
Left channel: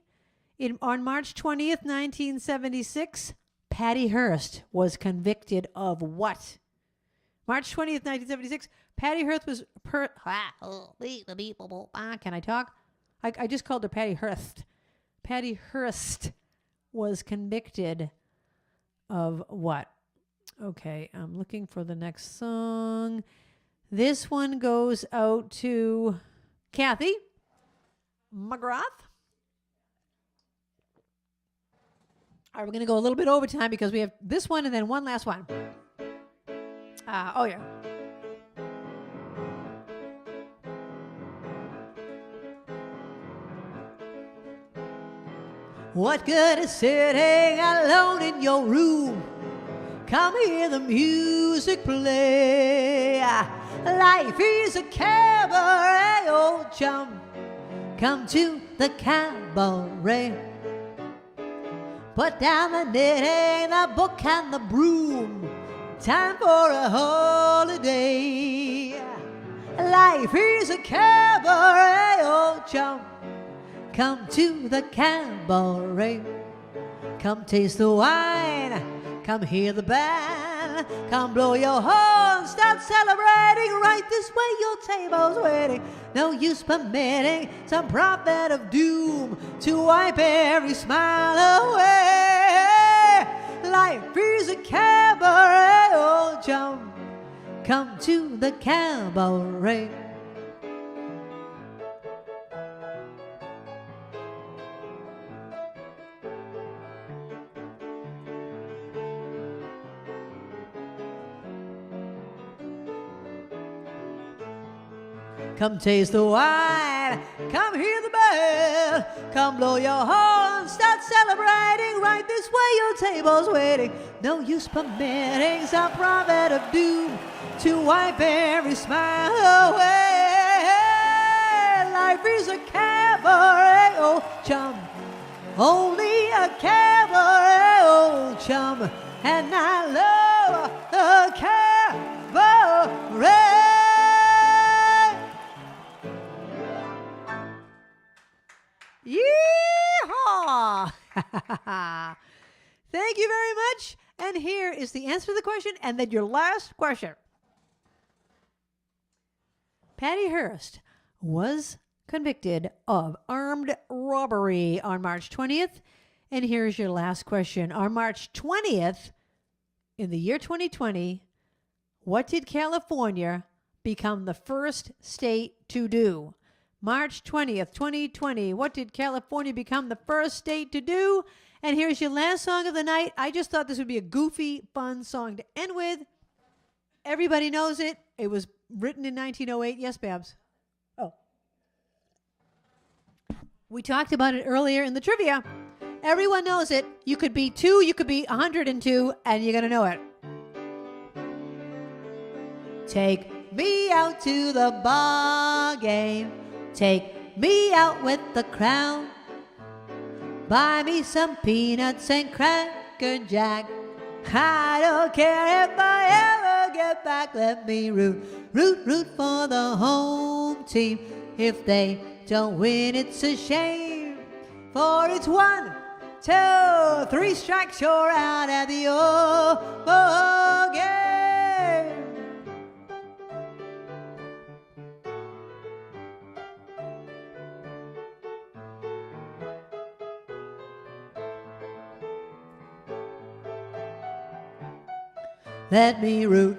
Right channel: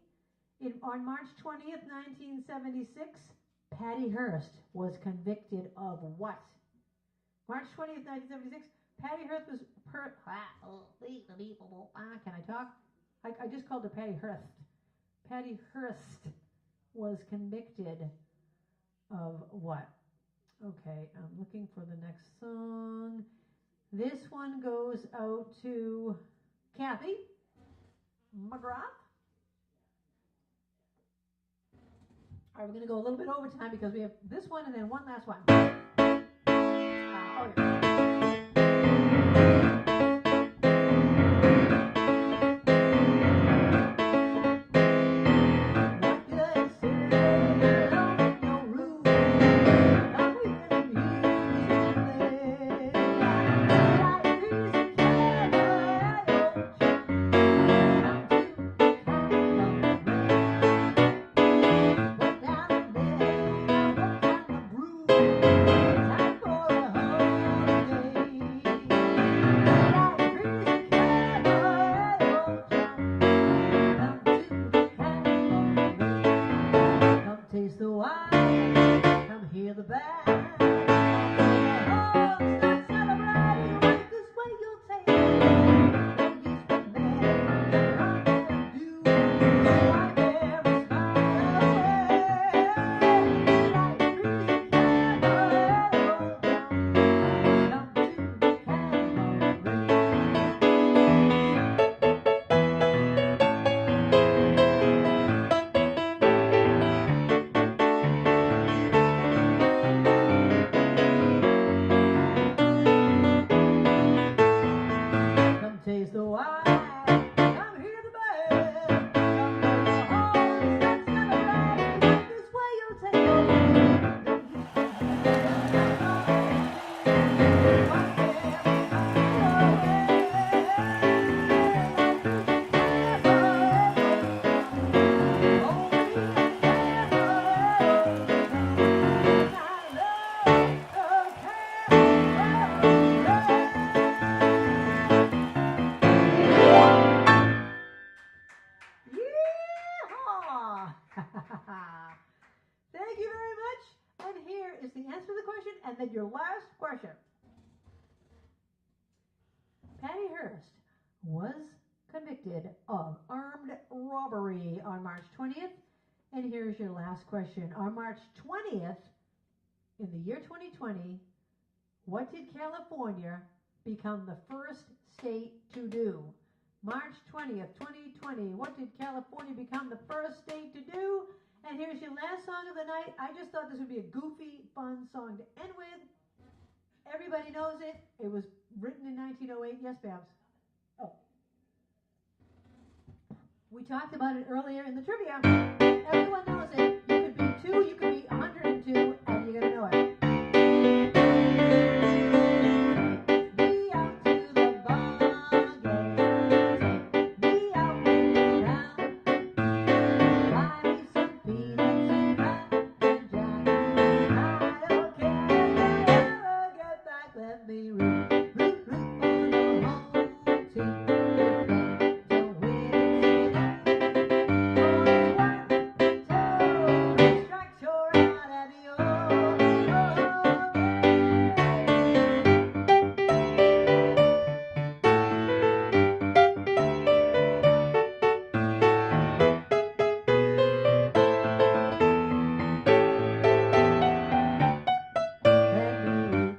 On March 20th, 1976, Patty Hearst was convicted of what? March 20th, 1976, Patty Hearst was... Can I talk? I just called her Patty Hearst. Patty Hearst was convicted of what? Okay, I'm looking for the next song. This one goes out to Kathy McGrath. All right, we're going to go a little bit overtime because we have this one and then one last one. Oh, yeah. What good is sitting alone in your room? Come hear the music play. Life is a cabaret, old chum. Come to the cabaret. Put down the knitting, the book and the broom. Time for a holiday. Life is a cabaret, old chum. Come to the cabaret. Come taste the wine. Come hear the band. Come blow your horn. Start celebrating. Right this way, your table's waiting. No use permitting some prophet of doom to wipe every smile away. Life is a cabaret, old chum. Come to the cabaret. Come taste the wine, come hear the band, come blow your horn, start celebrating. Right this way, your table's waiting. No use permitting some prophet of doom to wipe every smile away. Life is a cabaret, old chum, only a cabaret, old chum, and I love a cabaret. Thank you very much. And here is the answer to the question, and then your last question. Patty Hearst was convicted of armed robbery on March 20th. And here's your last question. On March 20th, in the year 2020, what did California become the first state to do? March 20th, 2020, what did California become the first state to do? And here's your last song of the night. I just thought this would be a goofy, fun song to end with. Everybody knows it. It was written in 1908. Yes, Babs? Oh. We talked about it earlier in the trivia. Everyone knows it. You could be 2, you could be 102, and you're going to know it. Take me out to the ball game. Take me out with the crowd. Buy me some peanuts and Cracker Jack. I don't care if I ever get back. Let me root for the home team. If they don't win, it's a shame. For it's 1, 2, 3 strikes, you're out at the game. Let me root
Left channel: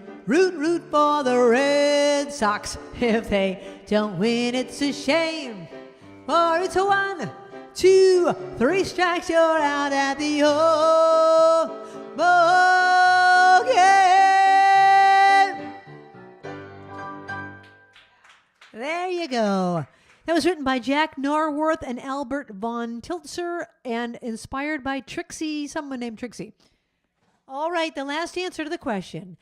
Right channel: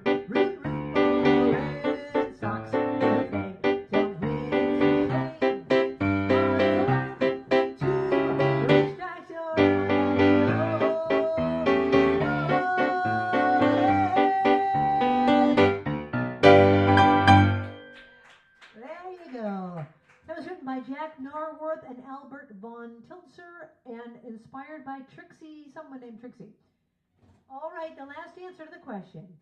for the Red Sox. If they don't win, it's a shame. For it's a 1, 2, 3 strikes, you're out at the game. There you go. That was written by Jack Norworth and Albert von Tiltzer and inspired by someone named Trixie. All right, the last answer to the question.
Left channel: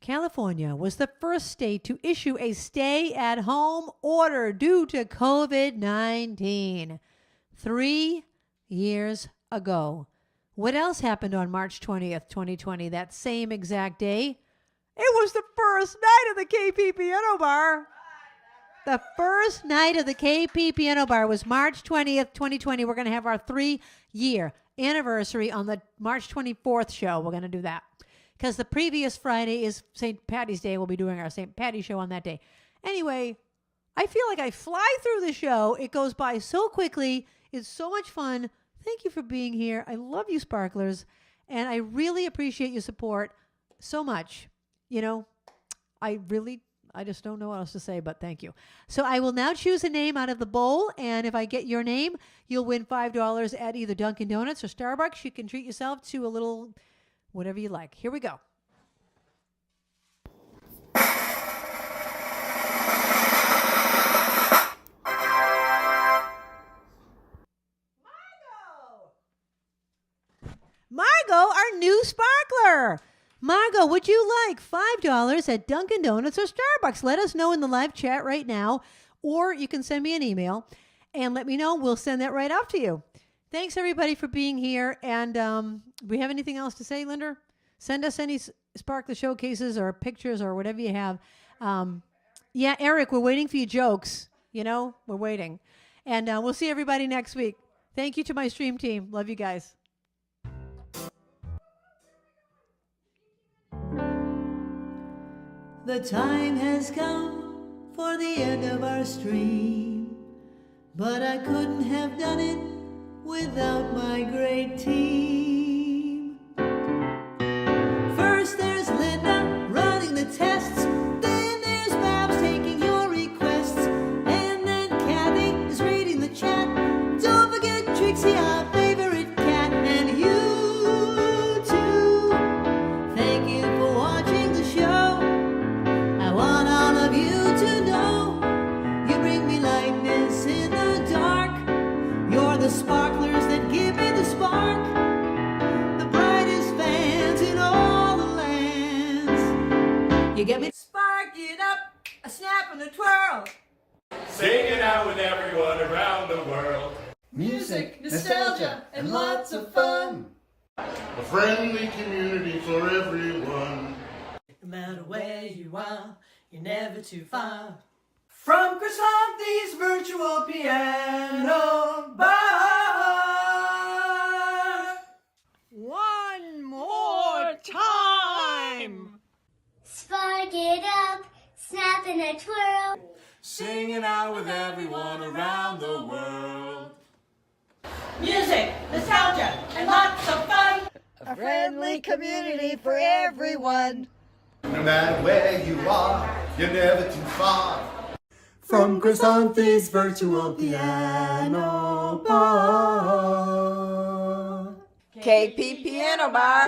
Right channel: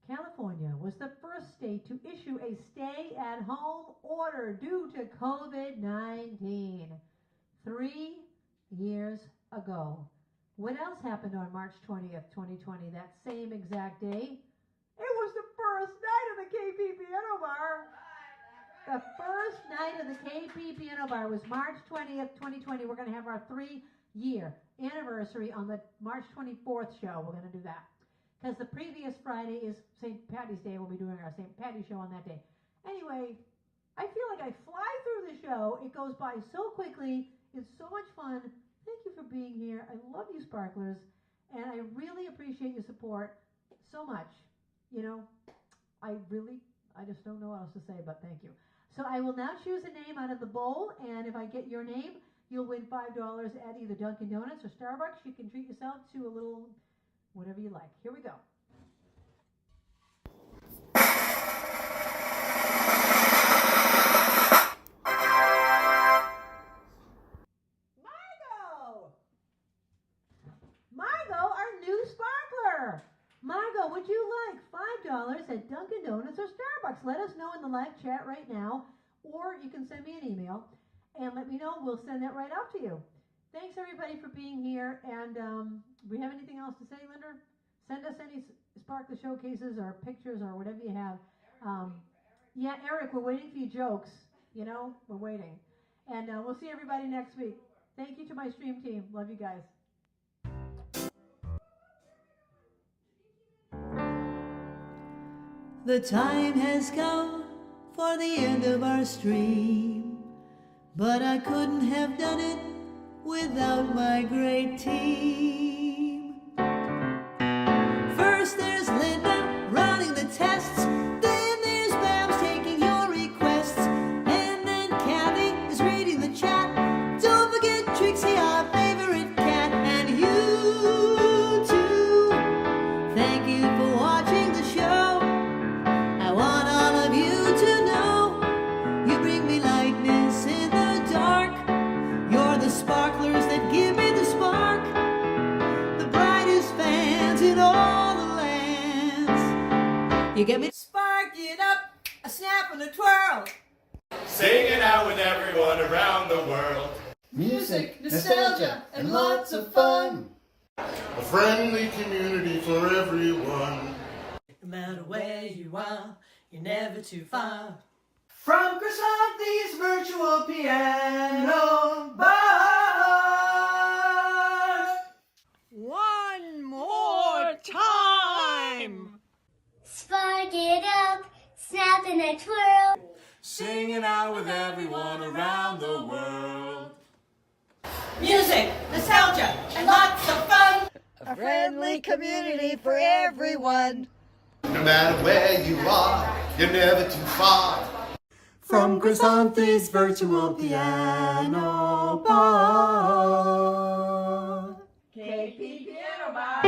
California was the first state to issue a stay-at-home order due to COVID-19 3 years ago. What else happened on March 20th, 2020, that same exact day? It was the first night of the KP Piano Bar. The first night of the KP Piano Bar was March 20th, 2020. We're going to have our 3-year anniversary on the March 24th show. We're going to do that because the previous Friday is St. Patty's Day. We'll be doing our St. Patty show on that day. Anyway, I feel like I fly through the show. It goes by so quickly. It's so much fun. Thank you for being here. I love you, Sparklers, and I really appreciate your support so much. You know, I just don't know what else to say, but thank you. So I will now choose a name out of the bowl, and if I get your name, you'll win $5 at either Dunkin' Donuts or Starbucks. You can treat yourself to a little whatever you like. Here we go. Margot, our new sparkler. Margot, would you like $5 at Dunkin' Donuts or Starbucks? Let us know in the live chat right now, or you can send me an email and let me know. We'll send that right out to you. Thanks, everybody, for being here. And we have anything else to say, Linda? Send us any sparkler showcases or pictures or whatever you have. Yeah, Eric, we're waiting for your jokes. You know, we're waiting. And we'll see everybody next week. Thank you to my stream team. Love you guys. The time has come for the end of our stream, but I couldn't have done it without my great team. First there's Linda running the tests, then there's Babs taking your requests, and then Kathy is reading the chat. Don't forget Trixie, our favorite cat, and you too. Thank you for watching the show. I want all of you to know you bring me lightness in the dark. You're the sparklers that give me the spark, the brightest fans in all the lands. You get me? Spark it up, a snap and a twirl. Sing it out with everyone around the world. Music, nostalgia, and lots of fun. A friendly community for everyone. No matter where you are, you're never too far From Krisanti's virtual piano bar. One Music, nostalgia, and lots of fun. A friendly community for everyone. No matter where you are, you're never too far. From Krisanthi's virtual piano bar. KP Piano Bar.